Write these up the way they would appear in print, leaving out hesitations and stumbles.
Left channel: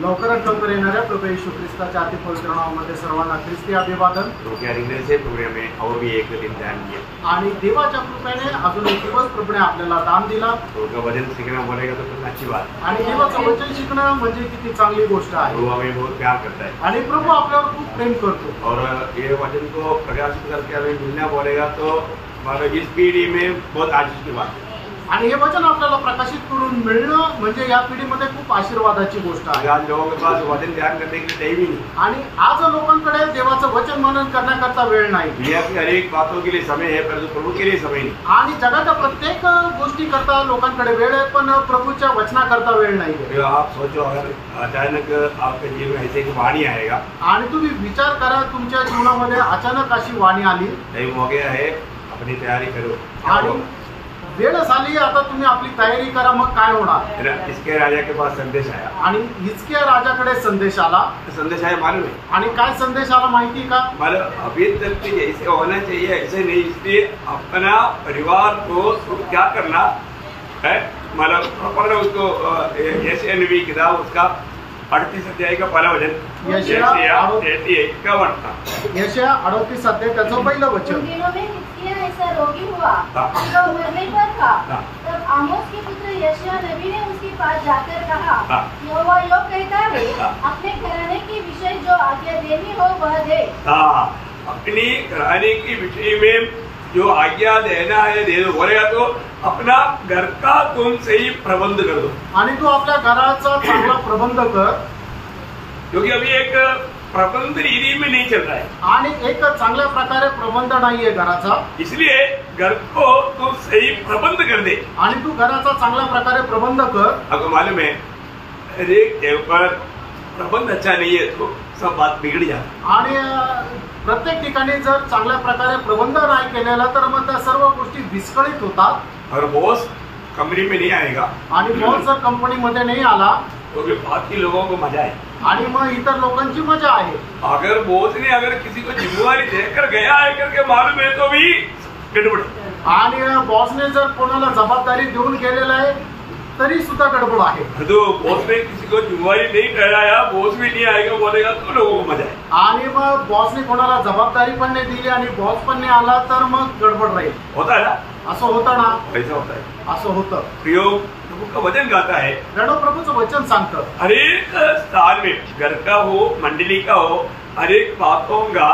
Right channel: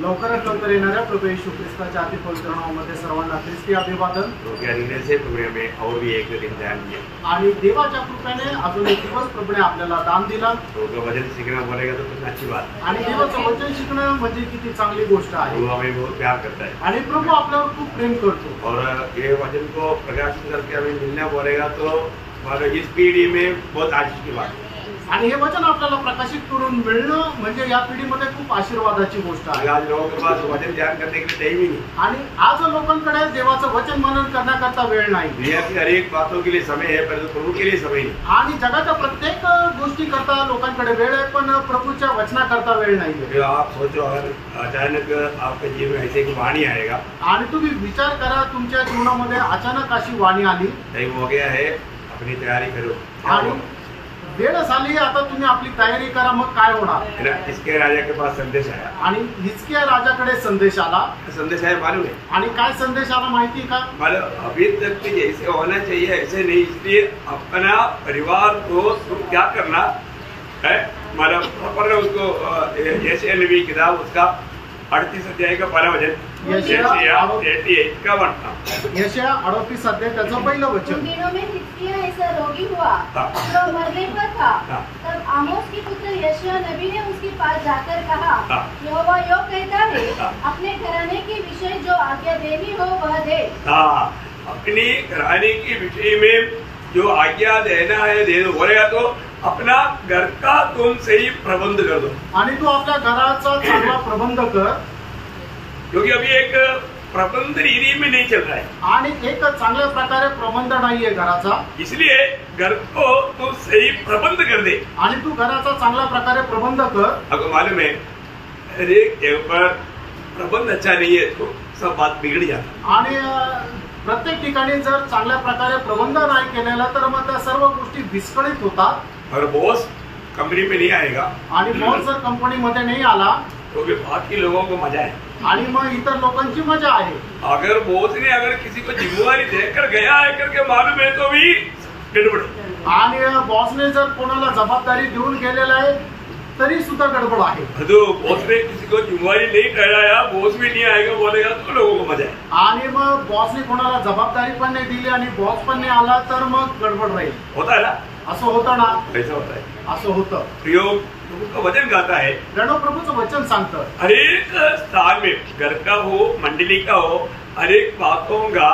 लवकरात लवकर येणाऱ्या प्रभू येशू ख्रिस्ताच्या अति पवित्र नावामध्ये सर्वांना ख्रिस्ती अभिवादन। और भी एक दिन ध्यान दिया आणि देवाच्या कृपेने अजून एक दिवस प्रभूने आपल्याला दान दिला। वचन सीखना बोलेगा तो कितना अच्छी बात, आणि देवाचं वचन शिकणं म्हणजे किती चांगली गोष्ट आहे। वो हमें बहुत प्यार करता है आणि प्रभू आपल्यावर खूप प्रेम करतो। और ये वचन को प्रकाशित करके हमें मिलना बोलेगा तो इस पीढ़ी में बहुत आशीष की बात है। आणि हे वचन आपल्याला प्रकाशित करून मिळणं म्हणजे या पिढीमध्ये खूप आशीर्वादाची गोष्ट आहे। आज लोगों के पास वचन ध्यान करने के लिए टाइम ही नहीं, आणि आज लोकांकडे देवाचं वचन मनन करण्याकरता वेळ नाही। दुनिया की हर एक बातों के लिए समय है, परंतु प्रभु के लिए समय नहीं। आणि जगाच्या प्रत्येक गोष्टी करता लोकांकडे वेळ आहे, पण प्रभूच्या वचनाकरता वेळ नाही। आप सोचो अगर अचानक आपके जीवन में ऐसे एक वाणी आएगा, आणि तुम्ही विचार करा तुमच्या जीवनामध्ये अचानक अशी वाणी आली, टाइम हो गया है, अपनी तैयारी करो। आणि वेळ झाली, आता तुम्ही आपली तयारी करा, मग काय होणार? इसके राजा के पास संदेश आया, आणि हिजकिया राजाकडे संदेश आला। संदेश आया मालूम है? आणि काय संदेश आला माहिती का? मतलब अभी तक के जैसे होना चाहिए ऐसे नहीं, इसलिए अपना परिवार को क्या करना है, मतलब प्रॉपर उसको जैसे नबी किताब उसका 38 अध्याय का पहला वचन, यशाया 38 अध्याय त्याचं पहिलं वचन। ऐसा रोगी हुआ तो मरने पर था। तब आमोस के पुत्र यशाया नबी ने उसके पास जाकर कहा, यहोवा यूं कहता है, अपने घराने के विषय जो आज्ञा देनी हो वह दे। अपनी घराने के विषय में जो आज्ञा देना है दे दो। बोलेगा तो अपना घर का तुम सही प्रबंध कर दो, आणि तू आपल्या घराचा चांगला प्रबंध कर, क्योंकि अभी एक प्रबंध रीति में नहीं चल रहा है, आणि एक चांगल्या प्रकारे प्रबंध नाहीये घराचा, इसलिए घर को तू सही प्रबंध कर दे। आणि तू घराचा चांगल्या प्रकारे प्रबंध कर। आपको मालूम है एक जगह पर प्रबंध अच्छा नहीं है तो सब बात बिगड़ जाती, आणि प्रत्येक ठिकाणी जर चांगल्या प्रकारे प्रबंध नाही केलेला तर मग त्या सर्व गोष्टी विस्कळीत होतात। और बॉस कंपनी में नहीं आएगा, आणि बॉस जर कंपनीमध्ये नाही आला तो बाकी लोगों को मजा है, आणि मग इतर लोकांची मजा आहे। अगर बॉस ने अगर किसी को जिम्मेवारी देकर गया है करके मालूम है तो भी गड़बड़ है, आणि बॉसने जर कोणाला जबाबदारी देऊन गेलेला आहे तरी सुद्धा गडबड आहे। तो बॉस ने किसी को जिम्मेवारी नहीं ठहराया, बॉस भी नहीं आएगा बोलेगा तो लोगों को मजा है, आणि मग बॉसने कोणाला जबाबदारी पण नाही दिली आणि बॉस पण नाही आला तर मग गडबड राहील। होता है ना, असं होतं ना, ऐसा होता है, असं होतं। प्रयोग प्रभु का वचन गाता है, प्रणव प्रभूचं वचन सांगतं, हर एक स्थान में घर का हो मंडली का हो हर एक बातों का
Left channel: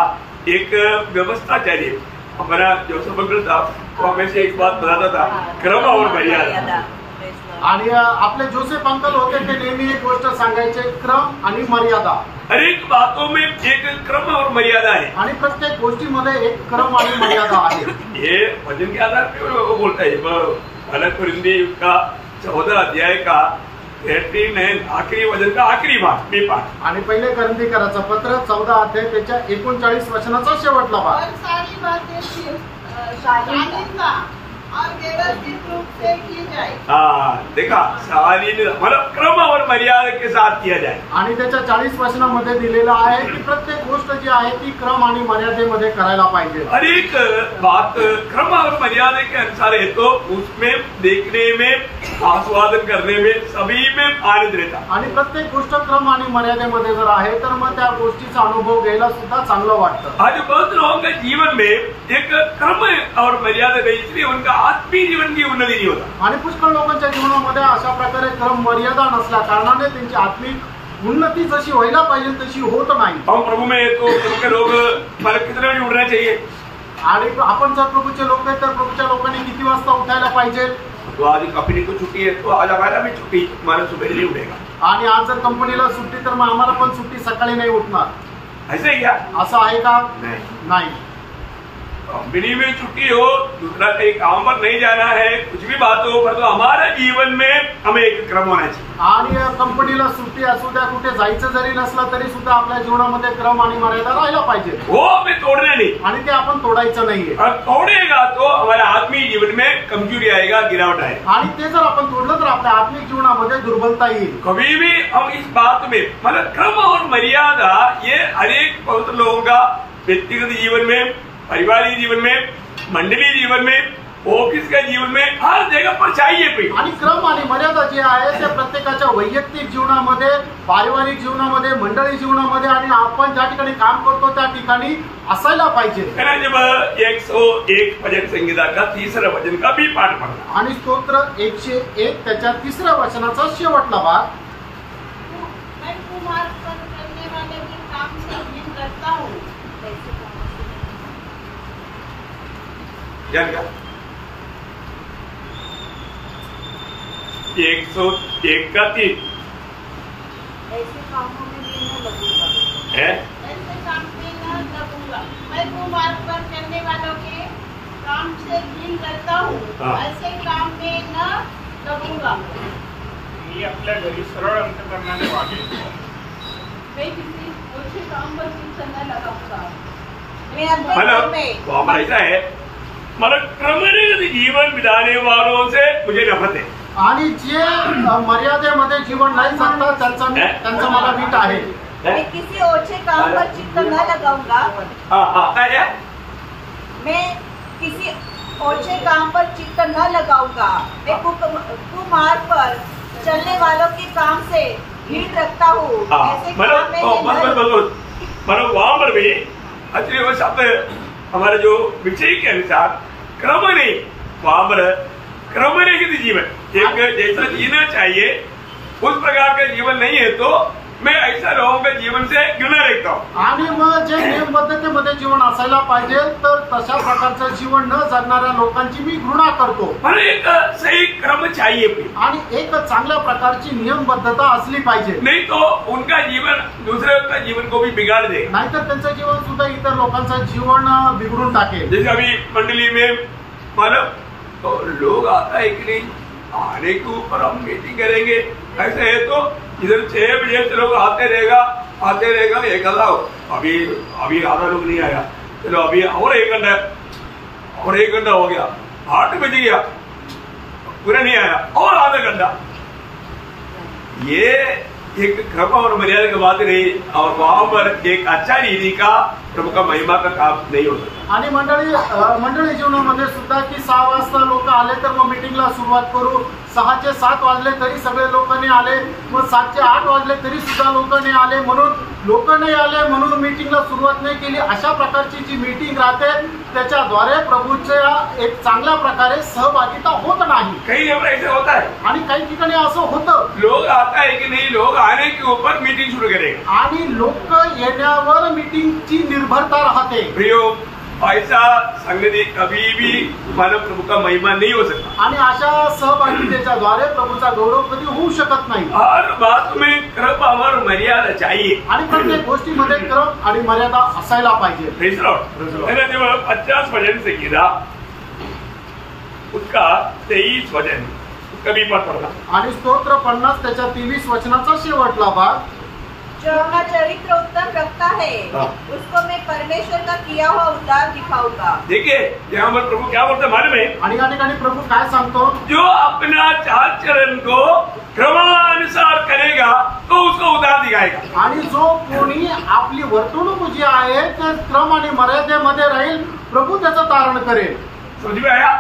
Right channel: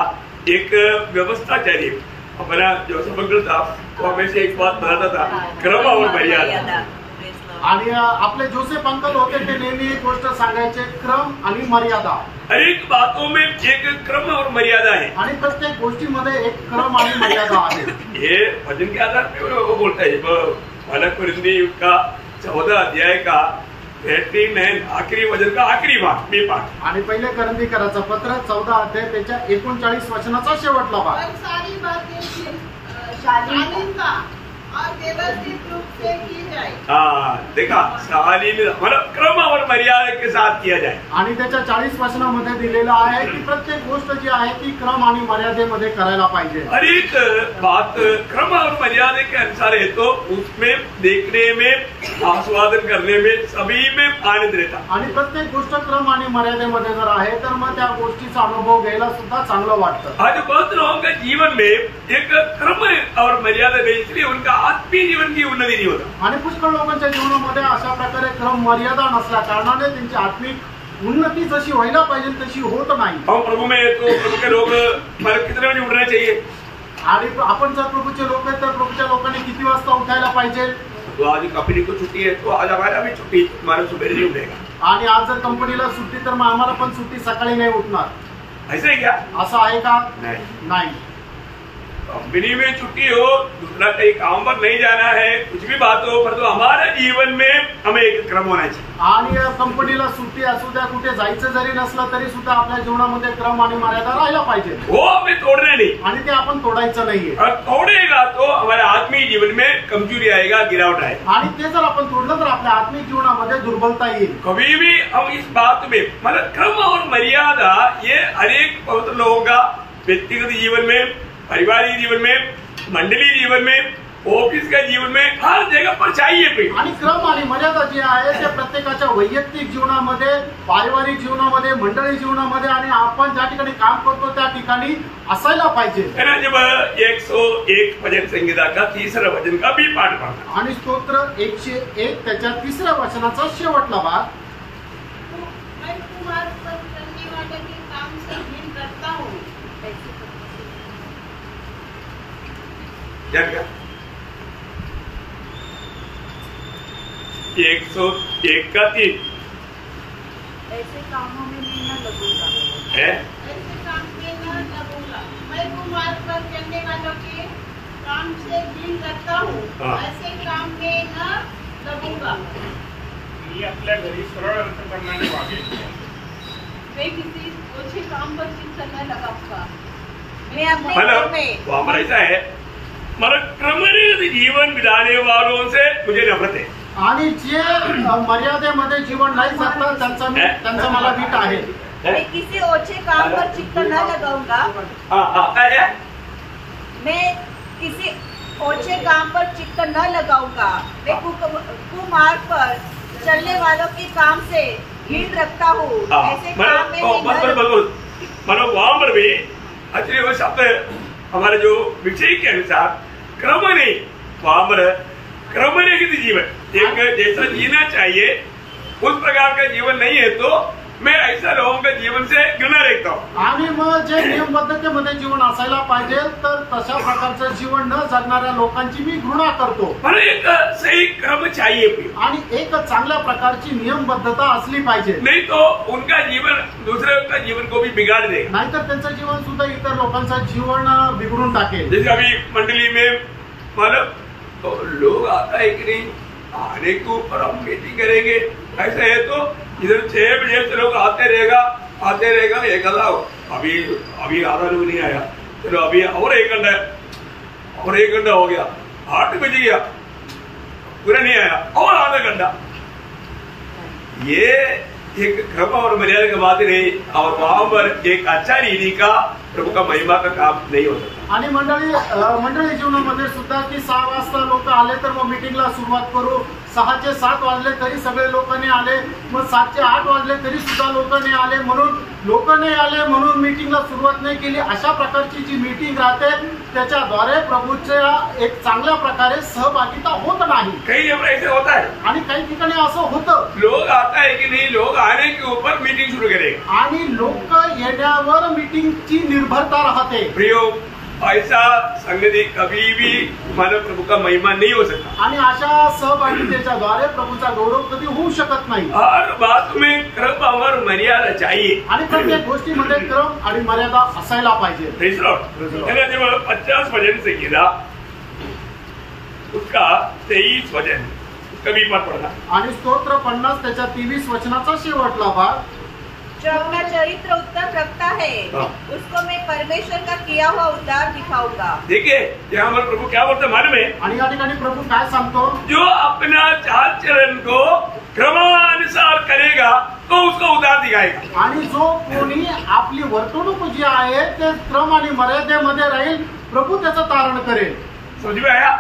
एक व्यवस्था चाहिए। हमारा जो समग्र था वो हमें से एक बात बताता था, क्रम और मर्यादा। आणि आपले जोसेफ अंकल होते ते नेहमी एक गोष्ट सांगायचे, क्रम आणि मर्यादा। हर एक बातों में एक क्रम और मर्यादा है, आणि प्रत्येक गोष्टीमध्ये एक क्रम आणि मर्यादा आहे। ये वचन के आधार पे वो बोलता है। बालक परिंदी का 14 अध्याय का 89 आखिरी वचन का आखिरी भाग मी पाठ, आणि पहिले करंदीकराचं पत्र 14 अध्याय त्याच्या 39 वचनाचा शेवटला भाग। सारी बातें शालीनता और व्यवस्थित रूप से की जाए। देखा शालीन मतलब क्रम और मर्यादा के साथ किया जाए, आणि त्याच्या 40 वचनामध्ये दिलेलं आहे की प्रत्येक गोष्ट जी आहे ती क्रम आणि मर्यादेमध्ये करायला पाहिजे। हर एक बात क्रम और मर्यादा के अनुसार है तो उसमें देखने में आस्वादन करने में सभी में आनंद रहता। आणि प्रत्येक गोष्ट क्रम आणि मर्यादेमध्ये जर आहे तर मग त्या गोष्टीचा अनुभव घ्यायला सुद्धा चांगलं वाटतं। आज बहुत लोगों के जीवन में एक क्रम और मर्यादा नहीं, इसलिए उनका आत्मीय जीवन की उन्नति नहीं होता। आणि पुष्कळ लोकांच्या जीवनामध्ये अशा प्रकारे क्रम मर्यादा नसल्या कारणाने त्यांची आत्मिक उन्नती जशी व्हायला पाहिजे तशी होत नाही। हम प्रभु में तो प्रभु के लोग मतलब कितने बजे उठना चाहिए, आणि आपण जर प्रभूचे लोक आहेत तर प्रभूच्या लोकांनी किती वाजता उठायला पाहिजे? तो आज कंपनी को छुट्टी है तो आज हमारा भी छुट्टी, हमारा सुबह नहीं उठेगा। आणि आज जर कंपनीला सुट्टी तर मग आम्हाला पण सुट्टी सकाळी नाही उठणार, ऐसे क्या? असं आहे का? नाही। कंपनी में छुट्टी हो, दूसरा कहीं काम पर नहीं जाना है, कुछ भी बात हो, पर तो हमारे जीवन में हमें एक क्रम होना चाहिए। आणि कंपनीला सुट्टी असू द्या, कुठे जायचं जरी नसलं तरी सुद्धा आपल्या जीवनामध्ये क्रम आणि मर्यादा राहायला पाहिजे। वो हमें तोड़ना नहीं, आणि ते आपण तोडायचं नाहीये। और तोड़ेगा तो हमारे आत्मीय जीवन में कमजोरी आएगा, गिरावट आएगा। आणि ते जर आपण तोडलं तर आपल्या आत्मिक जीवनामध्ये दुर्बलता येईल। कभी भी हम इस बात में मतलब क्रम और मर्यादा ये हर एक पवित्र लोगों का व्यक्तिगत जीवन में, पारिवारिक जीवन में, मंडली जीवन में ऑफिस के जीवन में हर जगह पर चाहिए प्रिय। आणि क्रम आणि मर्यादा जे आहे ते प्रत्येकाच्या वैयक्तिक जीवनामध्ये, पारिवारिक जीवनामध्ये, मंडळी जीवनामध्ये आणि आपण ज्या ठिकाणी काम करतो त्या ठिकाणी असायला पाहिजे। जब 101 भजन संगीता का तीसरा भजन का भी पाठ पढ़ना आणि स्तोत्र 101 त्याच्या तिसऱ्या वचनाचा शेवटला भाग, मैं कुमार पर करने वाले के काम से घिन करता हूँ। क्या क्या 101 का 3 ऐसे कामों में मैं न लगूंगा। है ऐसे काम में न लगूंगा। मैं कुमार पर करने वालों के काम से घिन करता हूँ। हाँ। ऐसे काम में न लगूंगा। ये आपल्या घरी सरळ अंतकरणाने वागले। मैं किसी ओछे काम पर चित्त न लगाऊंगा। मैं अपने हेलो घर में तो हमारा ऐसा है, मतलब क्रमनिरत जीवन बिताने वालों से मुझे नफरत है। आणि जे मर्यादेमध्ये जीवन नाही जगतात त्यांचा मला वीट आहे। मैं किसी ओछे काम पर चित्त न लगाऊंगा। है मैं किसी ओछे काम पर चित्त न लगाऊंगा। मैं कुमार्ग पर चलने वालों के काम से घृणा रखता हूँ। ऐसे काम में मतलब वहां पर भी अच्छे वो शब्द हमारे जो विषय के अनुसार क्रम नहीं, वहां पर क्रम रहित जीवन एक जैसा जीना चाहिए उस प्रकार का जीवन नहीं है, तो मैं ऐसा लोगों के जीवन से घृणा रखता हूँ। आणि मग जे नियमबद्धतेमध्ये जीवन असायला पाहिजे तर तशा प्रकारचं जीवन न जगणाऱ्या लोकांची मी घृणा करतो। पर एक सही क्रम चाहिए प्रिय। आणि एक चांगल्या प्रकारची नियमबद्धता असली पाहिजे, नहीं तो उनका जीवन दूसरे का जीवन को भी बिगाड़ देगा। नाहीतर त्यांचं जीवन सुद्धा इतर लोकांचं जीवन बिघडून टाकेल। जैसे अभी मंडली में मतलब तो लोग आता है कि नहीं, आने के ऊपर हम मीटिंग करेंगे, ऐसा है तो इधर 6 बजे से लोग आते रहेगा एक आधा अभी आधा लोग नहीं आया, चलो अभी और 1 घंटा हो गया, 8 बज गया पूरा नहीं आया और आधा घंटा। ये एक क्रम और मर्यादा की बात नहीं, और वहां पर एक अच्छा रीति का प्रभु का महिमा का काम नहीं हो सकता। आणि मंडळी जीवनामध्ये सुद्धा की 6 वाजता लोक आले तर मग मीटिंगला सुरुवात करू, 6 चे 7 वाजले तरी सगळे लोक नाही आले, मग 7 चे 8 वाजले तरी सुद्धा लोक नाही आले, म्हणून लोक नाही आले म्हणून मीटिंगला सुरुवात नाही केली। अशा प्रकारची जी मीटिंग राहते त्याच्याद्वारे प्रभूच्या एक चांगल्या प्रकारे सहभागिता होत नाही। कई जगह ऐसे होता है, आणि काही ठिकाणी असं होतं, लोग आता है कि नहीं, लोग आने के ऊपर मीटिंग शुरू करेगा आणि लोक येण्यावर मीटिंगची निर्भरता राहते। प्रियो ऐसा संगति कभी भी मानव प्रभु का महिमा नहीं हो सकता। आणि अशा सहभागितेच्या द्वारे प्रभूचा गौरव कधी होऊ शकत नाही। हर बात में क्रम और मर्यादा चाहिए। आणि प्रत्येक गोष्टीमध्ये क्रम आणि मर्यादा असायला पाहिजे। Praise Lord. मैंने जब 50 भजन से किया उसका 23 भजन कभी मत पढ़ना। आणि स्तोत्र 50 त्याच्या 23 वचनाचा शेवटला भाग, जो अपना चरित्र उत्तम रखता है उसको मैं परमेश्वर का किया हुआ उद्धार दिखाऊंगा। देखिए यहाँ हमारे प्रभु क्या बोलते मालूम है, आणि या ठिकाणी प्रभू काय सांगतो, जो अपना चाल चलन को क्रमानुसार करेगा तो उसको उद्धार दिखाएगा। आणि जो कोणी आपली वर्तणूक जी आहे ते क्रम आणि मर्यादेमध्ये राहील, प्रभू त्याचं तारण करेल। समझ में आया?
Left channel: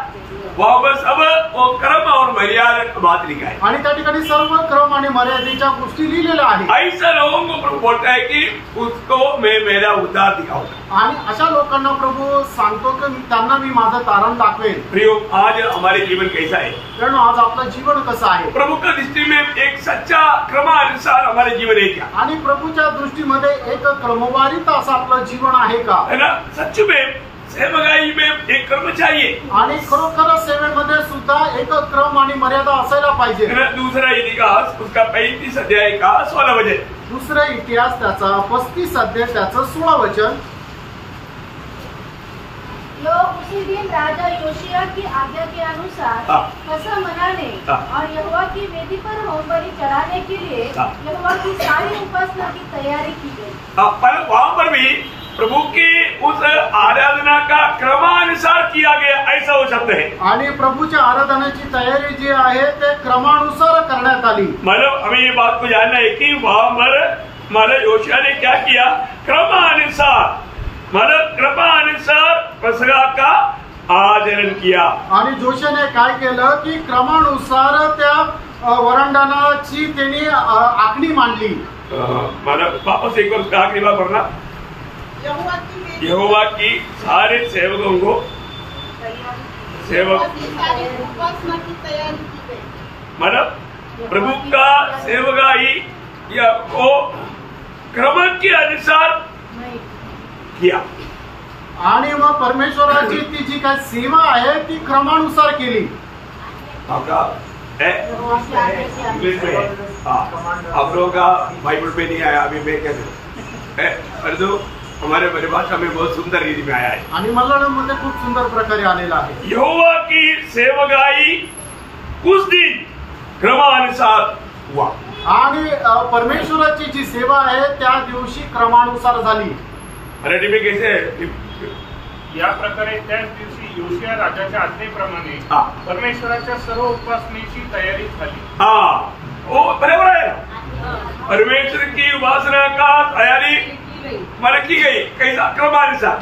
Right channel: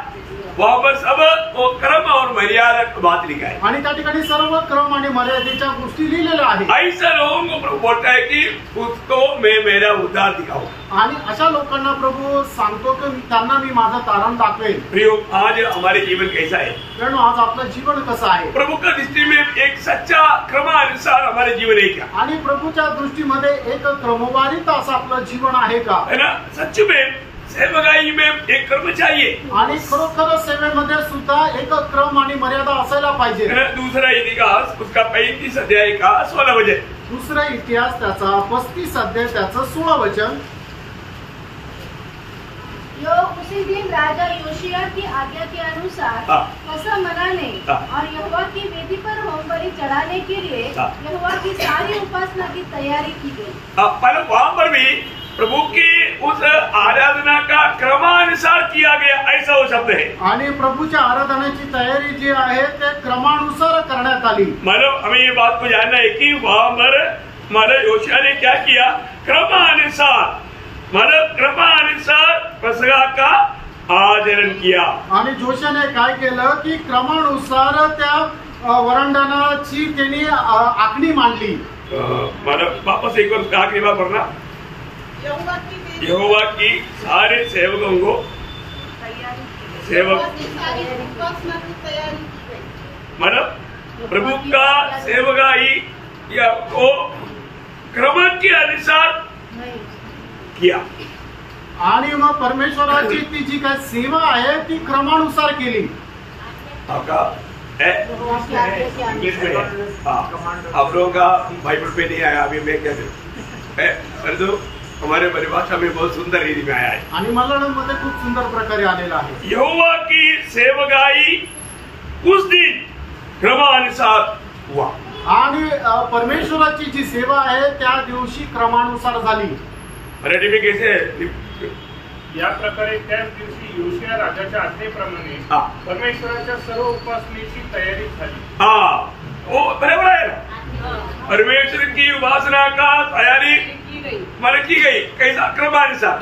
वहां पर सब वो क्रम और मर्यादा की बात लिखा है। आणि त्या ठिकाणी सर्व क्रम आणि मर्यादेच्या गोष्टी लिहिलेल्या आहेत। ऐसा लोगों को प्रभु बोलता है कि उसको मैं मेरा उद्धार दिखाऊंगा। आणि अशा लोकांना प्रभू सांगतो की त्यांना मी माझं तारण दाखवेल। प्रियो आज हमारे जीवन कैसा है? कारण आज आपलं जीवन कसं आहे? प्रभु का दृष्टि में एक सच्चा क्रमानुसार हमारे जीवन है क्या? आणि प्रभूच्या दृष्टीमध्ये एक क्रमवारीत असं आपलं जीवन आहे का? है ना? सच में सेवकाई में एक क्रम चाहिए। आणि खरोखर सेवेमध्ये सुद्धा एक क्रम आणि मर्यादा असायला पाहिजे। दूसरा इतिहास उसका 35 अध्याय का 16 वचन। दुसरा इतिहास त्याचा 35 अध्याय त्याचं 16 वचन, लोग उसी दिन राजा योशिया की आज्ञा के अनुसार कसम मनाने और यहोवा की वेदी पर होमबलि चढ़ाने के लिए यहोवा की सारी उपासना की तैयारी की गई। पर वहां पर भी प्रभु की उस आराधना का क्रमानुसार किया गया, ऐसा वो शब्द है। आणि प्रभूच्या आराधनाची तयारी जी आहे ते क्रमानुसार करण्यात आली। मतलब हमें ये बात को जानना है कि वहां पर मतलब योशिया ने क्या किया, क्रमानुसार मतलब क्रमानुसार पसगा का आचरण किया। आणि जोशेने काय केलं की क्रमानुसार त्या वरांडणाची त्यांनी आखणी मांडली। मला वापस एक बार आखिरी बार पढ़ना। यहोवा की सारे सेवकों को सेवक मतलब प्रभु का सेवकाई या वो क्रम के अनुसार किया। आणि मग परमेश्वराची ती जी काय सेवा आहे ती क्रमानुसार केली। आपका इंग्लिश में है, आप लोगों का बाइबल पे नहीं आया, अभी मैं क्या करूं, हमारे परिभाषा में बहुत सुंदर रीति में आया है आणि मल्याळममध्ये खूप सुंदर प्रकारे आलेला आहे। यहोवा की सेवकाई उस दिन क्रमानुसार हुआ। आणि परमेश्वराची जी सेवा आहे त्या दिवशी क्रमानुसार झाली। मराठी में कैसे? या प्रकारे त्याच दिवशी योशिया राजाच्या आज्ञेप्रमाणे परमेश्वराच्या सर्व उपासनेची तयारी झाली। वो बराबर है ना, परमेश्वर की उपासना का तयारी मला की गई कैसा क्रमानुसार,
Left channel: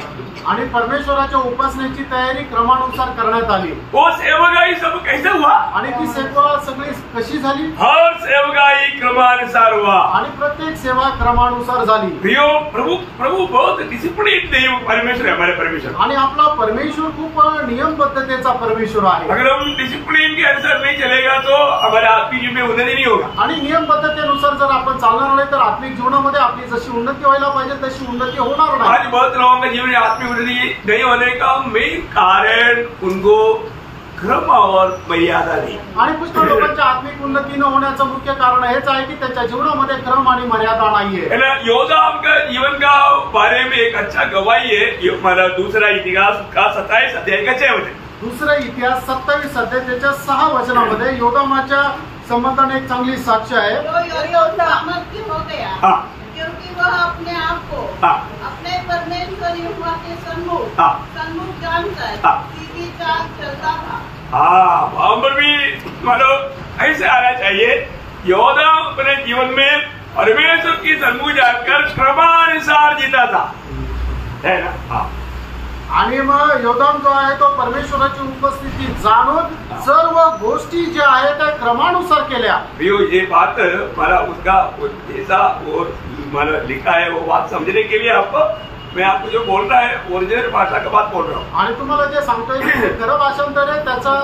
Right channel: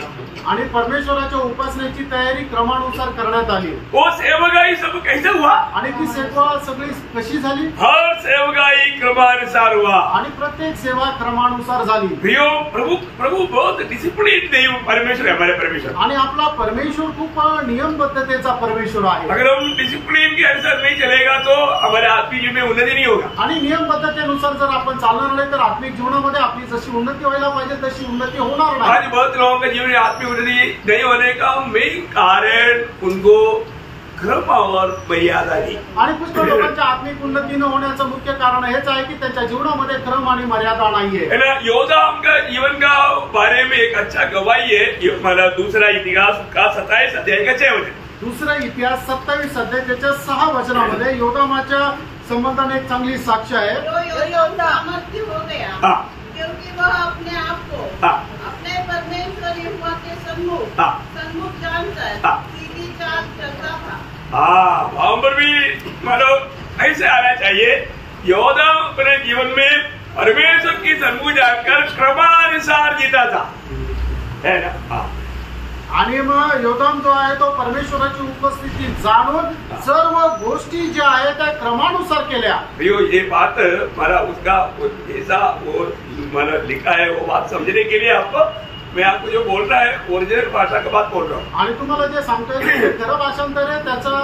आणि परमेश्वराच्या उपासनेची तयारी क्रमानुसार करण्यात आली। वो सेवकाई सब कैसे हुआ? आणि ती सेवा सगळी कशी झाली? हर सेवकाई क्रमानुसार हुआ। आणि प्रत्येक सेवा क्रमानुसार झाली। प्रियो प्रभु बहुत डिसिप्लिन देव परमेश्वर है, हमारे परमेश्वर। आणि आपला परमेश्वर खूप नियमबद्धतेचा परमेश्वर आहे। अगर हम डिसिप्लिन के अनुसार नहीं चलेगा तो हमारे आत्मिक जीवन में उन्नति नहीं होगा। आणि नियमबद्धतेनुसार जर आपण चालणार नाही तर आत्मिक जीवनामध्ये आपली जशी उन्नती व्हायला पाहिजे तशी उन्नती होणार नाही। आज बहुत लोगों का जीवन आत्मिक उन्नति नहीं होने का मेन कारण उनको क्रम और मर्यादा नहीं। आणि पुष्कळ लोकांच्या आत्मिक उन्नती न होण्याचं मुख्य कारण हेच आहे की त्यांच्या जीवनामध्ये क्रम आणि मर्यादा नाहीये। है ना, योदाम का जीवन का बारे में एक अच्छा गवाही है हमारा दूसरा इतिहास का 27 अध्याय का 6 वचन। दुसरा इतिहास 27 अध्यायाच्या 6 वचनामध्ये योदामाच्या संबंधाने एक चांगली साक्ष आहे। सामर्थ्य हो गया क्योंकि वह अपने आप को अपने परमेश्वर यहोवा के सन्मुख जानकर सीधी चाल चलता था। वहां पर भी मतलब ऐसे आना चाहिए, योदा अपने जीवन में परमेश्वर की सन्मुख जानकर क्रमानुसार जीता था, है ना। आणि मग योदाम जो आहे तो परमेश्वराची उपस्थिती जाणून सर्व गोष्टी ज्या आहेत त्या क्रमानुसार केल्या। ये बात मला उसका ऐसा वो मैंने लिखा है, वो बात समझने के लिए आपको मैं आपको जो बोल रहा है ओरिजिनल भाषा का बात बोल रहा हूँ। आणि तुम्हाला जे सांगतोय ते खरं भाषांतर आहे, त्याचा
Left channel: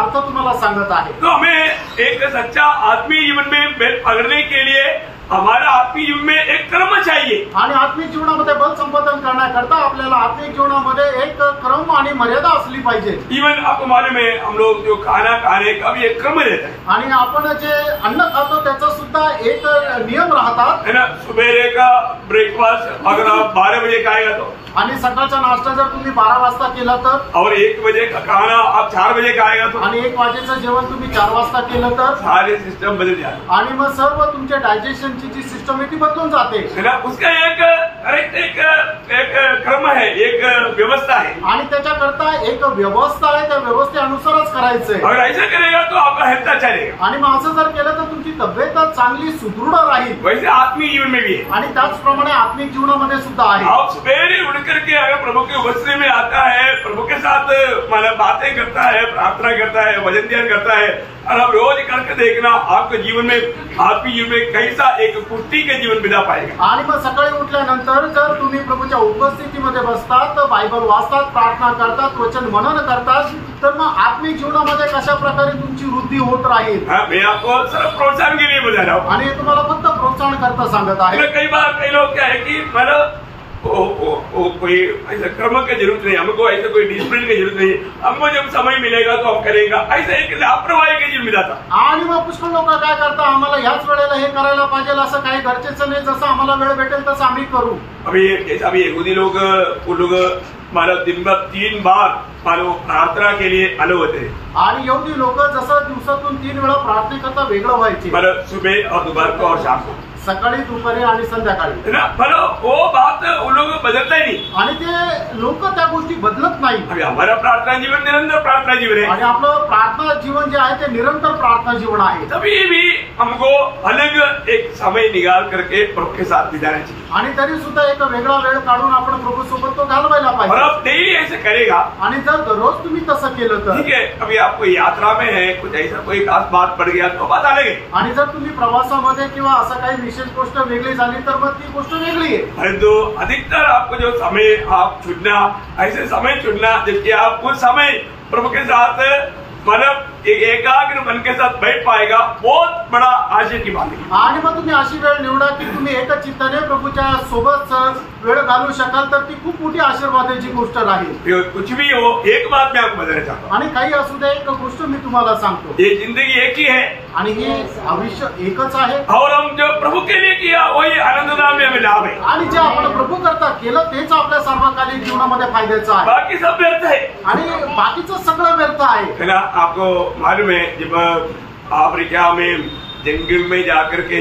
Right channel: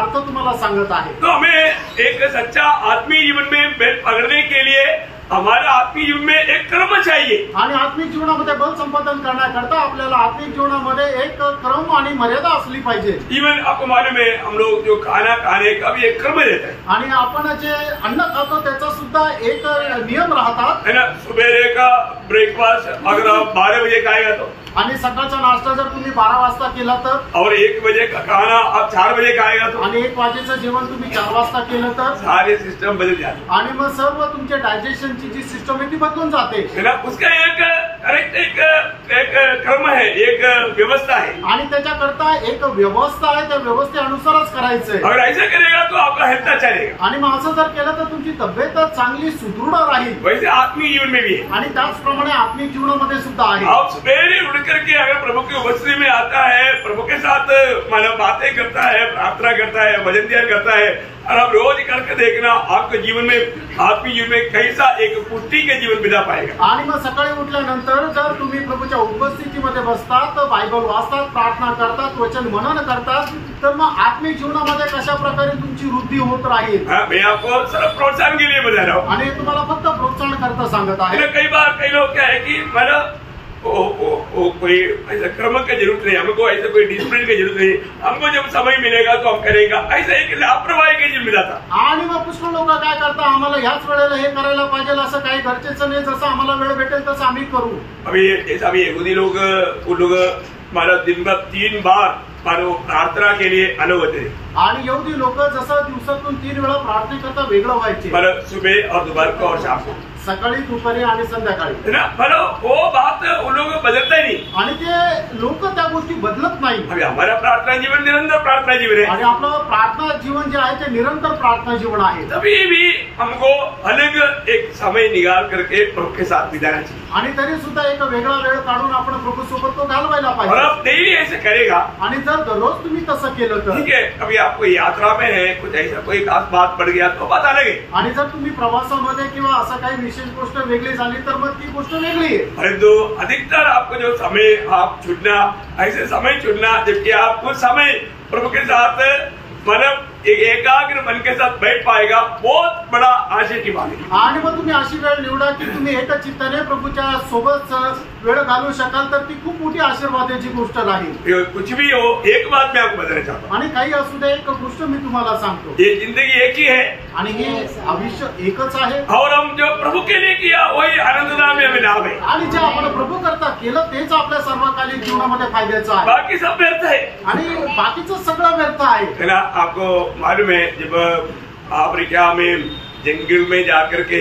अर्थ तुम्हाला सांगत आहे। तो हमें एक सच्चा आत्मीय जीवन में बेल पकड़ने के लिए हमारा आत्मिक जीवन में एक क्रम चाहिए। आणि आत्मिक जीवनामध्ये बल संपादन करण्याकरता आपल्याला आत्मिक जीवनामध्ये एक क्रम आणि मर्यादा असली पाहिजे। इवन आपको मालूम है हम लोग जो खाना खाने का भी एक क्रम रहता है। आणि आपण जे अन्न खातो त्याचा सुद्धा एक नियम राहतात, है ना। सुबेरे का ब्रेकफास्ट अगर आप 12 बजे खाएगा तो, आणि सकाळचा नाश्ता जर तुम्ही 12 वाजता केला तर, और 1 बजे का खाना आप 4 बजे खाएगा तो, आणि 1 वाजेचं जेवण तुम्ही 4 वाजता केलं तर सारे सिस्टम बदल जाते। आणि मग सर्व तुमच्या डायजेशनची जी सिस्टम आहे ती बदलून जाते, है ना। उसका एक क्रम है, एक व्यवस्था है, आणि त्याच्याकरता एक व्यवस्था आहे, त्या व्यवस्थेनुसारच करायचंय। अगर ऐसा करेगा तो आपका हेल्थ अच्छा रहेगा। आणि मग असं जर केलं तर तुमची तब्येत चांगली सुदृढ राहील। वैसे आत्मिक जीवन में भी है, आणि त्याचप्रमाणे आत्मिक जीवनामध्ये सुद्धा आहे। आप सवेरे उठ करके अगर प्रभु की उपस्थिति में आता है, प्रभु के साथ मतलब बातें करता है, प्रार्थना करता है, वचन ध्यान करता है, और आप रोज करके देखना आपके जीवन में आत्मिक जीवन में कैसा एक पुष्टि के जीवन बिता पाएगा। आणि मग सकाळी उठल्यानंतर जर तुम्ही प्रभूच्या उपस्थितीमध्ये बसतात, बायबल वाचतात, प्रार्थना करतात, वचन मनन करतात, तर मग आत्मिक जीवनामध्ये कशा प्रकारे तुमची वृद्धी होत राहील। मैं आपको सिर्फ प्रोत्साहन के लिए बता रहा हूँ, आणि तुम्हाला फक्त प्रोत्साहन करता सांगत आहे। कई बार कई लोग क्या है कि मतलब कोई ऐसा क्रम की जरूरत नहीं, हमको ऐसा कोई डिसिप्लिन की जरूरत नहीं, हमको जब समय मिलेगा तो हम करेंगे, ऐसा एक लापरवाही के जीवन में जाता। आणि मग पुष्कळ लोक काय करतात, आम्हाला ह्याच वेळेला हे करायला पाहिजे असं काही गरजेचं नाही, जसं आम्हाला वेळ भेटेल तसं आम्ही करू। अभी जैसा अभी यहूदी लोग वो लोग मतलब दिन भर 3 बार मानो प्रार्थना के लिए अलग होते। आणि यहूदी लोक जसं दिवसातून 3 वेळा प्रार्थनेकरता वेगळं व्हायचे, मतलब सुबह और दोपहर को और शाम को। सकाळी दुपारी आणि संध्याकाळी है ना। मतलब वो बात उन लोगों को बदलता ही नहीं। आणि ते लोक त्या गोष्टी बदलत नाही। अभी हमारा प्रार्थना जीवन निरंतर प्रार्थना जीवन है आणि आपलं प्रार्थना जीवन जे आहे ते निरंतर प्रार्थना जीवन आहे। तभी भी हमको अलग एक समय निकाल करके प्रभु के साथ बिताना चाहिए। आणि तरी सुद्धा एक वेगळा वेळ काढून आपण प्रभू सोबत तो घालवायला और पाहिजे। अब डेली ऐसे करेगा आणि जर दररोज तुम्ही तसं केलं तर ठीक है। अभी आपको यात्रा में है कुछ ऐसा कोई खास बात पड़ गया तो बात अलग है। आणि जर तुम्ही प्रवासामध्ये किंवा असं काही विशेष गोष्ट वेगळी झाली तर मग ती गोष्ट वेगळी आहे। परंतु अधिकतर आपको जो समय आप चुनना ऐसे समय चुनना जबकि आप उस समय प्रभु के साथ मतलब एक एकाग्र मन के साथ बैठ पाएगा, बहुत बड़ा आशय की बात है। आणि मग तुम्ही अशी वेळ निवडा की तुम्ही एकच चित्ताने प्रभूच्या सोबत वेळ घालू शकाल तर ती खूप मोठी आशीर्वादाची गोष्ट राहील। कुछ भी हो, एक बात मैं आपको बताना चाहता हूँ, आणि काही असू दे एक गोष्ट मी तुम्हाला सांगतो, ये जिंदगी एक ही है आणि हे आयुष्य एकच आहे। और हम जो प्रभु के लिए किया वही आनंददान में हमें लाभ है। आणि जे आपण प्रभू करता केलं तेच आपल्या सर्वकालीन जीवनामध्ये फायद्याचं आहे। बाकी सब व्यर्थ है आणि बाकीचं सगळं व्यर्थ आहे। है ना। आपको मालूम है जब अफ्रीका में जंगल में जाकर के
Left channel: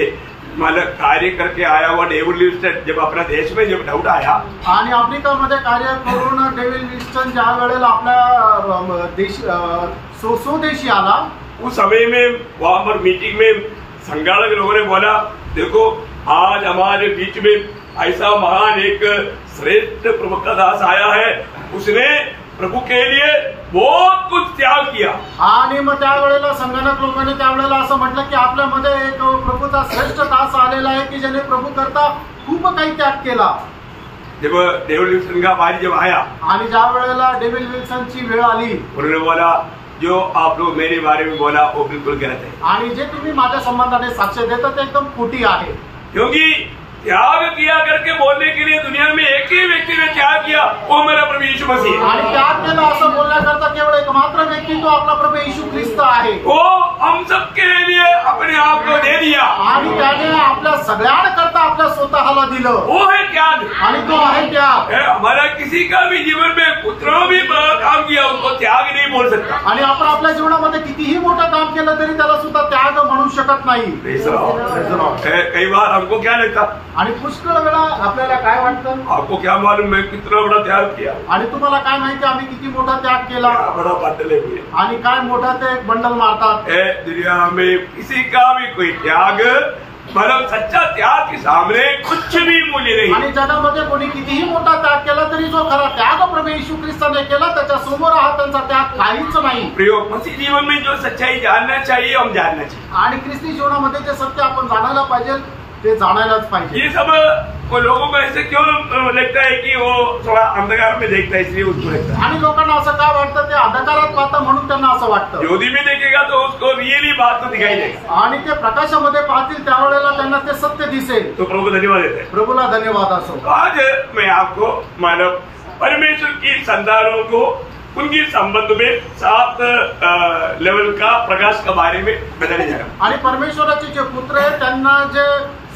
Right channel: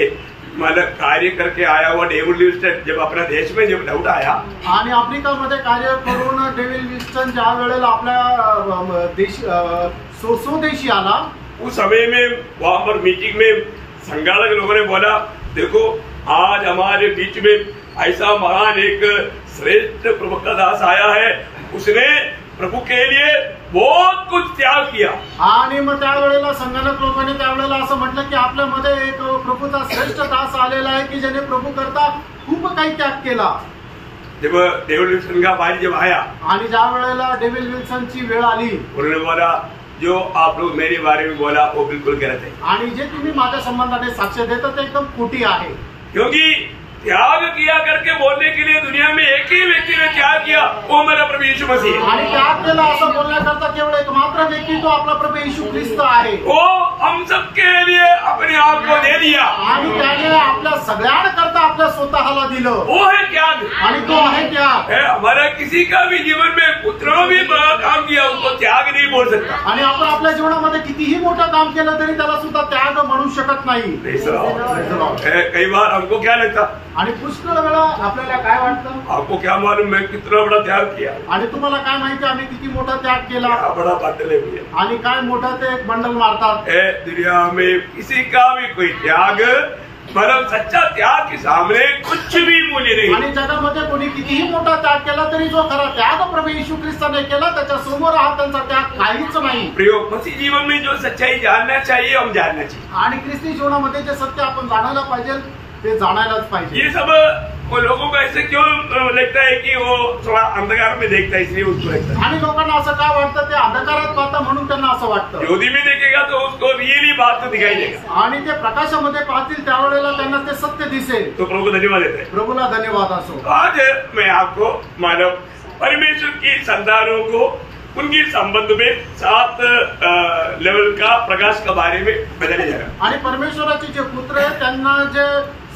मतलब कार्य करके आया हुआ डेविड लिविंगस्टन जब अपना देश में जब लौट आया आणि आफ्रिकामध्ये कार्य करून डेव्हिड लिव्हिंगस्टन ज्या वेळेला आपल्या देश स्वदेशी आला उस समय में वहां पर मीटिंग में संघालक लोगों ने बोला, देखो आज हमारे बीच में ऐसा महान एक श्रेष्ठ प्रभु का दास आया है, उसने प्रभू के लिए बहुत कुछ त्याग किया। आणि मग त्यावेळेला संगणक लोकांनी त्यावेळेला असं म्हटलं की आपल्यामध्ये एक प्रभूचा श्रेष्ठ दास आलेला आहे की ज्याने प्रभू करता खूप काही त्याग केला। जब डेविड लिविंगस्टन का बारी जब आया आणि ज्या वेळेला डेव्हिड लिव्हिंगस्टनची वेळ आली उन्होंने बोला, जो आप लोग मेरे बारे में बोला वो बिल्कुल गलत है, आणि जे तुम्ही माझ्या संबंधाने साक्ष देता ते एकदम खोटी आहे। क्योंकि त्याग किया करके बोलने के लिए दुनिया में एक ही व्यक्ति ने त्याग किया, वो मेरा प्रभु यीशु मसीह है। आणि त्याग केला असं बोलण्याकरता केवळ एक मात्र व्यक्ती तो आपला प्रभू येशू ख्रिस्त आहे। वो हम सबके लिए अपने आप को दे दिया आणि त्याने आपल्या सगळ्यांकरता आपल्या स्वतःला दिलं, वो है त्याग। आणि तो आहे त्याग। हमारा किसी का भी जीवन में उतना भी बड़ा काम किया उसको त्याग नहीं बोल सकता। आणि आपण आपल्या जीवनामध्ये कितीही मोठं काम केलं तरी त्याला सुद्धा त्याग म्हणू शकत नाही। कई बार हमको क्या लगता, आणि पुष्कळ वेळा आपल्याला काय वाटतं, आपको क्या मालूम मैं कितना बड़ा त्याग किया, आणि तुम्हाला काय माहिती आम्ही किती मोठा त्याग केला, क्या बड़ा बाटल है भैया। आणि काय मोठा ते एक बंडल मारतात। दुनिया में किसी का भी कोई त्याग मतलब सच्चा त्याग के सामने कुछ भी मूल्य नहीं। आणि जगामध्ये कोणी कितीही मोठा त्याग केला तरी जो खरा त्याग प्रभू येशू ख्रिस्ताने केला त्याच्या समोर हा त्यांचा त्याग काहीच नाही। प्रयोग मसीह जीवन में जो सच्चाई जानना चाहिए हम जानना चाहिए, आणि ख्रिस्ती जीवनामध्ये जे सत्य आपण जाणायला पाहिजे ते जाणायलाच पाहिजे। ये सब वो लोगों को ऐसे क्यों लगता है कि वो थोड़ा अंधकार में देखता है इसलिए उसको लगता है। आणि लोकांना असं काय वाटतं ते अंधकारात पाहता म्हणून त्यांना असं वाटतं। ज्योति में देखेगा तो उसको रियली बात तो दिखाई देगा, आणि ते प्रकाशामध्ये पाहतील त्यावेळेला त्यांना ते सत्य दिसेल। तो प्रभु को धन्यवाद देते हैं। प्रभूला धन्यवाद असो। आज मैं आपको मानव परमेश्वर की संतानों को उनकी संबंध में 7 लेवल का प्रकाश के बारे में बताने जा रहा हूँ। आणि परमेश्वराचे जे पुत्र आहेत त्यांना जे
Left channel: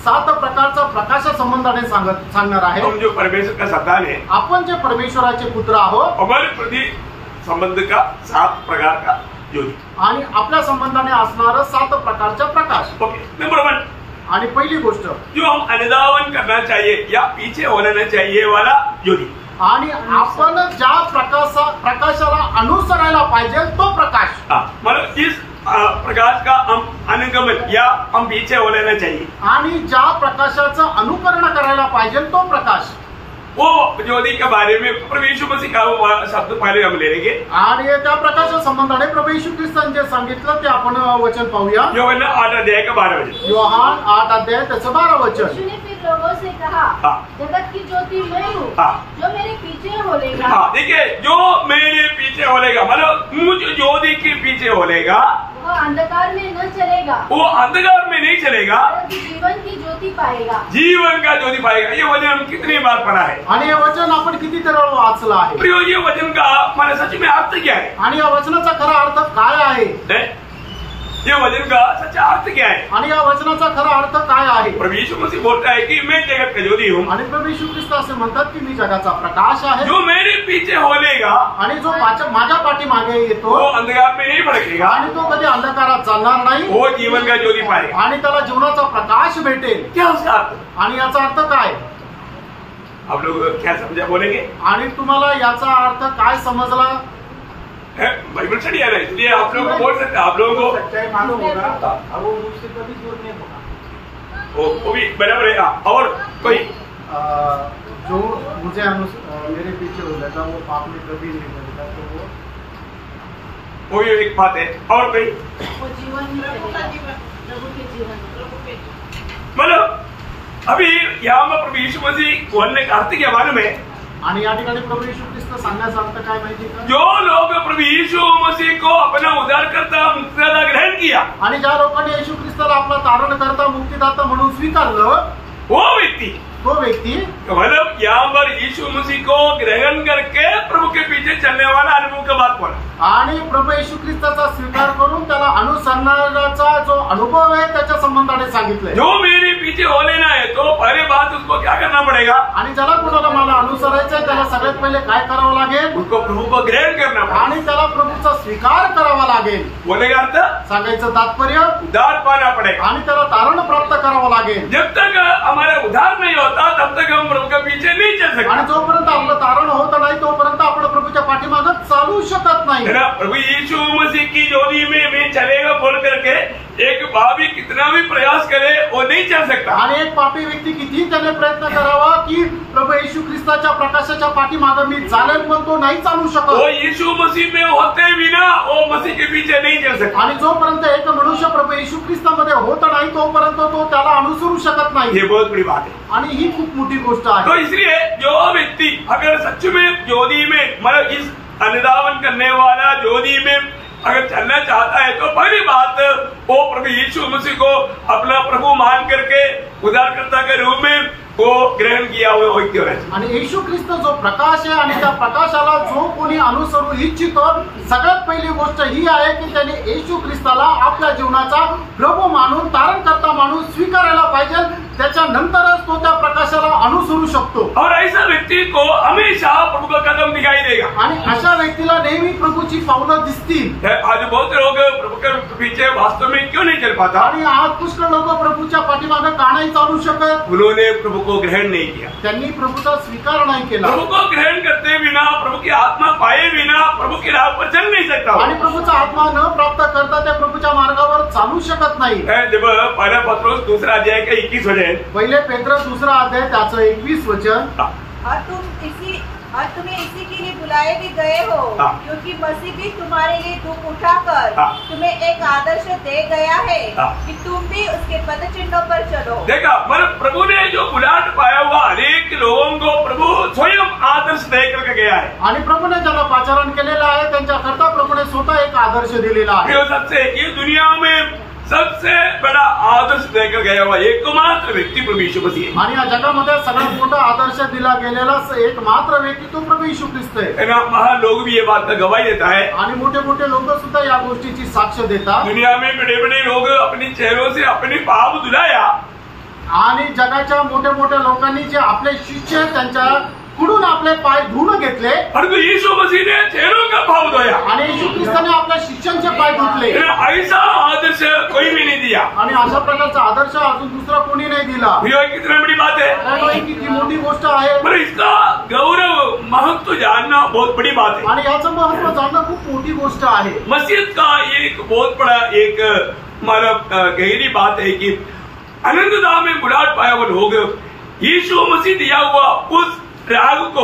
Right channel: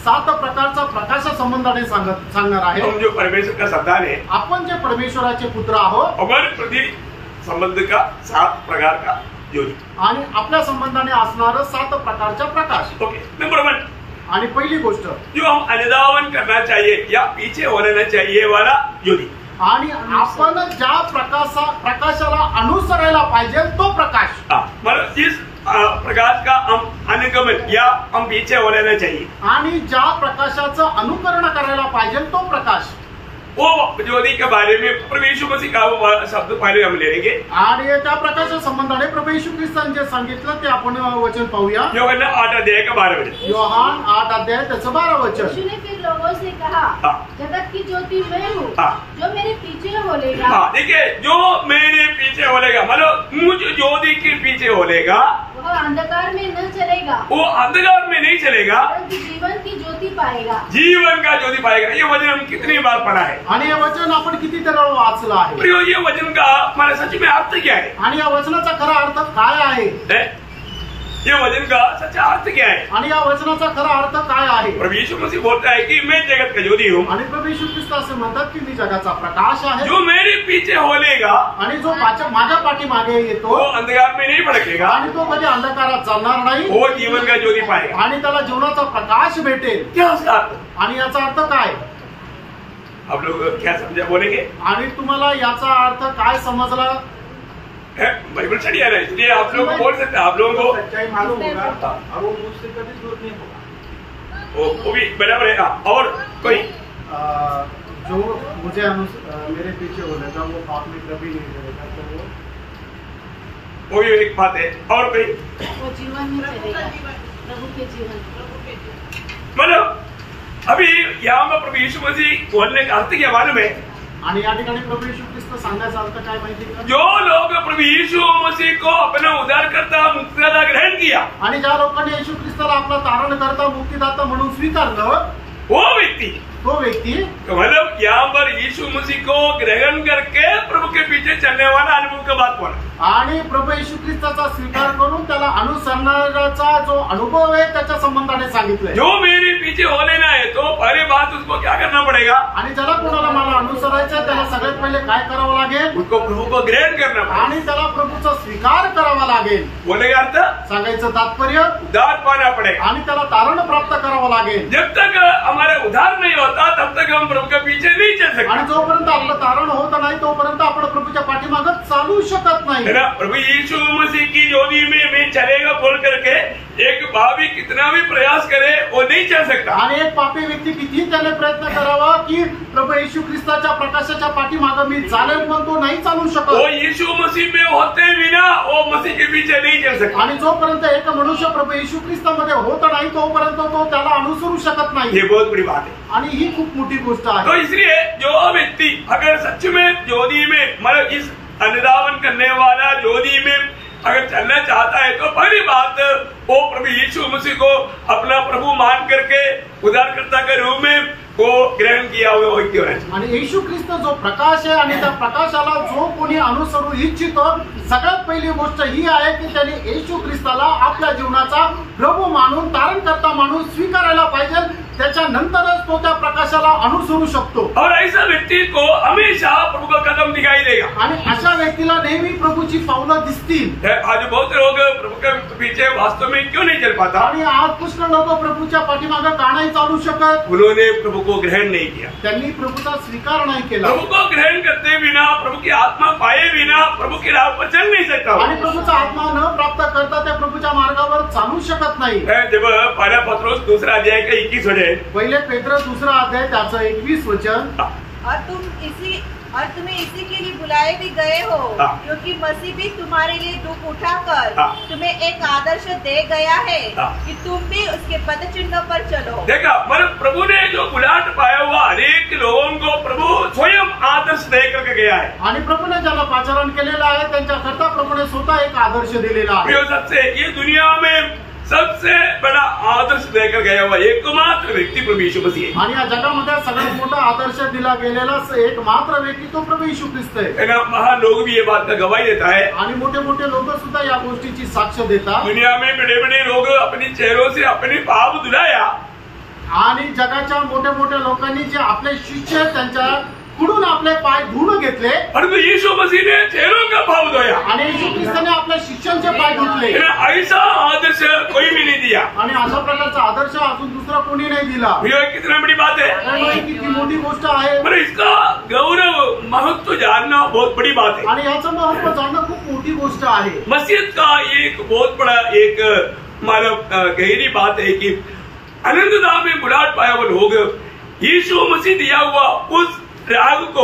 7 प्रकारचा प्रकाशा संबंधाने सांगणार आहे। हम जो परमेश्वर का संतान है, आपण जे परमेश्वराचे पुत्र आहोत, हमारे प्रति संबंध का 7 प्रकार का ज्योति, आणि आपल्या संबंधाने असणारं 7 प्रकारचा प्रकाश। ओके। नंबर 1, आणि पहिली गोष्ट जो हम अनुधावन करना चाहिए या पीछे होना चाहिए वाला ज्योति, आणि आपण ज्या प्रकाशाला अनुसरायला पाहिजे तो प्रकाश। मतलब जिस प्रकाश का हम अनुगमन या हम पीछे हो लेना चाहिए, आणि ज्या प्रकाशाचं अनुकरण करायला पाहिजे तो प्रकाश, वो ज्योति के बारे में प्रभु यीशु मसीह का वो शब्द पहले हम ले लेंगे। आणि त्या प्रकाशा संबंधाने प्रभु येशू ख्रिस्ताने जे सांगितलं ते आपण वचन पाहूया। योहान 8 अध्याय का 12 वचन। योहान 8 अध्याय त्याचं 12 वचन। यीशु ने फिर लोगों से कहा, जगत की ज्योति मैं हूँ, जो मेरे पीछे होलेगा। देखिए, जो मेरे पीछे होलेगा मतलब मुझ ज्योति के पीछे होलेगा वो अंधकार में न चलेगा, वो अंधकार में नहीं चलेगा, जीवन की ज्योति पाएगा। जीवन का ज्योति पाएगा। ये वचन हम कितनी बार पढ़ा है, आणि हे वचन आपण कितीतरी वेळा वाचलं आहे। प्रियो, ये वचन का हमारे सच में अर्थ क्या है? आणि या वचनाचा खरा अर्थ काय आहे? ये वचन का सच्चा अर्थ क्या है? आणि या वचनाचा खरा अर्थ काय आहे? प्रभु यीशु मसीह बोलता है कि मैं जगत का ज्योति हूँ, आणि प्रभू येशू ख्रिस्त असे म्हणतात की मी जगाचा प्रकाश आहे, जो मेरे पीछे होलेगा आणि जो माझ्या पाठीमागे येतो वो अंधकार में नहीं भटकेगा, आणि तो कधी अंधकारात चालणार नाही, वो जीवन का ज्योति पाएगा। आणि त्याला जीवनाचा प्रकाश भेटेल। क्या उसका अर्थ? आणि याचा अर्थ काय? आप लोग क्या समझा बोलेंगे? आणि तुम्हाला याचा अर्थ काय समजला? बाइबल स्टडी है ना, इसलिए आप लोगों को बोल सकते हैं, आप लोगों को सच्चाई मालूम होगा और वो मुझसे कभी दूर नहीं होगा। वो भी बराबर है। और कोई जो मुझे मेरे पीछे बोलेगा वो पाप में कभी नहीं करेगा, तो वो भी एक बात है। और कोई वो जीवन में चलेगा, प्रभु के जीवन। मतलब अभी यहाँ में प्रभु यीशु मसीह बोलने का अर्थ क्या मालूम है? आणि या ठिकाणी प्रभू येशू ख्रिस्त सांगण्याचा अर्थ काय माहिती का? जो लोग प्रभु यीशु मसीह को अपना उद्धारकर्ता मुक्तिदाता ग्रहण किया, आणि ज्या लोकांनी येशू ख्रिस्ताला आपला तारणकर्ता मुक्तिदाता म्हणून स्वीकारलं, वो व्यक्ति तो व्यक्ती मतलब यहाँ पर यीशु मसीह को ग्रहण करके प्रभु के पीछे चलने वाला अनुभव का बात बोला, आणि प्रभू येशू ख्रिस्ताचा स्वीकार करून त्याला अनुसरणाचा जो अनुभव आहे त्याच्या संबंधाने सांगितलंय। जो मेरे पीछे हो लेना है तो पहले बात उसको क्या करना पड़ेगा? आणि ज्याला कोणाला मला अनुसरायचंय त्याला सगळ्यात पहिले काय करावं लागेल? उसको प्रभु को ग्रहण करना पड़ेगा आणि त्याला प्रभूचा स्वीकार करावा लागेल। बोलेगा अर्थ? सांगायचं तात्पर्य उद्धार पाना पड़ेगा। आणि त्याला तारण प्राप्त करावं लागेल। जब तक हमारा उद्धार नहीं होता तब तक हम प्रभु के पीछे नहीं चल सकते। आणि जोपर्यंत आपलं तारण होत नाही तोपर्यंत आपण प्रभूच्या पाठीमागं चालू शकत नाही। है ना? प्रभु यीशु मसीह की ज्योति में मैं चलेगा बोल करके एक पापी कितना भी प्रयास करे वो नहीं चल सकता। आणि एक पापी व्यक्ती किती त्याने प्रयत्न करावा की प्रभू येशू ख्रिस्ताच्या प्रकाशाच्या पाठीमागं मी चालेल, पण तो नाही चालू वो शकत। यीशु मसीह में होते बिना वो मसीह के पीछे नहीं चल सकता। आणि जोपर्यंत एक मनुष्य प्रभू येशू ख्रिस्तामध्ये होत नाही तोपर्यंत तो त्याला अनुसरू शकत नाही। ये बहुत बड़ी बात है। आणि ही खूप मोठी गोष्ट तो आहे। इसलिए जो व्यक्ति अगर सच में ज्योति में मतलब इस अनुधावन करने वाला ज्योति में अगर चलना चाहता है तो पहली बात वो प्रभु यीशु मसीह को अपना प्रभु मान करके उद्धारकर्ता के रूप में वो ग्रहण किया हुआ व्यक्ती है। आणि येशू ख्रिस्त जो प्रकाश आहे आणि त्या प्रकाशाला जो कोणी अनुसरू इच्छितो सगळ्यात पहिली गोष्ट ही आहे की त्याने येशू ख्रिस्ताला आपल्या जीवनाचा प्रभू मानून तारणकर्ता मानून स्वीकारायला पाहिजे, त्याच्यानंतरच तो त्या प्रकाशाला अनुसरू शकतो। और ऐसा व्यक्ति को हमेशा प्रभु का कदम दिखाई देगा। आणि अशा व्यक्तीला नेहमी प्रभूची पावलं दिसतील। आज बहुत लोग प्रभु के पीछे वास्तव में क्यों नहीं चल पाता? आणि आज पुष्कळ लोक प्रभूच्या पाठीमागे का नाही चालू शकत? उन्होंने प्रभु को ग्रहण नहीं किया, त्यांनी प्रभूचा स्वीकार नाही केला। प्रभु को ग्रहण करते बिना प्रभु की आत्मा पाए बिना प्रभु की राह पर चल नहीं सकता। आणि प्रभूचा आत्मा न प्राप्त करता त्या प्रभूच्या मार्गावर चालू शकत नाही। जब पहला पत्रोस दूसरा अध्याय का 21 वचन, पहिले पेत्र दुसरा अध्याय त्याचं 21 वचन, और तुम्हें इसी के लिए बुलाए भी गए हो, क्योंकि मसीह भी तुम्हारे लिए दुख उठाकर तुम्हें एक आदर्श दे गया है कि तुम भी उसके पद चिन्हों पर चलो। देखा मतलब प्रभु ने जो बुलाहट पाया हुआ अनेक लोगों को प्रभु स्वयं आदर्श दे करके गया है। आणि प्रभूने ज्याला पाचारण केलेलं आहे त्यांच्याकरता प्रभूने स्वतः एक आदर्श दिलेला आहे। सबसे ये दुनिया में सबसे बड़ा आदर्श देकर गया हुआ एकमात्र व्यक्ती प्रभु यीशु मसीह है। आणि या जगामध्ये सगळ्यात मोठा आदर्श दिला गेलेला एकमात्र व्यक्ती तो प्रभु येशू ख्रिस्त आहे। ना महान लोग भी ये बात का गवाही देता है आणि मोठे मोठे लोक सुद्धा या गोष्टीची साक्ष देतात। दुनिया में बड़े बड़े लोग अपनी चेहरों से अपने पाप धुलाया आणि जगाच्या मोठ्या मोठ्या लोकांनी जे आपले शिष्य त्यांच्या कुडून आपले पाय धुवून घेतले, परंतु यीशु मसीह ने चेहरों का भाव धोया आणि येशू ख्रिस्ताने आपल्या शिष्यांचे पाय धुतले। ऐसा आदर्श कोई भी नहीं दिया आणि अशा प्रकारचा आदर्श अजून दुसरा कोणी नाही दिला। कितना बड़ी बात है, किती मोठी गोष्ट आहे। पर इसका गौरव महत्व जानना बहुत बड़ी बात है आणि याचं महत्व जाणणं खूप मोठी गोष्ट आहे। मस्जिद का एक बहुत बड़ा एक मतलब गहरी बात है कि अनंतता में बुलाहट पाया हुआ लोग यीशु मसीह दिया हुआ उस राग को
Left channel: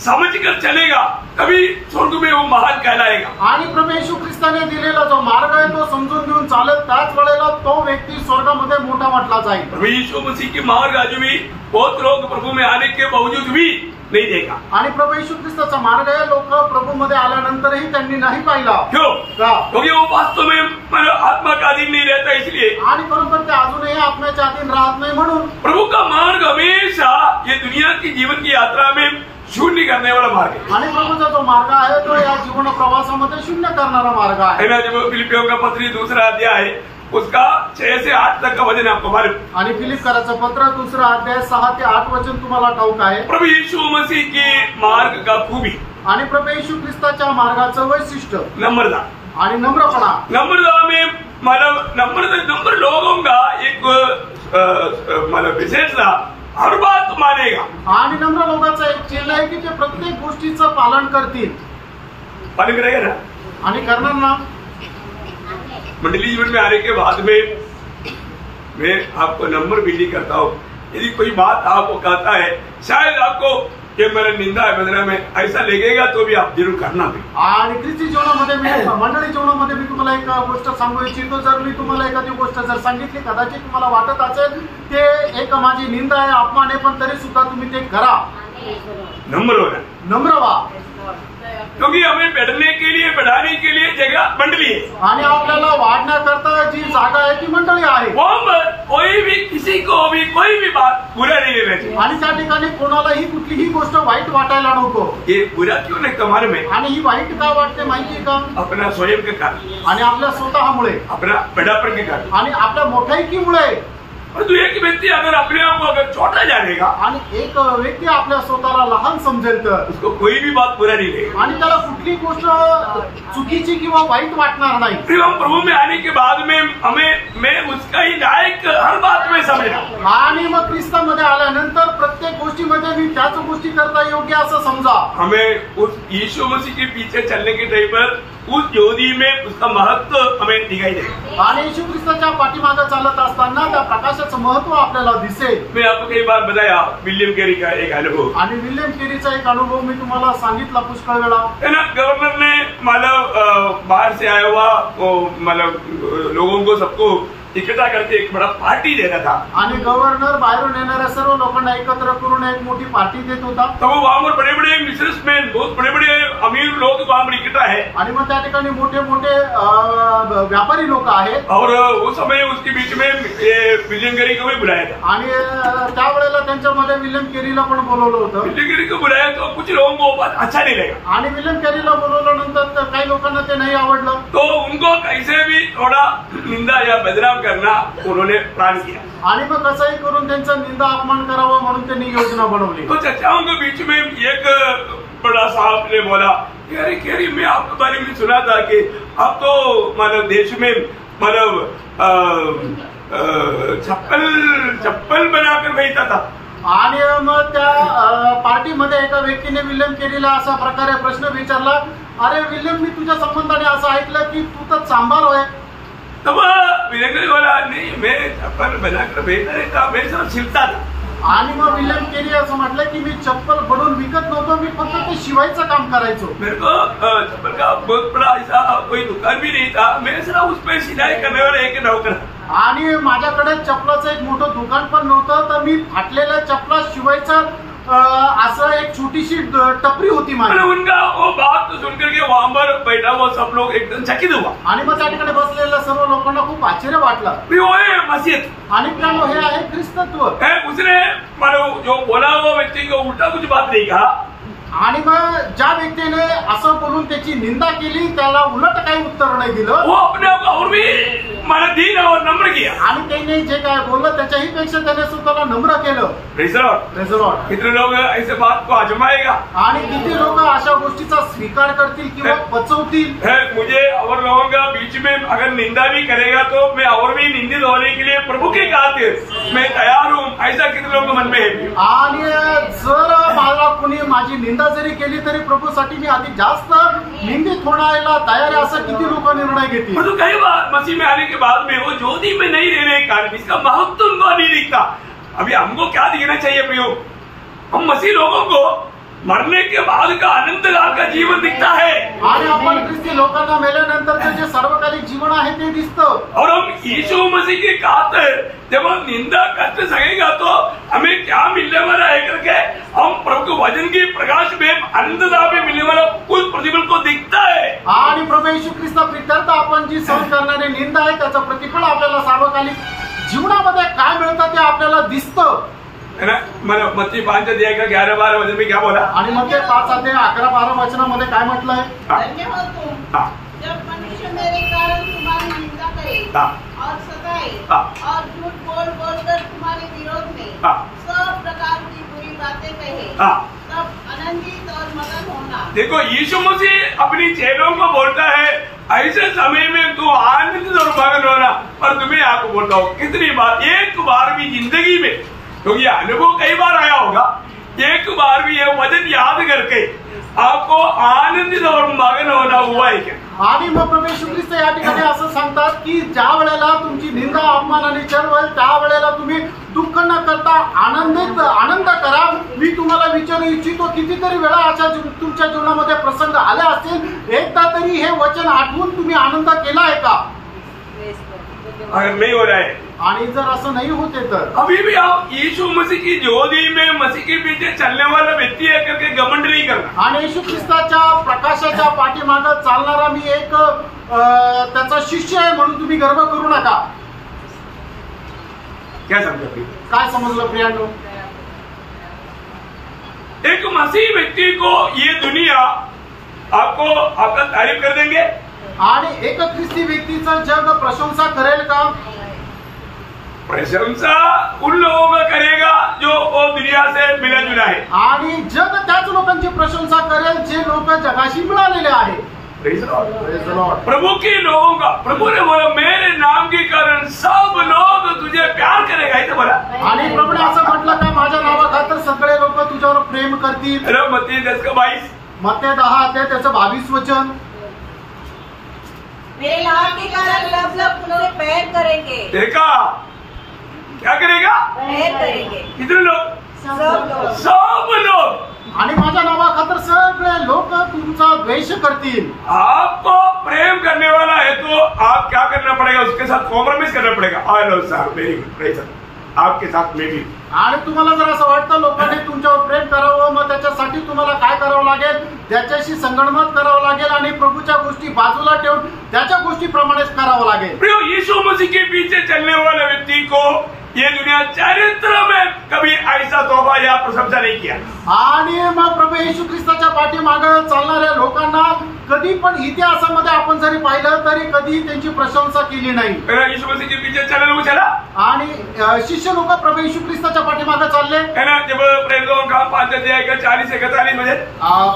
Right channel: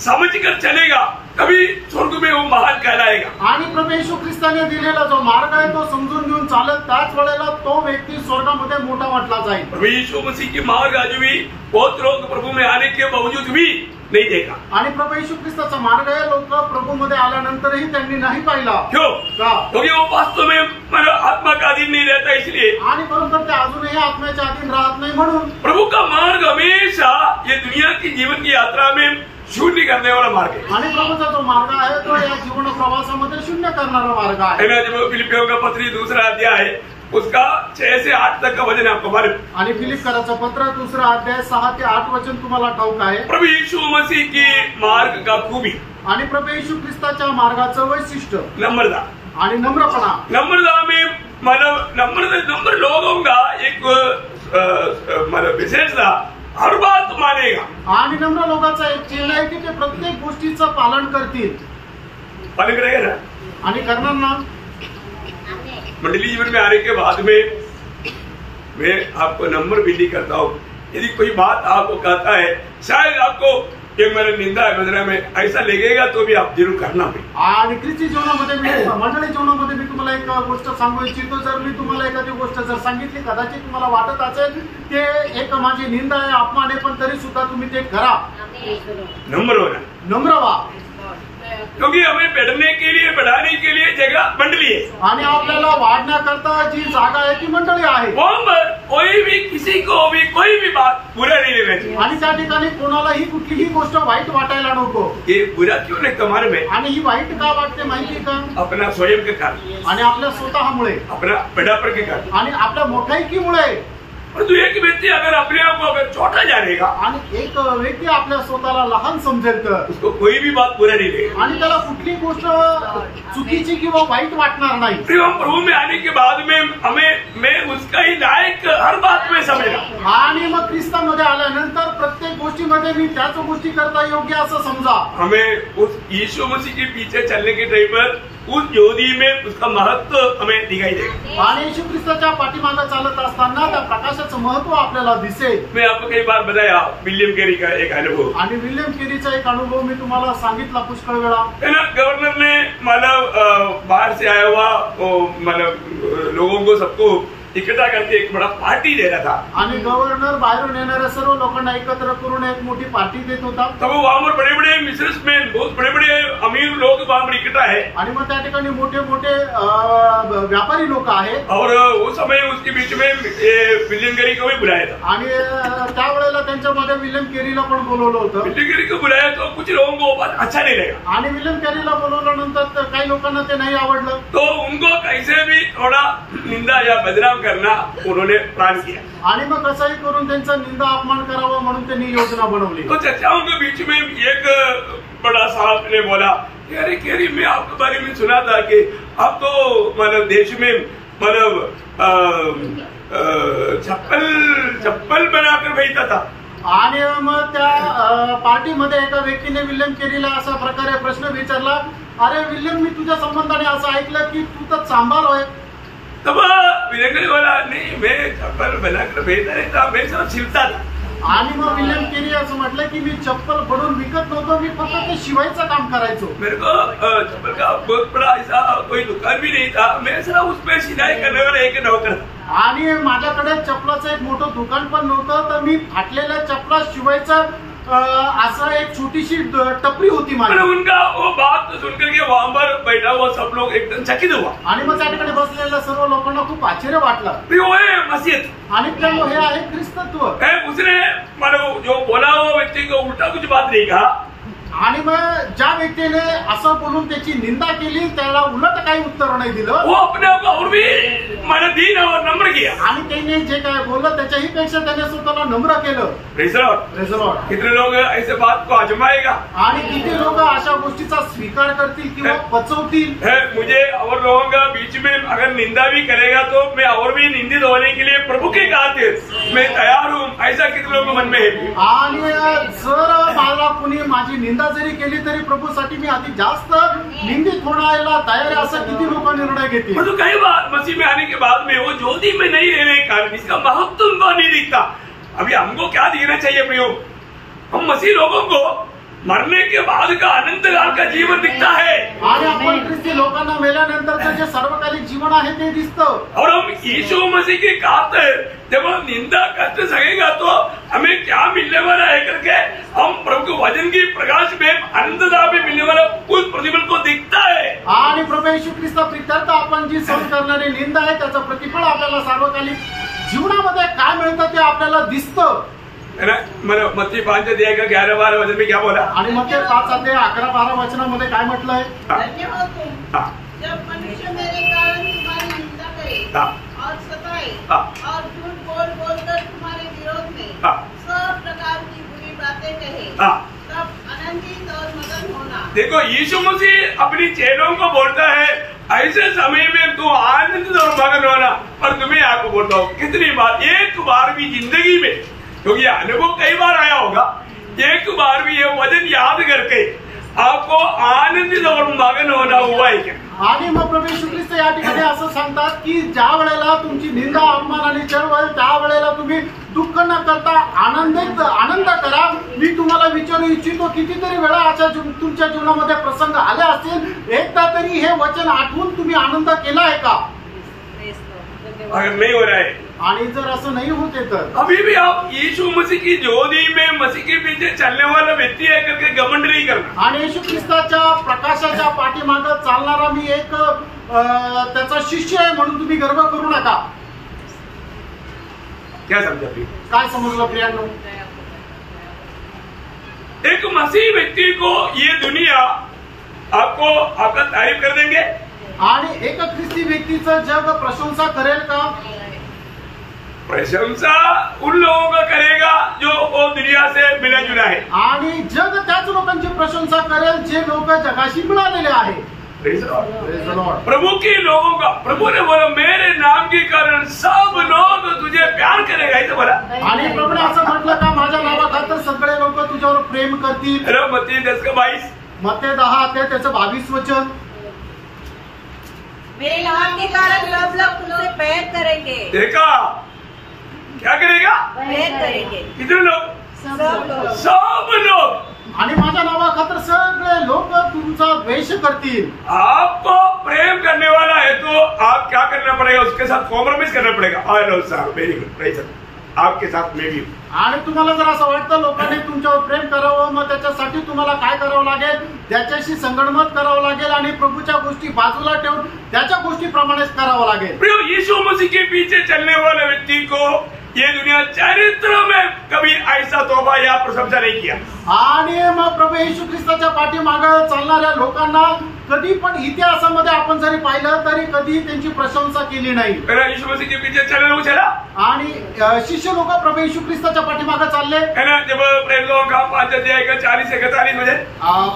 समझकर चलेगा तभी स्वर्ग में वो महान कहलाएगा। आणि प्रभू येशू ख्रिस्ताने दिलेला जो मार्ग आहे तो समजून घेऊन चालेल त्याच वेळेला तो व्यक्ती स्वर्गामध्ये मोठा म्हटला जाईल। प्रभु यीशु मसीह की मार्ग आज भी बहुत लोग प्रभु में आने के बावजूद भी नहीं देखा। आणि प्रभू येशू ख्रिस्ताचा मार्ग आहे लोक प्रभू मध्ये आल्यानंतरही त्यांनी नाही पाहिला। क्यों? का? क्योंकि वो वास्तव में आत्मा का अधीन नहीं रहता इसलिए। आणि बरोबर ते अजूनही आत्म्याच्या अधीन राहत नाही म्हणून प्रभु का मार्ग हमेशा ये दुनिया की जीवन की यात्रा में शून्य करने वाला मार्ग है। आणि प्रभूचा जो मार्ग आहे तो या जीवन प्रवासामध्ये शून्य करणारा मार्ग आहे। जब फिलिपियों का पत्री 2 अध्याय उसका 6 से 8 तक का वचन आपको मालूम। आणि फिलिपकराचं पत्र 2 अध्याय 6 ते 8 वचन तुम्हाला ठाऊक आहे। प्रभु यीशु मसीह की मार्ग का खूबी आणि प्रभू येशू ख्रिस्ताच्या मार्गाचं वैशिष्ट्य नम्रता आणि नम्रपणा। नम्रता में मतलब नम्र लोगों का एक मतलब विशेषता हर बात मानेगा। आणि नम्र लोकांचा एक चिन्ह आहे की ते प्रत्येक गोष्टीचं पालन करतील। पालन करेगा ना आणि करणार ना। मंडली जीवन में आने के बाद में मैं आपको नंबर विनती करता हूँ, यदि कोई बात आपको कहता है शायद आपको कि मेरा निंदा है बंधना में ऐसा लगेगा तो भी आप जरूर करना भी। आणि ख्रिस्ती जीवनामध्ये मी मंडळी जीवनामध्ये मी तुम्हाला एक गोष्ट सांगू इच्छितो। जर मी तुम्हाला एखादी गोष्ट जर सांगितली कदाचित तुम्हाला वाटत असेल ते एक माझी निंदा आहे अपमान आहे पण तरी सुद्धा तुम्ही ते करा। नम्र होना, नम्र व्हा, क्योंकि हमें बढ़ने के लिए बढ़ाने के लिए जगह मंडली है आणि आपल्याला वाढण्याकरता जी जागा आहे ती मंडळी आहे। वहां पर कोई भी किसी को भी कोई भी बात बुरा नहीं लेना चाहिए आणि त्या ठिकाणी कोणालाही कुठलीही गोष्ट वाईट वाटायला नको। ये बुरा क्यों नहीं तुम्हारे में आणि ही वाईट का वाटते माहिती का? अपना स्वयं के कारण आणि आपल्या स्वतःमुळे अपना बड़ापन के कारण आणि आपल्या मोठाईकीमुळे। परंतु एक व्यक्ति अगर अपने आप को अगर छोटा जानेगा आणि एक व्यक्ती आपल्या स्वतःला लहान समजेल तर उसको कोई भी बात बुरा नहीं लगेगा आणि त्याला कुठली गोष्ट चुकीची किंवा वाईट वाटणार नाही। फिर हम प्रभु में आने के बाद में मैं उसका ही लायक हर बात में समझना। आणि मग ख्रिस्तामध्ये आल्यानंतर प्रत्येक गोष्टीमध्ये मी त्याच गोष्टी करता योग्य असं समजा। हमें उस यीशु मसीह के पीछे चलने के टाइम पर उस ज्योति में उसका महत्व हमें दिखाई देगा। आणि येशू ख्रिस्ताच्या पाठीमागे चालत असताना त्या प्रकाशाचं महत्व आपल्याला दिसेल। मैं आपको कई बार बताया विलियम केरी का एक अनुभव। आणि विलियम केरीचा एक अनुभव मी तुम्हाला सांगितला पुष्कळ वेळा। है ना, गवर्नर ने मतलब बाहर से आया हुआ मतलब लोगों को सबको इकट्ठा करके एक बड़ा पार्टी देना था। आणि गव्हर्नर बाहेरून येणाऱ्या सर्व लोकांना एकत्र करून एक मोठी पार्टी देत होता। तो वहां पर बड़े बड़े बिजनेसमैन बहुत बड़े बड़े अमीर लोग वहां पर इकट्ठा है आणि मग त्या ठिकाणी मोठे मोठे व्यापारी लोक आहेत। और उस समय उसके बीच में विलियम केरी को भी बुलाया था। आणि त्यावेळेला त्यांच्यामध्ये विलियम केरीला पण बोलवलं होतं। विलियम केरी को बुलाया तो कुछ लोगों को अच्छा नहीं लगा आणि विलियम केरीला बोलवल्यानंतर काही लोकांना ते नाही आवडलं। तो उनको कैसे भी थोड़ा निंदा या बदनाम करना उन्होंने प्लान किया। आणि मग कसंही करून त्यांचा निंदा अपमान करावा म्हणून त्यांनी योजना बनवली। तो चर्चाओं के बीच में एक बड़ा साहब ने बोला अरे केरी मैं आपके बारे में सुना था कि आप तो मतलब देश में मतलब चप्पल बनाकर भेजता था। आणि मग त्या पार्टीमध्ये एका व्यक्तीने विलियम केरीला अशा प्रकारे प्रश्न विचारला, अरे विलियम मी तुझ्या संबंधाने असं ऐकलं की तू तर चांभार होय। तब विलियम केरी बोला नहीं मैं चप्पल बनाकर भेजता नहीं था, मैं सिर्फ सिलता था। आणि मग विलियम केरी असं म्हटलं की मी चप्पल बनवून विकत नव्हतो, मी फक्त ते शिवायचं काम करायचो। मेरे को चप्पल का बहुत बड़ा ऐसा कोई दुकान भी नहीं था, मैं सिर्फ उसमें सिलाई करने वाला एक नौकर था। आणि माझ्याकडे चप्पलाचं एक मोठं दुकान पण नव्हतं, तर मी फाटलेल्या चप्पला शिवायचं असं एक छोटीशी टपरी होती माझी। उनका वो बात सुनकर के वहां पर बैठा हुआ सब लोग एकदम चकित हुआ। आणि मग त्या ठिकाणी बसलेल्या सर्व लोकांना खूप आश्चर्य वाटलं। वो है मसीहत आणि त्यामुळे हे आहे ख्रिस्तत्व। उसने मतलब जो बोला हुआ व्यक्ति को उल्टा कुछ बात नहीं कहा। आणि मग ज्या व्यक्तीने असं बोलून त्याची निंदा केली त्याला उलट काही उत्तर नाही दिलं। वो अपने आप को और भी माना दीन और नम्र किया। आणि त्याने जे काय बोललं त्याच्याही पेक्षा त्याने स्वतःला नम्र केलं। Praise the Lord. कितने लोग ऐसे बात को आजमाएगा आणि किती लोक अशा गोष्टीचा स्वीकार करतील किंवा पचवतील। मुझे और लोगों का बीच में अगर निंदा भी करेगा तो मैं और भी निंदित होने के लिए प्रभु के खातिर मैं तैयार हूँ, ऐसा कितने लोगों के मन में है। आणि जर मला कोणी माझी निंदा जरी केली तरी प्रभूसाठी मी अधिक जास्त निंदित होण्याला तयार आहे असं किती लोक निर्णय घेतील। परंतु कई बार मसीह में आने के बाद में वो ज्योति में नहीं रहने के कारण इसका महत्व उनको नहीं दिखता। अभी हमको क्या दिखना चाहिए प्रियो, हम मसीह लोगों को मरने के बाद का अनंत काल का जीवन दिखता है। आणि आपण ख्रिस्ती लोकांना मेल्यानंतर जे सार्वकालिक जीवन आहे ते दिसतं। और हम यीशु मसीह के खातिर जब हम निंदा करते सकेगा तो हमें क्या मिलने वाला है करके हम प्रभु के वचन की प्रकाश में अनंतता में मिलने वाला उस प्रतिफल को दिखता है। आणि प्रभू येशू ख्रिस्ताप्रित्यर्थ आपण जी सहन करणारी निंदा आहे त्याचं प्रतिफळ आपल्याला सार्वकालिक जीवनामध्ये काय मिळतं ते आपल्याला दिसतं। है ना, मतलब मत्ती 5:11-12 वचन में क्या बोला? आणि मग ते 5:11-12 वचनामध्ये काय म्हटलंय? धन्य हो तुम जब मनुष्य मेरे कारण तुम्हारी निंदा करे और सताए और झूठ बोल बोलकर तुम्हारे विरोध में सब प्रकार की बुरी बातें कहे, तब आनंदित और मगन होना। देखो, यीशु मसीह अपनी चेलों को बोलता है ऐसे समय में तू आनंदित और मगन होना। और तुम्हें आपको बोलता हूँ कितनी बार, एक बार भी जिंदगी में, क्योंकि तो अनुभव कई बार आया होगा, एक बार भी ये वचन याद करके आपको आनंदित और मगन होना हुआ है क्या? आणि मग प्रभू येशू ख्रिस्त या ठिकाणी असं सांगतात की ज्या वेळेला तुमची निंदा अपमान आणि छळ होईल त्या वेळेला तुम्ही दुःख न करता आनंद करा। मी तुम्हाला विचारू इच्छितो, कितीतरी वेळा अशा तुमच्या जीवनामध्ये प्रसंग आले असतील, एकदा तरी हे वचन आठवून तुम्ही आनंद केला आहे का? अगर नहीं हो रहा है, आणि जर असं नाही होते तर अभी भी आप यीशु मसीह की ज्योति में मसीह के पीछे चलने वाला व्यक्ति है करके घमंड नहीं करना। आणि येशू ख्रिस्ताच्या प्रकाशाच्या पाठीमागे चालणारा मी एक त्याचा शिष्य आहे म्हणून तुम्ही गर्व करू नका। क्या समझा प्रिय? काय समजलं प्रियांनो? एक मसीह व्यक्ति को ये दुनिया आपका तारीफ कर देंगे, आणि एक ख्रिस्ती व्यक्तीचं जग प्रशंसा करेल का? प्रशंसा उन लोगों का करेगा जो वो दुनिया से मिला जुला है, आणि जग त्याच लोकांची प्रशंसा करेल जे लोक जगाशी मिळालेले आहे। Praise the Lord. प्रभु के लोगों का, प्रभु ने बोला मेरे नाम के कारण सब लोग तुझे प्यार करेगा, ऐसे बोला। आणि प्रभूने असं म्हटलं का माझ्या नावाखातर सगळे लोक तुझ्यावर प्रेम करतील। मत्ती 10:22, मत्ती 10 त्याचं 22 वचन, मेरे नाम के कारण सब लोग तुमसे प्रेम करेंगे। देखा क्या करेगा? प्रेम करेंगे। कितने लोग? सब लोग। आणि माझ्या नावाखातर सगळे लोक तुमचा द्वेष करतील। आपको प्रेम करने वाला है तो आप क्या करना पड़ेगा? उसके साथ कॉम्प्रोमाइज करना पड़ेगा। Hello sir, very good, praise आपके साथ में भी। आणि तुम्हाला जर असं वाटतं लोकांनी तुमच्यावर प्रेम करावं, मग त्याच्यासाठी तुम्हाला काय करावं लागेल? त्याच्याशी संगणमत करावं लागेल आणि प्रभूच्या गोष्टी बाजूला ठेवून त्याच्या गोष्टीप्रमाणेच करावं लागेल। प्रियो, यीशु मसीह के पीछे चलने वाले व्यक्ति को ये दुनिया चरित्र में कभी ऐसा तोहफा या प्रशंसा नहीं किया। आणि मग प्रभू येशू ख्रिस्ताच्या पाठीमागे चालणाऱ्या लोकांना कधी पण इतिहासामध्ये आपण जरी पाहिलं तरी कधी त्यांची प्रशंसा केली नाही। यीशु मसीह के पीछे चलने लोग चला, आणि शिष्य लोक प्रभू येशू ख्रिस्ताच्या पाठीमागे चालले है ना। जब प्रेरितों का 5:40-41 वचन,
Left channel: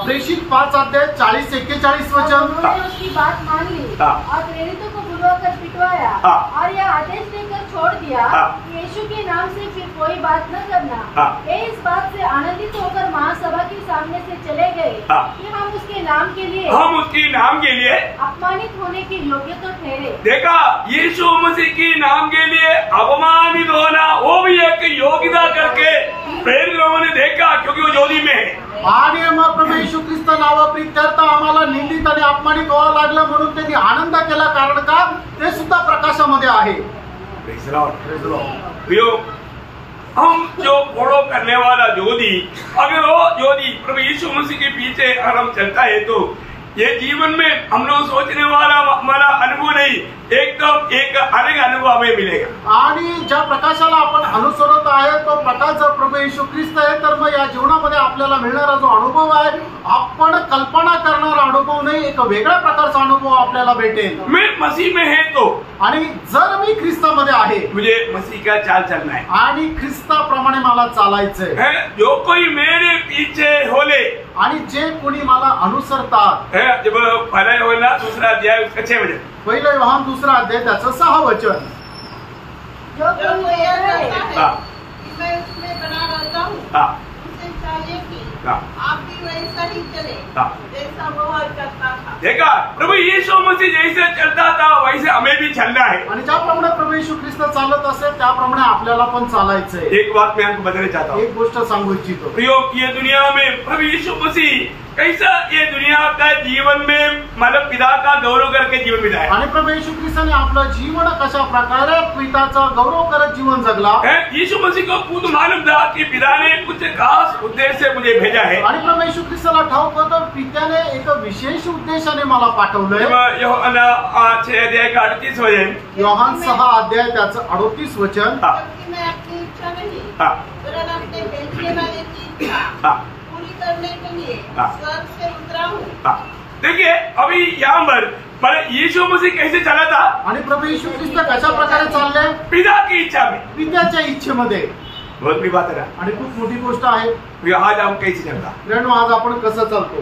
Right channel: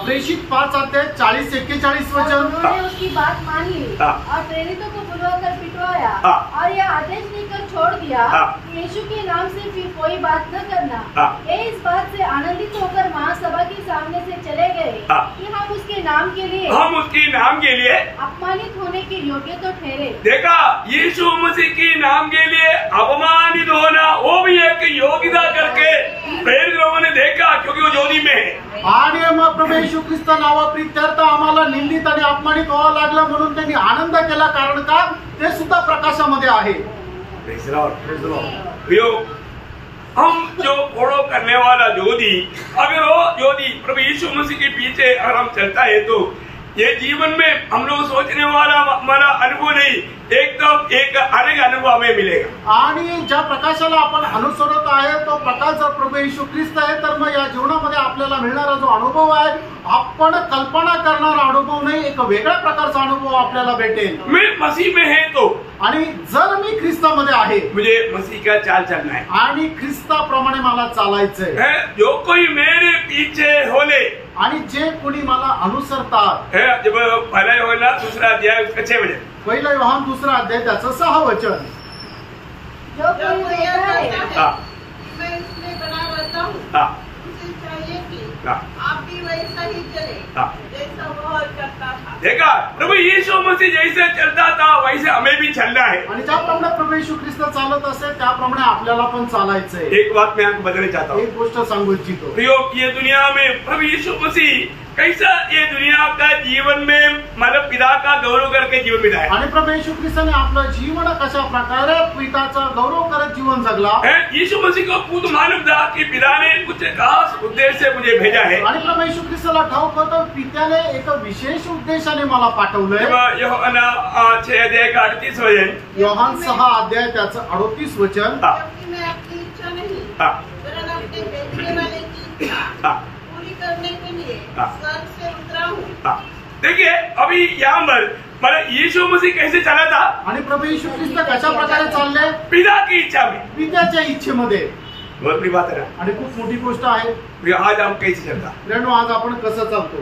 प्रेषित 5:40-41 वचन, उन्होंने उसकी बात मान ली और प्रेरितों को बुलवाकर पिटवाया और यह आदेश देकर छोड़ दिया कि यीशु के नाम से फिर कोई बात न करना। वे इस बात से आनंदित होकर महासभा के सामने से चले गए कि हम उसके नाम के लिए अपमानित होने के योग्य तो ठहरे। देखा, यीशु मसीह की नाम के लिए अपमानित होना वो भी एक योग्यता करके प्रेरित लोगों ने देखा, क्योंकि वो ज्योति में है। आणि मग प्रभू येशू ख्रिस्त नावाप्रित्यर्थ आम्हाला निंदित आणि अपमानित व्हावं लागलं म्हणून त्यांनी आनंद केला, कारण का ते सुद्धा प्रकाशामध्ये आहे। Praise the Lord. Praise the Lord. हम जो फॉलो करने वाला ज्योति, अगर वो ज्योति प्रभु यीशु मसीह के पीछे अगर हम चलता है तो ये जीवन में हम लोग सोचने वाला हमारा अनुभव नहीं, एकदम एक अलग अनुभव हमें मिलेगा। आणि ज्या प्रकाशाला आपण अनुसरत आहे तो प्रकाश जर प्रभू येशू ख्रिस्त आहे तर मग या जीवनामध्ये आपल्याला मिळणारा जो अनुभव आहे आपण कल्पना करणारा अनुभव नाही, एक वेगळ्या प्रकारचा अनुभव आपल्याला भेटेल। मैं मसीह में है तो, आणि जर मी ख्रिस्तामध्ये आहे मुझे मसीह का चाल चलना है आणि ख्रिस्ताप्रमाणे मला चालायचंय। जो कोई मेरे पीछे होले, आणि जे कोणी मला अनुसरतात, जब पहला योहन्ना 2 अध्याय उसका 6 वचन, पहिलं योहान 2 अध्याय त्याचं 6 वचन, जो कोई यह कहता है करता है कि मैं उसमें बना रहता हूँ, उसे चाहिए कि आप भी वैसा ही चले जैसा वह करता था। देखा, प्रभु यीशु मसीह जैसे चलता था वैसे हमें भी चलना है। आणि ज्याप्रमाणे प्रभू येशू ख्रिस्त चालत असेल त्याप्रमाणे आपल्याला पण चालायचंय। एक बात मैं आपको बताना चाहता हूँ, एक गोष्ट सांगू इच्छितो। प्रियो, ये दुनिया में प्रभु यीशु मसीह कैसा ये दुनिया का जीवन में मतलब पिता का गौरव करके जीवन बिताया। आणि प्रभू येशू ख्रिस्ताने आपलं जीवन कशा प्रकारे पिताचा गौरव करत जीवन जगला। यीशु मसीह को खुद मालूम था कि पिता ने कुछ खास उद्देश्य से मुझे भेजा है। आणि प्रभू येशू ख्रिस्ताला ठाऊक होतं पित्याने एक विशेष उद्देशाने मला पाठवलंय। यूहन्ना 6 अध्याय का 38 वचन, योहान 6 अध्याय त्याचं 38 वचन, जबकि मैं अपनी इच्छा नहीं वरन अपने भेजने वाले की इच्छा पूरी करने के लिए स्वर्ग से उतरा हूँ। देखिए अभी यहाँ पर यीशु मसीह कैसे चला था आणि प्रभू येशू ख्रिस्त कशा प्रकारे चालले? पिता की इच्छा में, पित्याच्या इच्छेमध्ये। बहुत बड़ी बात है ना, आणि खूप मोठी गोष्ट आहे। आज हम कैसे चलता, आज आपण कसं चालतो?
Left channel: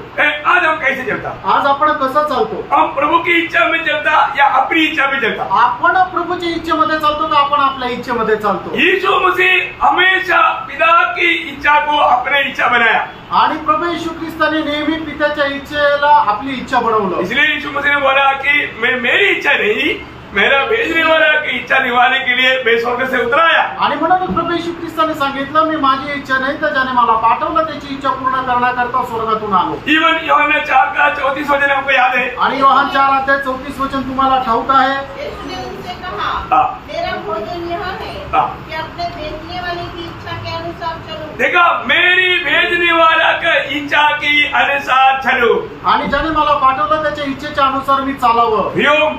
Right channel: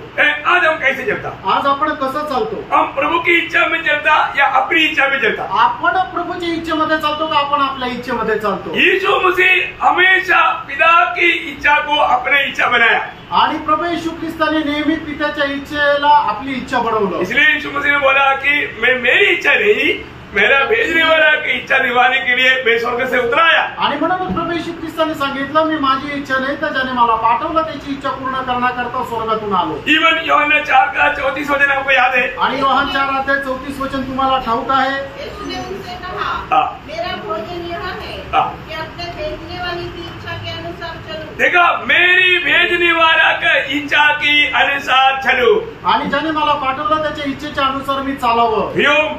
आज हम कैसे चलता? आज आपण कसं चालतो? हम प्रभु की इच्छा में चलता या अपनी इच्छा में चलता? आपण प्रभूच्या इच्छेमध्ये चालतो का आपण आपल्या इच्छेमध्ये चालतो? यीशु मसीह हमेशा पिता की इच्छा को अपने इच्छा बनाया आणि प्रभू येशू ख्रिस्ताने नेहमी पित्याच्या इच्छेला आपली इच्छा बनवलं। इसलिए यीशु मसीह ने बोला कि मेरी इच्छा नहीं, मेरा भेजने वाला की इच्छा निभाने के लिए मैं स्वर्ग से उतराया। आणि म्हणून प्रभू येशू ख्रिस्ताने सांगितलं मी माझी इच्छा नाही तर ज्याने मला पाठवलं त्याची इच्छा पूर्ण करण्याकरता स्वर्गातून आलो। इवन यूहन्ना 4:34 वचन आपको याद है? आणि योहान 4:34 वचन तुम्हाला ठाऊक आहे? यीशु ने उनसे कहा, मेरा भोजन यह है कि अपने भेजने वाले की इच्छा के अनुसार चलूं। देखा, मेरी भेजने वाला का इच्छा की अनुसार चलो। आणि ज्याने मला पाठवलं त्याच्या इच्छेच्या अनुसार मी चालावं।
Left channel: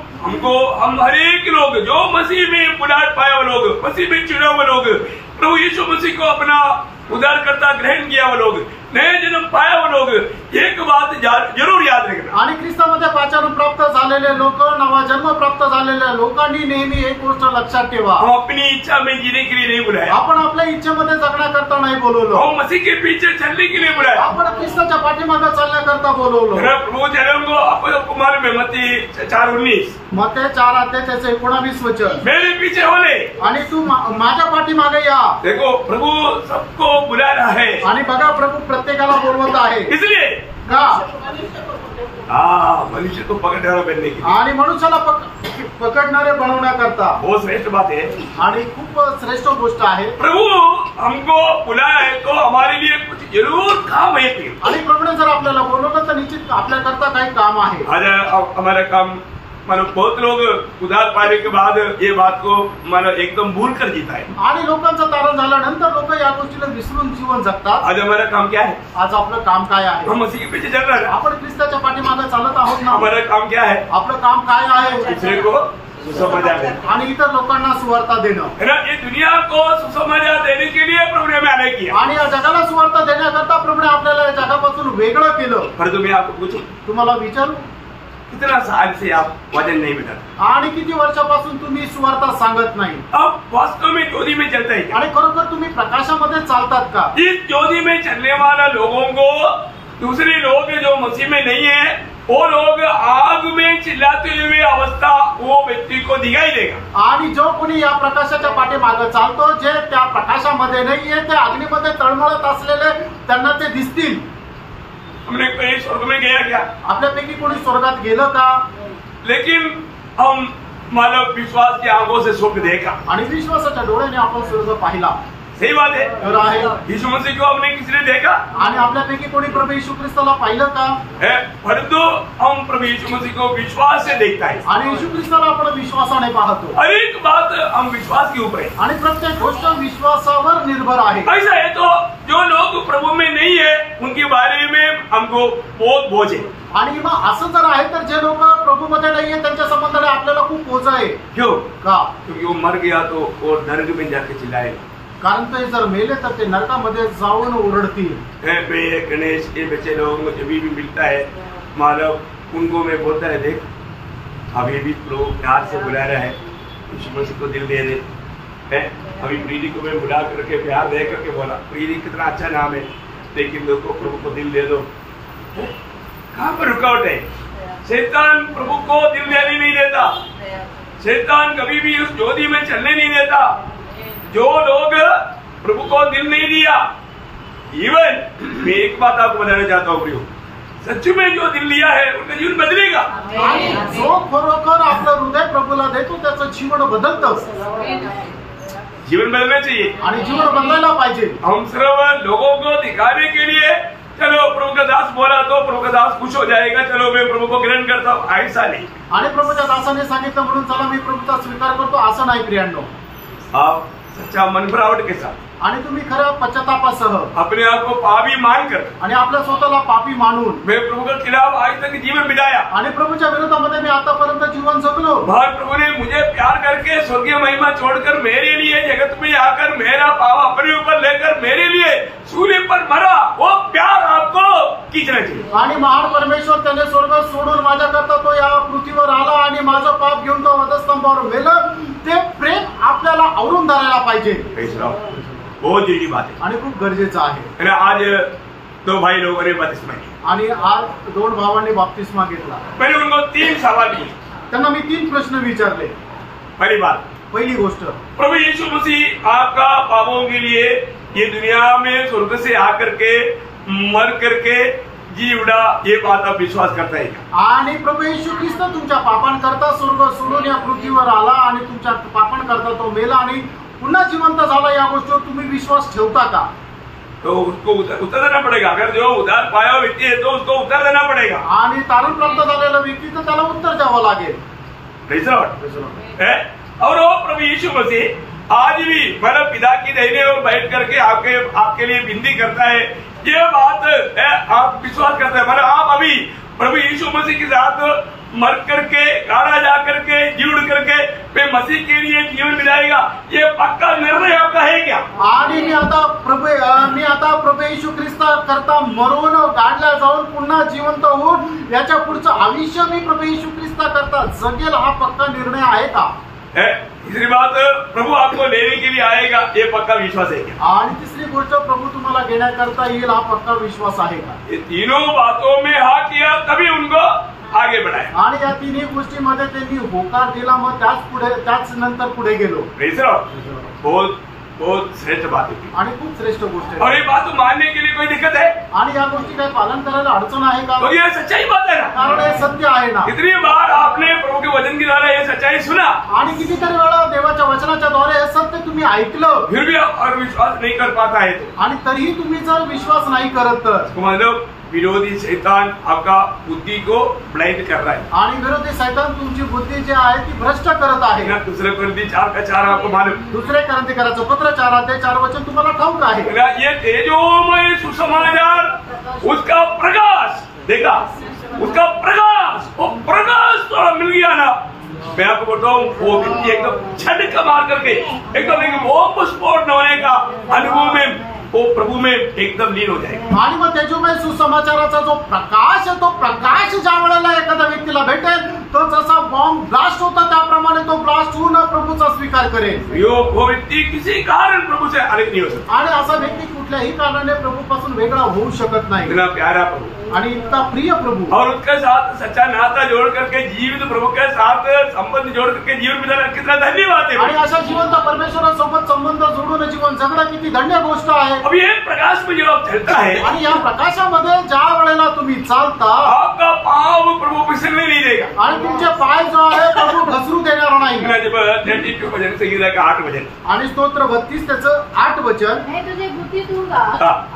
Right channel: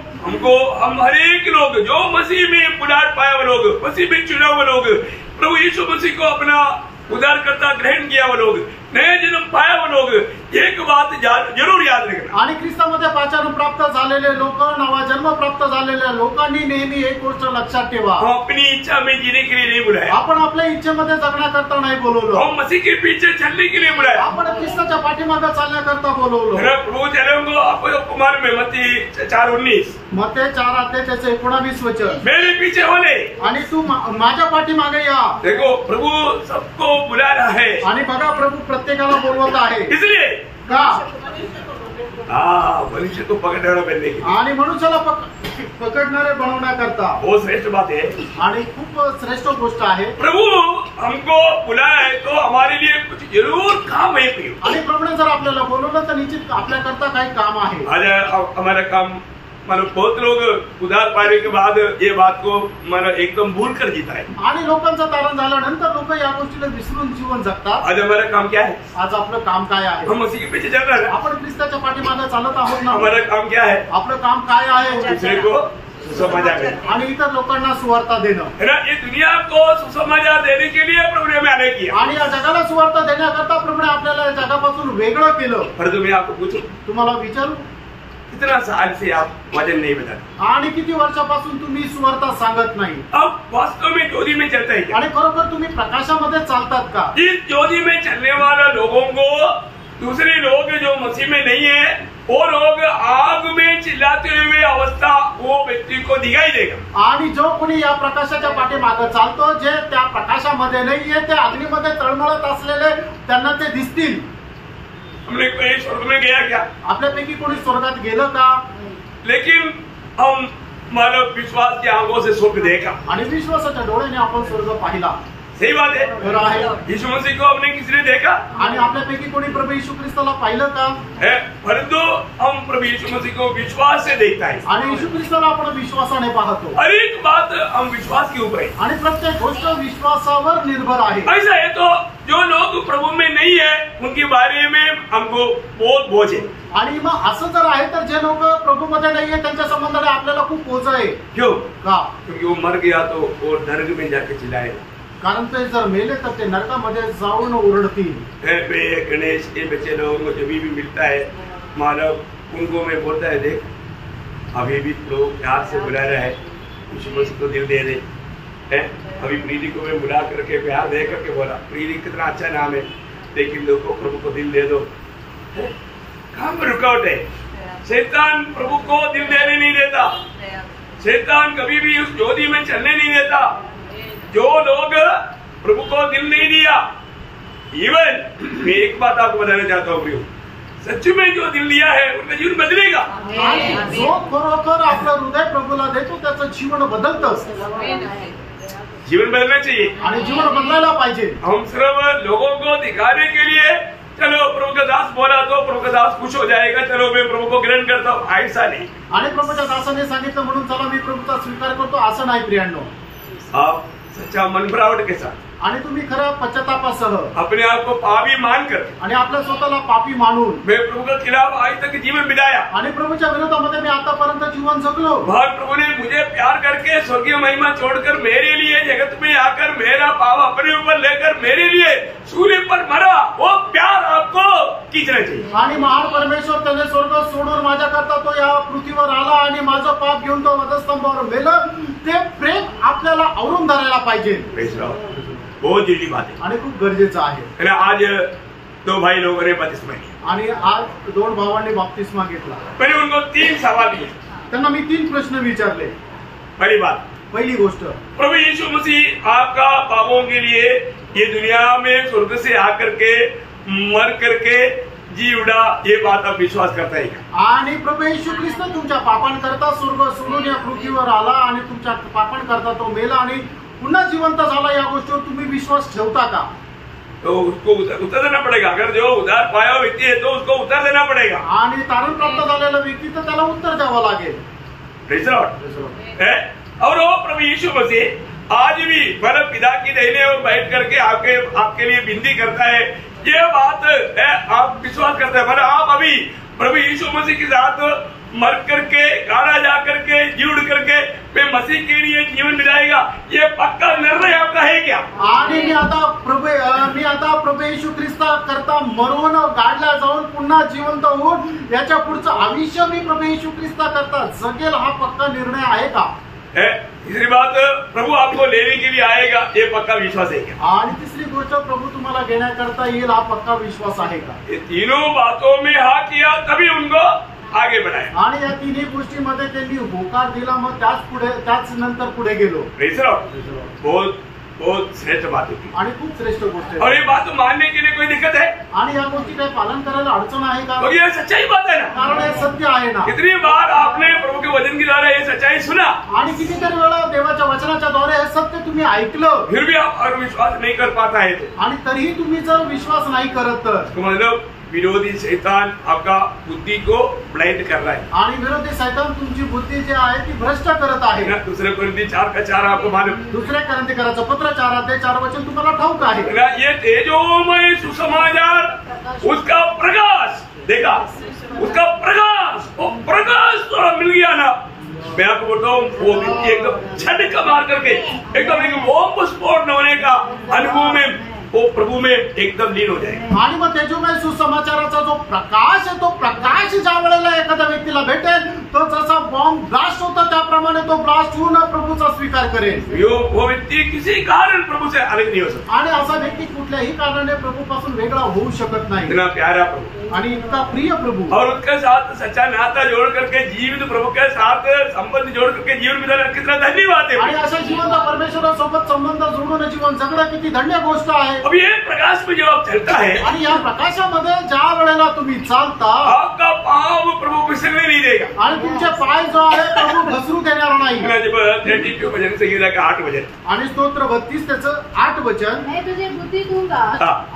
हम हर एक लोग जो मसीह में बुलाहट पाए वो लोग, मसीह में चुने हुए लोग, प्रभु यीशु मसीह को अपना उद्धारकर्ता ग्रहण किया वो लोग, नए जन्म पाया वो लोग, एक बात जरूर याद रखना। आणि ख्रिस्तामध्ये पाचारण प्राप्त झालेले लोक, नवा जन्म प्राप्त झालेल्या लोकांनी नेहमी एक गोष्ट लक्षात ठेवा, हम अपनी इच्छा में जीने के लिए नहीं बुलाया, आपण आपल्या इच्छेमध्ये जगण्याकरता नाही बोलवलो, हम मसीह के पीछे चलने के लिए बुलाया, आपण ख्रिस्ताच्या पाठीमागे चालण्याकरता बोलवलो। प्रभु चलेंगे आपको कुमार में मत्ती 4:19 मत्ती 4:19 वचन, मेरे पीछे होले आणि तू माझ्या पाठीमागे या। देखो प्रभु सबको बुला रहा है आणि बघा प्रभू प्रत्येकाला बोलवत आहे। इसलिए का? मनुष्य को पकड़ने बनने की आणि मनुष्याला पकडणारे बनवण्याकरता बहुत श्रेष्ठ बात है आणि खूप श्रेष्ठ गोष्ट आहे। प्रभु हमको बुलाया है तो हमारे लिए कुछ जरूर काम है प्रिय। आणि प्रभूने जर आपल्याला बोलवलं तर निश्चित आपल्याकरता काही काम आहे। आज हमारा काम मानो बहुत लोग उधार पाने के बाद ये बात को मानो एकदम भूल कर जीता है। आणि लोकांचं तारण झाल्यानंतर लोक या गोष्टीला विसरून जीवन जगतात। आज हमारा काम क्या है? आज आपलं काम काय आहे? हम मसीह के पीछे चल रहे हैं, आपण ख्रिस्ताच्या पाठीमागे चालत आहोत ना। हमारा काम क्या है? आपलं काम काय आहे? दूसरे को सुसमाचार आणि इतर लोकांना सुवार्ता देणं है ना। ये दुनिया को सुसमाचार देने के लिए प्रभु ने हमें आने किया आणि या जगाला सुवार्ता देण्याकरता प्रभूने आपल्याला या जगापासून वेगळं केलं। पर तुम्हें आपको पूछूं, तुम्हाला विचारू कितना साल से आप वचन नहीं बताते आणि किती वर्षापासून तुम्ही सुवार्ता सांगत नाही? अब वास्तव में ज्योति में चलता है क्या? आणि खरोखर तुम्ही प्रकाशामध्ये चालतात का? इस ज्योति में चलने वाला लोगों को दूसरे लोग जो मसीह में नहीं है वो लोग आग में चिल्लाते हुए अवस्था वो व्यक्ति को दिखाई देगा। आणि जो कोणी या प्रकाशाच्या पाठीमागे चालतो, जे त्या प्रकाशामध्ये नाहीये, ते अग्नीमध्ये तळमळत असलेले त्यांना ते दिसतील। हमने कोई स्वर्ग में गया क्या? आपल्यापैकी कोणी स्वर्गात गेलं का? लेकिन हम मानव विश्वास की आंखों से स्वर्ग देखा आणि विश्वासाच्या डोळ्याने आपण स्वर्ग पाहिला। सही बात है। तर आहे। यीशु मसीह को हमने किसने देखा? आणि आपल्यापैकी कोणी प्रभू येशू ख्रिस्ताला पाहिलं का? परंतु हम प्रभु यीशु मसीह को विश्वास से देखता है आणि येशू ख्रिस्ताला आपण विश्वासाने पाहतो। हर एक बात हम विश्वास के ऊपर है आणि प्रत्येक गोष्ट विश्वासावर निर्भर आहे। ऐसा है तो जो लोग प्रभु में नहीं है उनके बारे में हमको बहुत बोझ है। आणि मग असं जर आहे तर जे लोक प्रभूमध्ये नाहीये त्यांच्या संबंधाने आपल्याला खूप बोझ आहे। क्यों? का? क्योंकि वो मर गया तो वो नरक में जाके चिल्लाए, कारण ते जर मेले तर ते नरकामध्ये जाऊन ओरडतील। प्रिय गणेश, ये बच्चे लोगों को जब भी मिलता है मानव उनको मैं बोलता है, देख अभी भी प्रभु प्यार से बुला रहा है, यीशु मसीह को दिल दे दे है। अभी प्रीति को मैं बुला करके प्यार दे करके बोला, प्रीति कितना अच्छा नाम है, लेकिन लोग को प्रभु को दिल दे दो। कहाँ पर रुकावट है? शैतान प्रभु को दिल देने नहीं देता, शैतान कभी भी उस ज्योति में चलने नहीं देता। जो लोग प्रभु को दिल नहीं दिया, इवन मैं एक बात आपको बताना चाहता हूँ प्रियो, सच में जो दिल लिया है उनका जीवन बदलेगा। जो खरोखर आपलं हृदय प्रभूला देतो त्याचं जीवन बदलतं। जीवन बदलना चाहिए आणि जीवन बदलायला पाहिजे। हम सर्व लोगों को दिखाने के लिए चलो प्रभु का दास बोला तो प्रभु का दास खुश हो जाएगा, चलो मैं प्रभु को ग्रहण करता हूँ, ऐसा नहीं। आणि प्रभूच्या दासाने सांगितलं म्हणून चला मी प्रभूचा स्वीकार करतो, असं नाही प्रियांनो। आप सच्चा मनभरावट के साथ आणि तुम्ही खरं पश्चातापासह अपने आप को पापी मानकर आणि आपल्या स्वतःला पापी मानून मैं प्रभु के खिलाफ आज तक जीवन बिताया आणि प्रभूच्या विरोधामध्ये मी आतापर्यंत जीवन जगलो। भाग प्रभु ने मुझे प्यार करके स्वर्गीय महिमा छोड़कर मेरे लिए जगत में आकर मेरा पाप अपने ऊपर लेकर मेरे लिए सूली पर मरा। वो प्यार आपको खींचना चाहिए। आणि महान परमेश्वर त्याने स्वर्ग सोडून माझ्याकरता तो या पृथ्वीवर आला आणि माझं पाप घेऊन तो वधस्तंभावर मेलं। ते प्रेम आपल्याला आवरून धरायला पाहिजे। बहुत जरूरी बात है आणि खूप गरजेचं आहे। आज 2 भाई लोगों ने बपतिस्मा लिया आणि आज 2 भावांनी बपतिस्मा घेतला। मैंने उनको 3 सवाल किए। त्यांना मी 3 प्रश्न विचारले। पहली बात, पहिली गोष्ट, प्रभु यीशु मसीह आपका पापों के लिए ये दुनिया में स्वर्ग से आकर के मर करके जी उड़ा, ये बात आप विश्वास करता है का? आणि प्रभू येशू ख्रिस्त तुमच्या पापांकरता स्वर्ग सोडून या पृथ्वीवर आला आणि तुमच्या पापांकरता तो मेला आणि पुन्हा जिवंत झाला, या गोष्टीवर तुम्ही विश्वास ठेवता का? तो उसको उत्तर देना पड़ेगा। अगर जो उधार पाया हुआ व्यक्ति है तो उसको उत्तर देना पड़ेगा। आणि तारण प्राप्त झालेला व्यक्ती तर त्याला उत्तर द्यावं लागेल। Praise the Lord. और वो प्रभु यीशु मसीह आज भी मतलब पिता की दाहिने ओर बैठ करके आपके लिए विनती करता है। ये बात आप विश्वास करते हैं? मतलब आप अभी प्रभु यीशु मसीह के साथ मर करके गाड़ा जा करके जीव करके वे मसीह के लिए जीवन मिलाएगा, ये पक्का निर्णय आपका है क्या? आणि मी आता प्रभू येशू ख्रिस्त करता मरून गाडला जाऊन पुन्हा जिवंत होऊन याच्या पुढचं आयुष्य मी प्रभू येशू ख्रिस्त करता जगेल, हा पक्का निर्णय आहे का? तीसरी बात, प्रभु आपको लेने के लिए आएगा, ये पक्का विश्वास है क्या? आणि तिसरी गोष्ट, प्रभू तुम्हाला घेण्याकरता येईल, हा पक्का विश्वास आहे का? ये तीनों बातों में हाँ किया तभी उनको आगे बढ़ाया। आणि या तिन्ही गोष्टीमध्ये त्यांनी होकार दिला, मग त्याच नंतर पुढे गेलो। Praise the Lord. बहुत श्रेष्ठ बात होती आणि खूप श्रेष्ठ गोष्ट आहे। और ये बात मानने के लिए कोई दिक्कत है? आणि या गोष्टी काय पालन करायला अडचण आहे का? तो ये सच्चाई बात है ना, कारण हे सत्य आहे ना। कितनी बार आपने प्रभु के वचन के द्वारा ये सच्चाई सुना आणि कितीतरी वेळा देवाच्या वचनाच्या द्वारे हे सत्य तुम्ही ऐकलं, फिर भी आप और विश्वास नहीं कर पाता है तो आणि तरीही तुम्ही जर विश्वास नाही करत तर मतलब विरोधी शैतान आपका बुद्धि को ब्लाइंड कर रहा है। आणि विरोधी शैतान तुमची बुद्धी जी आहे ती भ्रष्ट करत आहे। ना दूसरे कोरिन्थी 4:4 आपको मालूम? दुसरे कोरिन्थीकराचं पत्र 4:4 वचन तुम्हाला ठाऊक आहे। ना ये तेजोमय सुसमाचार उसका प्रकाश, देखा उसका प्रकाश, वो प्रकाश थोड़ा मिल गया ना, मैं आपको बोलता हूँ वो व्यक्ति एकदम झटका मार करके एकदम एक बॉम्ब स्फोट होने का अनुभव में वो प्रभु में एकदम लीन हो जाएगा। आणि मग तेजोमय सुसमाचाराचा जो प्रकाश आहे, तो प्रकाश ज्या वेळेला एखाद्या व्यक्तीला भेटेल, तो जसा बॉम्ब ब्लास्ट होता त्याप्रमाणे तो ब्लास्ट होऊन प्रभूचा स्वीकार करेल। वो व्यक्ति किसी कारण प्रभु से अलग नहीं हो सकता। आणि असा व्यक्ती कुठल्याही कारणाने प्रभूपासून वेगळा होऊ शकत नाही। इतना प्यारा प्रभु आणि इतका प्रिय प्रभू, और उसके साथ सच्चा नाता जोड़ करके जीवित प्रभु के साथ संबंध जोड़ करके जीवन बिताना कितना धन्यवाद है। आणि अशा जिवंत परमेश्वरासोबत संबंध जोडून जीवन जगणं किती धन्य गोष्ट आहे। अब ये प्रकाश में जब आप चलता है आणि या प्रकाशामध्ये ज्या वेळेला तुम्ही चालता, आपका पाव प्रभु फिसलने नहीं देगा आणि तुमचे पाय जो आहे प्रभू घसरू देणार नाही। जब 32 भजन संगीता का 8 वचन आणि स्तोत्र 32 त्याचं 8 वचन, मैं तुझे बुद्धि दूंगा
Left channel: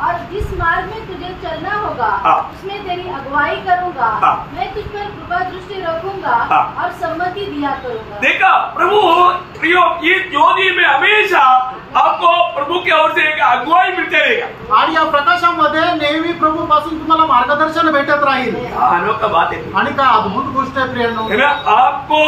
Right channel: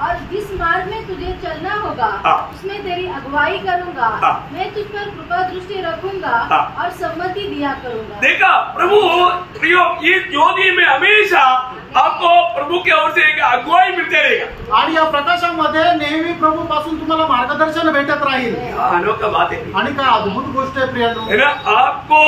और जिस मार्ग में तुझे चलना होगा उसमें तेरी अगुवाई करूंगा, मैं तुझ पर कृपा दृष्टि रखूंगा और सम्मति दिया करूंगा। देखा प्रभु प्रियो, ये ज्योति में हमेशा आपको प्रभु की ओर से एक अगुवाई मिलते रहेगा। आणि या प्रकाशामध्ये नेहमी प्रभू पासून तुम्हाला मार्गदर्शन भेटत राहील। अनोखा बात है आणि काय अद्भुत गोष्ट आहे प्रियांनो, है ना? आपको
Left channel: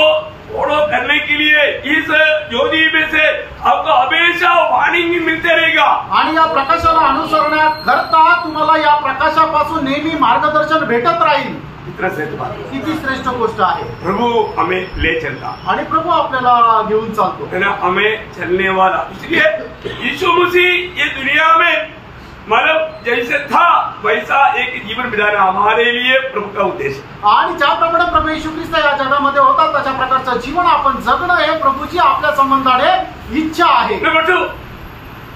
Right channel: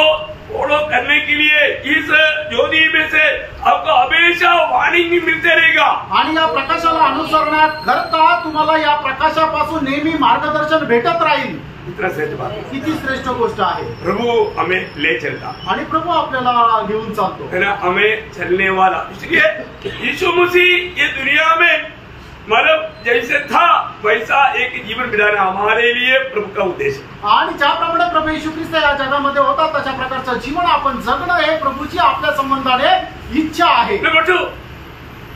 फॉलो करने के लिए इस ज्योति में से आपको हमेशा वार्निंग मिलते रहेगा। आणि या प्रकाशाला अनुसरण्याकरता तुम्हाला या प्रकाशापासून नेहमी मार्गदर्शन भेटत राहील। इतना श्रेष्ठ बात है। किती श्रेष्ठ गोष्ट आहे। प्रभु हमें ले चलता आणि प्रभू आपल्याला घेऊन चालतो, है ना, हमें चलने वाला। इसलिए यीशु मसीह ये दुनिया में मतलब जैसे था वैसा एक जीवन बिताना हमारे लिए प्रभु का उद्देश्य। आणि ज्याप्रमाणे प्रभू येशू ख्रिस्त या जगामध्ये होता तशा प्रकारचं जीवन आपण जगणं हे प्रभूची आपल्या संबंधाने इच्छा आहे।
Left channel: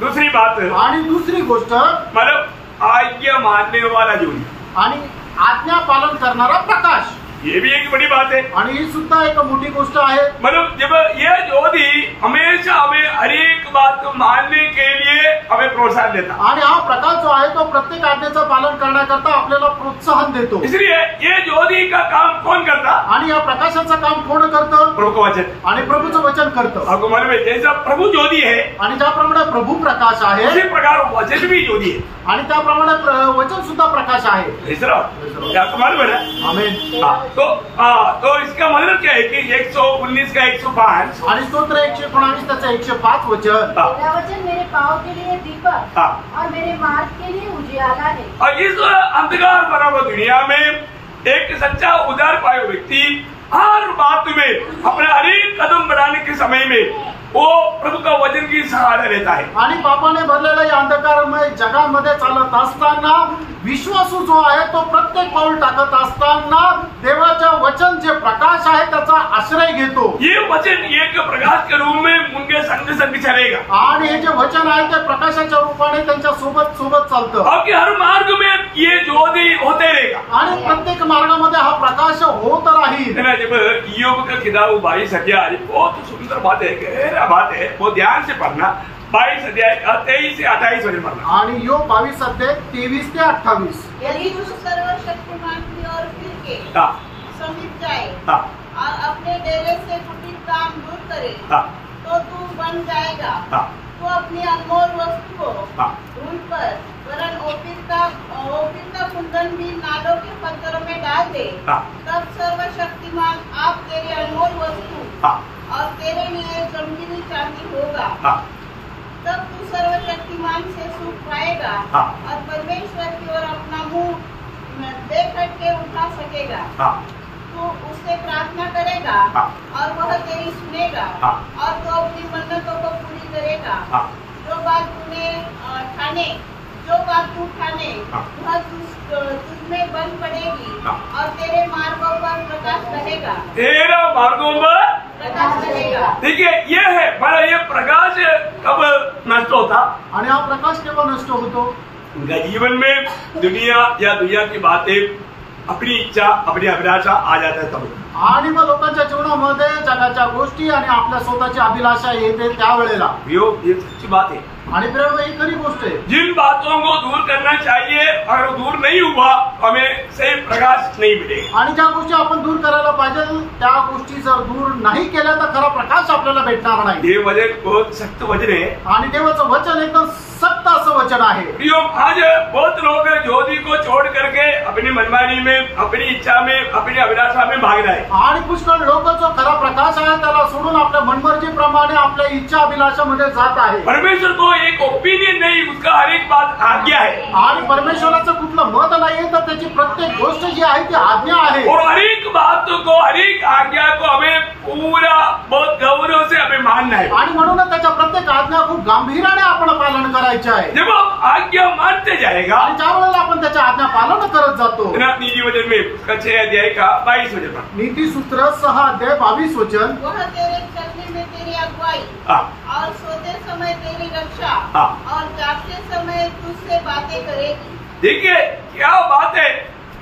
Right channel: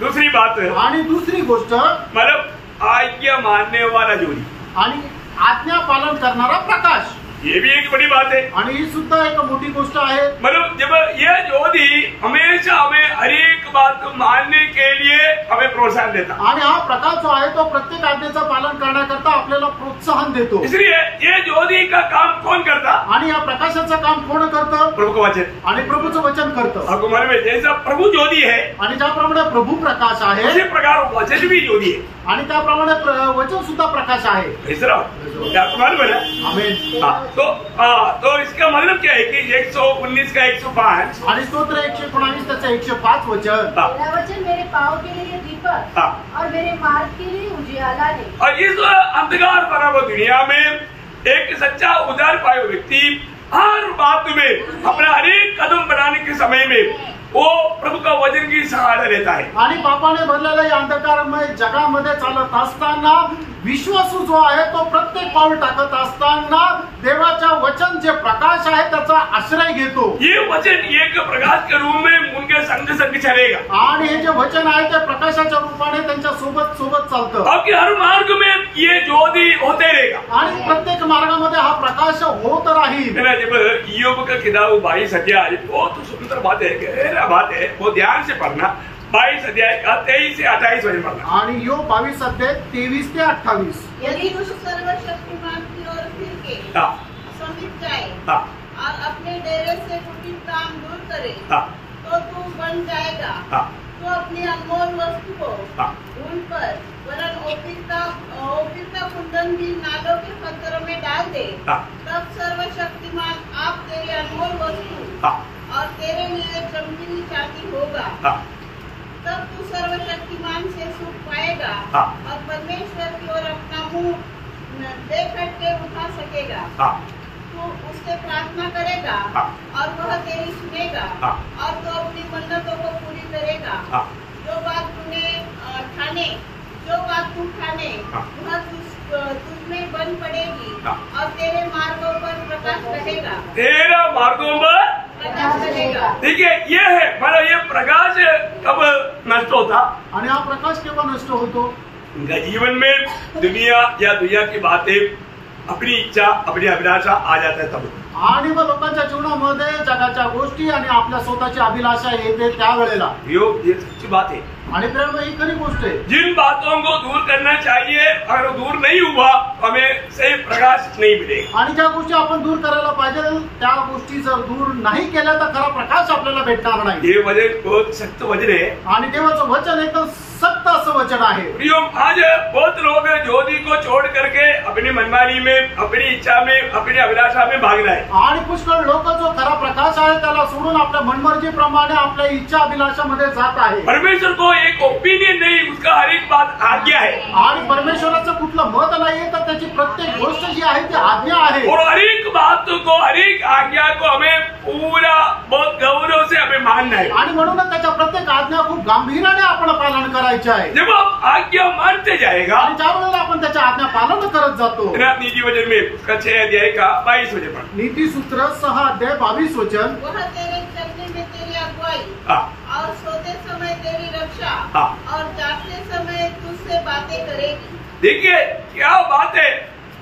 दूसरी बात, आणि दुसरी गोष्ट मतलब आज्ञा मानने वाला जोड़ी, आणि आज्ञा पालन करणारा प्रकाश, ये भी एक बड़ी बात है। आणि ही सुद्धा एक मोठी गोष्ट आहे। मतलब जब ये ज्योति हमेशा हमें हर एक बात को मानने के लिए हमें प्रोत्साहन देता, आणि हा प्रकाश जो आहे तो प्रत्येक आज्ञेचं पालन करण्याकरता आपल्याला प्रोत्साहन देतो। इसलिए ये ज्योति का काम कौन करता? आणि या प्रकाशाचं काम कोण करतं? प्रभु का वचन. आणि प्रभूचं वचन करतं. आपको मालूम है जैसा प्रभु ज्योति है आणि ज्याप्रमाणे प्रभू प्रकाश आहे उसी प्रकार वचन भी ज्योति है. आणि त्याप्रमाणे वचन सुद्धा प्रकाश आहे. क्या आपको मालूम है ना? आमेन. तो इसका मतलब क्या है कि 119 का 105 आणि स्तोत्र 119 त्याचं 105 वचन. तेरा वचन मेरे पाँव के लिए दीपक और मेरे मार्ग के लिए उजियाला है. और इस अंधकार भरा हुआ दुनिया में एक सच्चा उदार पायो व्यक्ति हर बात में अपना हरेक कदम बढ़ाने के समय में वो प्रभु का वचन की सहारा लेता है. आणि पापाने भरलेल्या या अंधकारमय जगामध्ये चालत असताना विश्वासू जो आहे तो प्रत्येक पाऊल टाकत असताना देवाच्या वचन जे प्रकाश आहे त्याचा आश्रय घेतो. ये वचन एक प्रकाश के रूप में उनके संग संग चलेगा. आणि हे जे वचन आहे ते प्रकाशाच्या रूपाने त्यांच्या सोबत सोबत चालतं. आपके हर मार्ग में ये ज्योति होते रहेगा. आणि प्रत्येक मार्गामध्ये हा प्रकाश होत राहील. जब ईयोब का किताब 22 अध्याय बहुत सुंदर बात है, गहरा बात है, वो ध्यान से पढ़ना. 22 अध्याय का 23 से 28 वचन पढ़ना. आणि योग 22 अध्याय 23 ते 28. यदि तू सर्वशक्तिमान की ओर फिर के समीप जाए और अपने डेरे से कुटिल काम दूर करे तो तू बन जाएगा. तू अपनी अनमोल वस्तु को धूल पर वरन ओपीर का कुंदन भी नालों के पत्थरों में डाल दे. तब सर्वशक्तिमान आप तेरी अनमोल वस्तु और तेरे लिए जमीनी चांदी होगा. तब तू सर्वशक्तिमान से सुख पाएगा और परमेश्वर की ओर अपना मुंह बेखट के उठा सकेगा. तू उससे प्रार्थना करेगा और वह तेरी सुनेगा और तू अपनी मन्नतों को पूरी करेगा. जो बात तू ठाने वह तुझमें बन पड़ेगी और तेरे मार्गों पर प्रकाश रहेगा. तेरा मार्गों पर प्रकाश रहेगा. देखिए ये है बड़ा, ये प्रकाश कब नष्ट होता? आणि हा प्रकाश केव्हा नष्ट होतो? उनका जीवन में दुनिया या दुनिया की बातें, अपनी इच्छा, अपनी अभिलाषा आ जाता है तब. आणि मग लोकांच्या जीवनामध्ये जगाच्या गोष्टी आणि आपल्या स्वतःची अभिलाषा येते त्यावेळेला. ये सच्ची बात है. आणि प्रेम ही खरी गोष्ट आहे. जिन बातों को दूर करना चाहिए अगर दूर नहीं हुआ हमें सही प्रकाश नहीं मिलेगा. आणि ज्या गोष्टी आपण दूर करायला पाहिजे त्या गोष्टी जर दूर नाही केल्या तर खरा प्रकाश आपल्याला भेटणार नाही. ये वचन बहुत सख्त वचन है आणि देवाचं वचन एकदम सक्त असं वचन आहे. प्रियो, आज बहुत लोग ज्योति को छोड़ करके अपनी मनमानी में, अपनी इच्छा में, अपनी अभिलाषा में भागना है. आणि पुष्कळ लोक जो खरा प्रकाश आहे त्याला सोडून आपल्या मनमर्जीप्रमाणे आपल्या इच्छा अभिलाषामध्ये जात आहे. परमेश्वर को एक ओपिनियन नहीं, उसका हर एक बात आज्ञा है. आणि परमेश्वराचं कुठलं मत नाहीये तर त्याची प्रत्येक गोष्ट जी आहे ती आज्ञा आहे. और हर एक बात को, हर एक आज्ञा को हमें पूरा बहुत गौरव से हमें मानना है. आणि म्हणून त्याच्या प्रत्येक आज्ञा खूप गांभीर्याने आपण पालन करायचे आहे. जब हम आज्ञा मानते जाएगा आणि त्यावेळेला आपण त्याच्या आज्ञा पालन करत जातो. नीति वचन में उसका 6 अध्याय का 22 वचन पर नीति सूत्र 6 अध्याय 22 वचन. वह तेरे चलने में तेरी अगुवाई और सोते समय तेरी रक्षा और जागते समय तुझसे बातें करेगी. देखिए क्या बात है,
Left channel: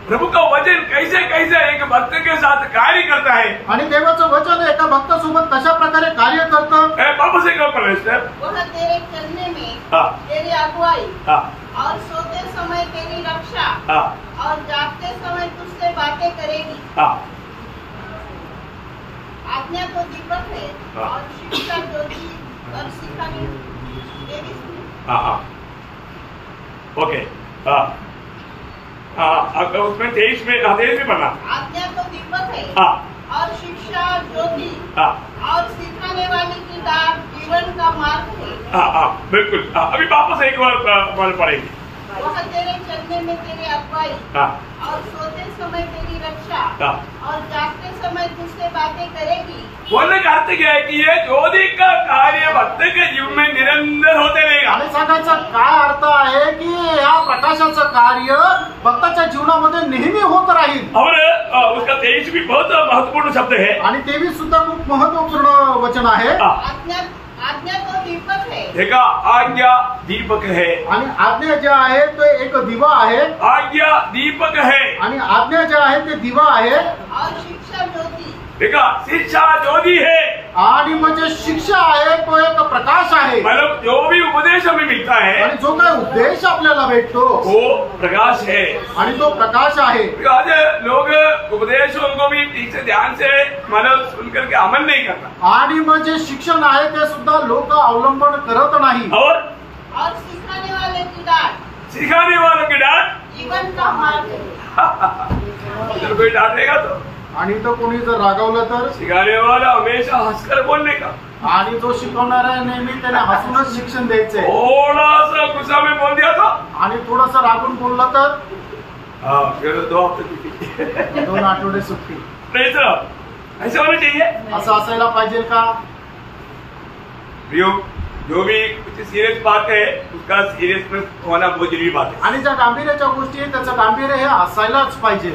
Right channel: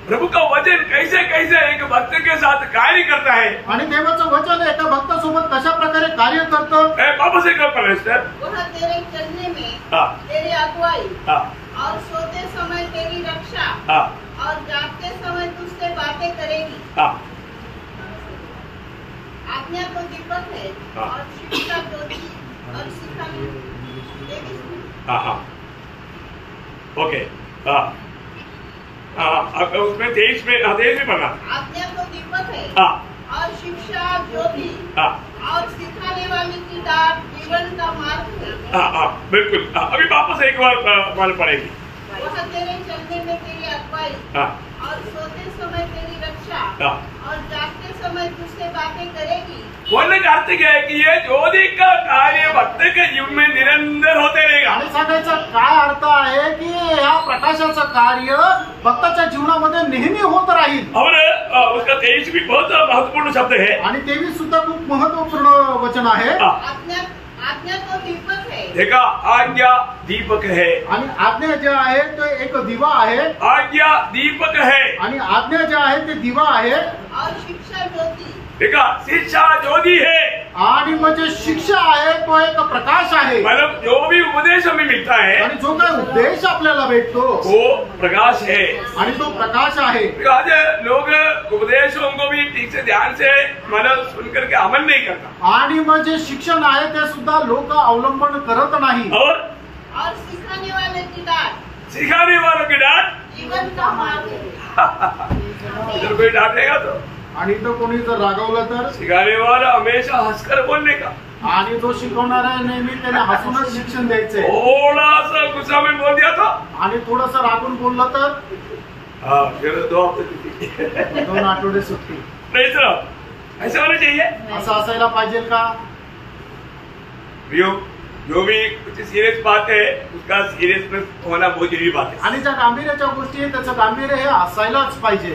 प्रभु का वचन कैसे कैसे एक भक्त के साथ कार्य करता है. आणि देवाचं वचन एका भक्तासोबत कशा प्रकारे कार्य करतं. वापस एक परमेश्वर वह तेरे चलने में तेरी अगुवाई और सोते समय तेरी रक्षा और जागते समय तुझसे बातें करेगी. आज्ञा तो दीपक है और शिक्षा ज्योति और सिखाने देवी. ओके. उसमें 23 में पढ़ना. आज्ञा तो दीपक है और शिक्षा ज्योति और सिखाने वाली की डाक जीवन का मार्ग है. बिल्कुल. अभी वापस एक बार पढ़ेगी. वह तेरे चलने में तेरी अगुवाई और सोते समय तेरी रक्षा और जागते समय तुझसे बातें करेगी. बोलने का अर्थ क्या है कि ये ज्योति का कार्य भक्त के जीवन में निरंतर होते रहेगा. आणि सांगायचा काय अर्थ आहे की या प्रकाशाचं कार्य भक्ताच्या जीवनामध्ये नेहमी होत राहील. और उसका 23 भी बहुत महत्वपूर्ण शब्द है. आणि 23 सुद्धा खूप महत्वपूर्ण वचन आहे. आज्ञा तो दीपक है. देखा, आज्ञा दीपक है. आणि आज्ञा जे आहे तो एक दिवा आहे. आज्ञा दीपक है आणि आज्ञा जे आहे ते दिवा आहे. और शिक्षा ज्योति. देखा, शिक्षा ज्योति है. आणि म्हणजे शिक्षा आहे तो एक प्रकाश आहे. मतलब जो भी उपदेश हमें मिलता है आणि जो काय उपदेश आपल्याला भेटतो वो प्रकाश है. आणि तो प्रकाश आहे। आज लोग उपदेशों को भी ठीक से ध्यान से मतलब सुन करके अमल नहीं करता, आणि मग जे शिक्षण आहे ते सुद्धा लोक अवलंबन करत नाही। और सिखाने वाले की डांट, सिखाने वालों की डांट जीवन का मार्ग है। इधर कोई डांटेगा तो, आणि तो कोणी जर रागवलं तर, सिखाने वाला हमेशा हंसकर बोलने का, आणि जो शिकवणारा आहे नेहमी त्याने हसूनच शिक्षण द्यायचंय। थोड़ा सा गुस्सा में बोल दिया तो, आणि थोडस रागून बोललं तर फिर 2 हफ्ते 2 आठवडे सुट्टी। नहीं सर, ऐसा होना चाहिए। असं असायला पाहिजे का? जो भी कुछ सीरियस बात है उसका सीरियसनेस होना बहुत जरूरी बात है, आणि ज्या गांभीर्याच्या गोष्टी आहेत त्याचं गांभीर्य हे असायलाच पाहिजे।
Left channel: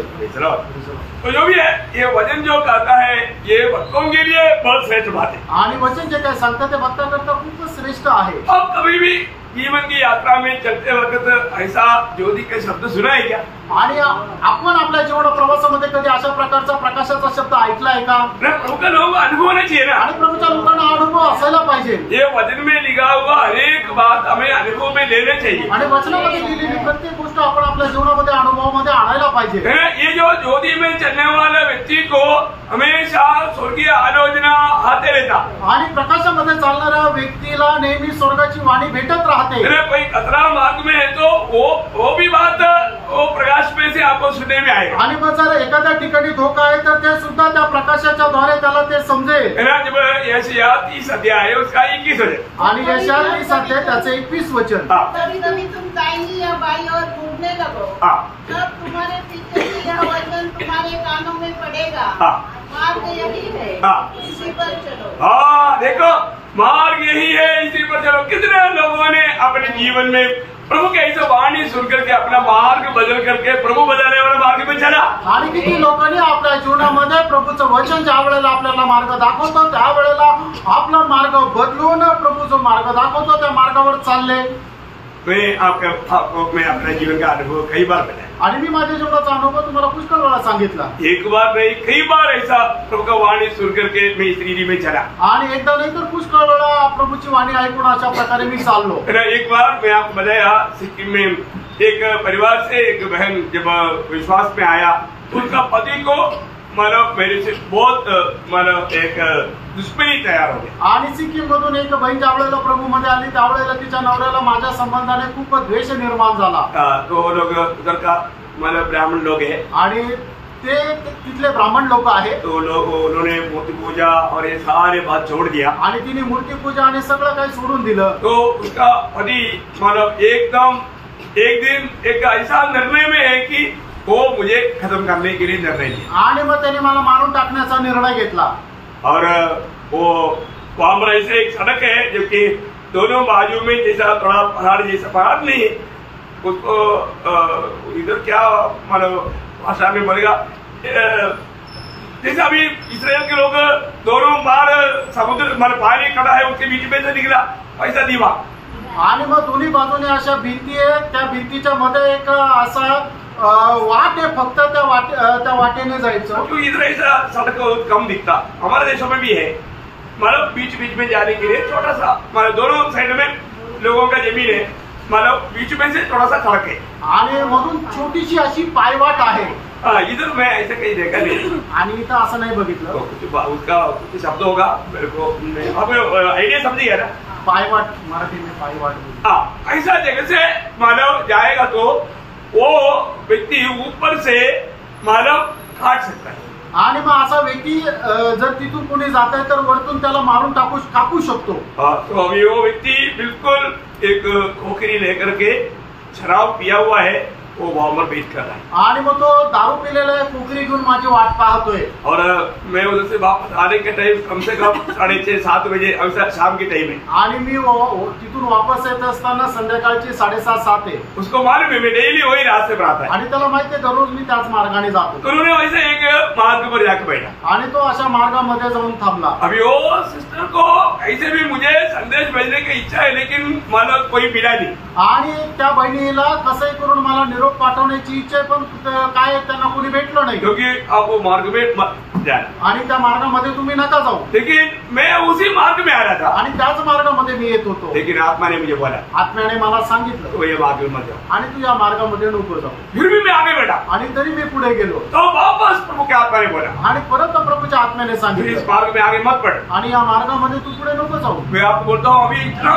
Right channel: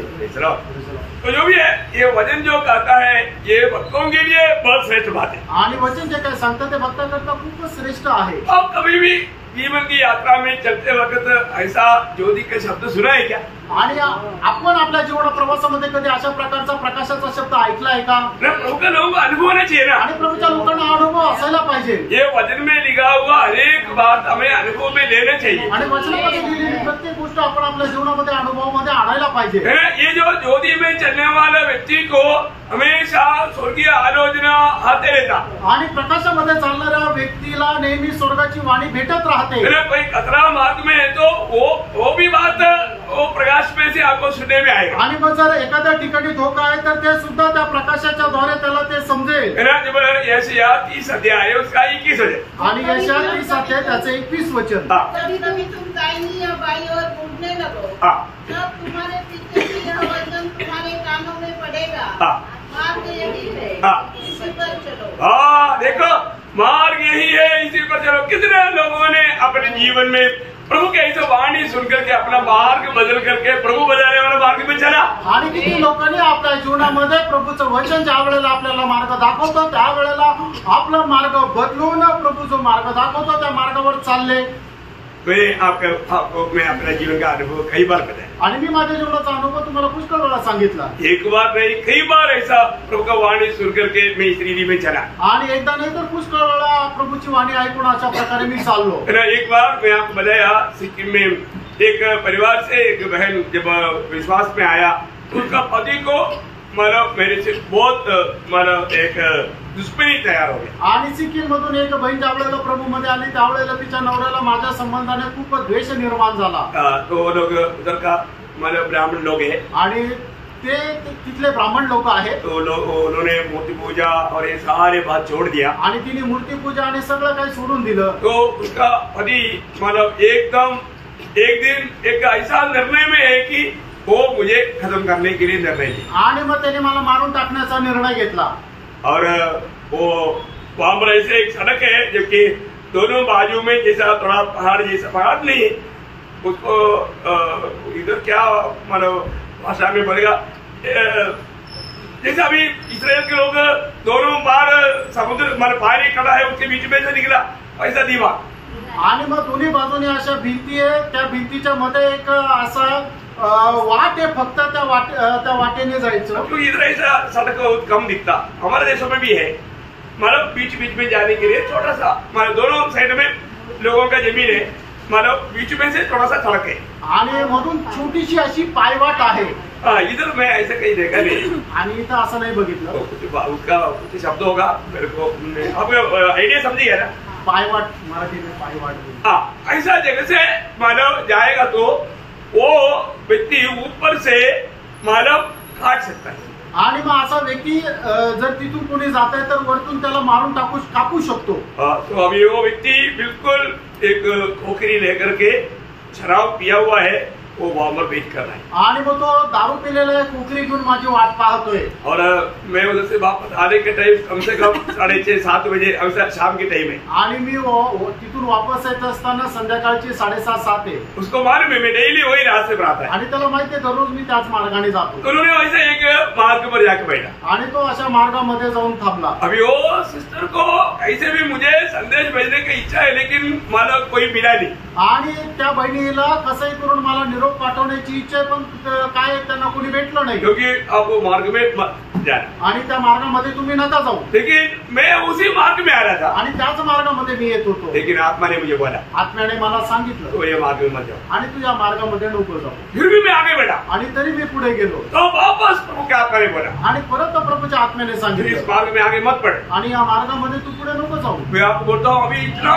तो जो भी है ये वचन जो कहता है ये भक्तों के लिए बहुत श्रेष्ठ बात है। आणि वचन जे काय सांगतं ते भक्ता करता खूपच श्रेष्ठ आहे। अब कभी भी जीवन की यात्रा में चलते वक्त ऐसा ज्योति का शब्द सुना है क्या? आणि आपण आपल्या जीवन प्रवासामध्ये कधी अशा प्रकारचा प्रकाशाचा शब्द ऐकलाय का? प्रभु का लोग अनुभव होना चाहिए ना, आणि प्रभूच्या लोकांना हा अनुभव असायला पाहिजे। ये वचन में लिखा हुआ हर एक बात हमें अनुभव में लेना चाहिए, आणि वचनामध्ये लिहिलेली प्रत्येक गोष्ट आपण आपल्या जीवनामध्ये अनुभवामध्ये आणायला पाहिजे। ये जो ज्योति में चलने वाला व्यक्ति को हमेशा स्वर्गीय आलोचना आते रहता, आणि प्रकाशामध्ये चालणाऱ्या व्यक्तीला नेहमी स्वर्गाची वाणी भेटत राहते। कोई खतरा मार्ग में है तो वो भी बात वो प्रकाश में से आपको सुनने में आएगा। आणि मग जर एखाद्या ठिकाणी धोका आहे तर ते सुद्धा त्या प्रकाशाच्या द्वारे त्याला ते समजेल। जब यशायाह 30 अध्याय है उसका 21 वचन, आणि यशायाह 30 अध्याय त्याचे 21 वचन। कभी कभी तुम दाहिनी या बाईं ओर घूमने लगो, तब तुम्हारे पीछे से यह वचन तुम्हारे कानों में पड़ेगा, मार्ग यही है, इसी पर चलो। देखो मार्ग यही है, इसी पर चलो। कितने लोगों ने अपने जीवन में प्रभु के ऐसे वाणी सुनकर के अपना मार्ग बदल करके प्रभु बदलने वाला मार्ग में चला। आणि किती लोकांनी आपल्या जीवनामध्ये प्रभूचं वचन ज्या वेळेला आपल्याला मार्ग दाखवतो त्यावेळेला आपला मार्ग बदलून प्रभू जो मार्ग दाखवतो त्या मार्गावर चालले। मैं अपना जीवन का अनुभव कई बार बताया, आणि मी माझ्या जीवनाचा अनुभव तुम्हाला पुष्कळ वेळा सांगितला। एक बार नहीं कई बार ऐसा प्रभु का वाणी सुन करके मैं इस रीति में चला, आणि एकदा नाही तर पुष्कळ वेळा प्रभूची वाणी ऐकून अशा प्रकारे मी चाललो। एक बार मैं आपको बताया, सिक्किम में एक परिवार से एक बहन जब विश्वास में आया, उसका पति को मतलब मेरे से बहुत मतलब एक दुश्मनी तयार हो गई। आणि सिक्कीम मधून एक बहीण ज्या वेळेला प्रभूमध्ये आली त्यावेळेला तिच्या नवऱ्याला माझ्या संबंधाने खूप द्वेष निर्माण झाला। तो लोग उधर का मतलब ब्राह्मण लोग है, आणि ते तिथले ब्राह्मण लोक आहेत। तो उन्होंने मूर्ति पूजा और ये सारे बात छोड़ दिया, आणि तिने मूर्ती पूजा आणि सगळं काही सोडून दिलं। तो उसका पति मतलब एकदम एक दिन एक ऐसा निर्णय में है कि वो मुझे खत्म करने के लिए निर्णय लिया, आणि मग त्याने मला मारून टाकण्याचा निर्णय घेतला। और वो वहां पर ऐसे एक सड़क है जबकि दोनों बाजू में जैसा थोड़ा पहाड़ जैसा पहाड़ नहीं, उसको इधर क्या मतलब भाषा में बोलेगा, जैसे अभी इसराइल के लोग दोनों बार समुद्र मतलब पानी खड़ा है उसके बीच में से निकला ऐसा दीवार, आणि मग दोन्ही बाजूने अशा भिंती आहे, त्या भिंतीच्या मध्ये एक असा वाट आहे, फक्त त्या वाटेने जायचं। क्योंकि इधर ऐसा सड़क बहुत कम दिखता, हमारे देशों में भी है, मतलब बीच बीच में जाने के लिए छोटा सा मतलब दोनों साइड में लोगों का जमीन है, मतलब बीच में से थोड़ा सा सड़क है, आणि मधून छोटीशी अशी पायवाट आहे। इधर मैं ऐसा कहीं देखा नहीं, आणि इथं असं नाही बघितलं। उसका कुछ शब्द होगा मेरे को, आप आइडिया समझिए ना, पायवाट मराठी में पायवाट। ऐसा जगह से मानव जाएगा तो वो व्यक्ति ऊपर से मानव काट सकता है, आणि मग असा व्यक्ती जर तिथून कोणी जात आहे तर वरतून त्याला मारून कापू शकतो। तो अभी वो व्यक्ति बिल्कुल एक खोखरी लेकर के शराब पिया हुआ है, वो वहां पर वेट कर रहा है, आणि मग तो दारू पिलेला कोकरी घेऊन माझी वाट पाहतोय। और मैं उधर से वापस आने के टाइम कम से कम 6:30-7 बजे शाम के टाइम है, आणि मी तिथून वापस येत असताना संध्याकाळची 7:30-7 आहे। उसको मालूम है मैं डेली वही रास्ते पर आता है, आणि त्याला माहिती आहे दररोज मी त्याच मार्गाने जातो। तो उन्होंने वैसे एक मार्ग पर जाकर बैठा, आणि तो अशा मार्गामध्ये जाऊन थांबला। अभी वो सिस्टर को ऐसे भी मुझे संदेश भेजने की इच्छा है लेकिन मला कोई मिला नहीं, आणि त्या बहिणीला कसंही करून मला निरोप पाठवण्याची इच्छा आहे, पण काय त्यांना कोणी भेटलं नाही। क्योंकि अब वो मार्ग में जाना। आणि त्या मार्गामध्ये तुम्ही नका जाऊ। लेकिन मैं उसी मार्ग में आ रहा था, आणि त्याच मार्गामध्ये मी येत होतो। लेकिन आत्मा ने मुझे बोला, आत्म्याने मला सांगितलं, तो ये मार्ग में मत जाओ, आणि तू या मार्गामध्ये नको जाऊ। फिर भी मैं आगे बढ़ा, आणि तरी मी पुढे गेलो। तो वापस प्रभु के आत्मा ने बोला, आणि परत प्रभूच्या आत्म्याने फिर इस सांगितलं, मार्ग में आगे मत बढ़। आणि या मार्गामध्ये तू पुढे नको जाऊ। मैं आपको बोलता हूँ, अभी इतना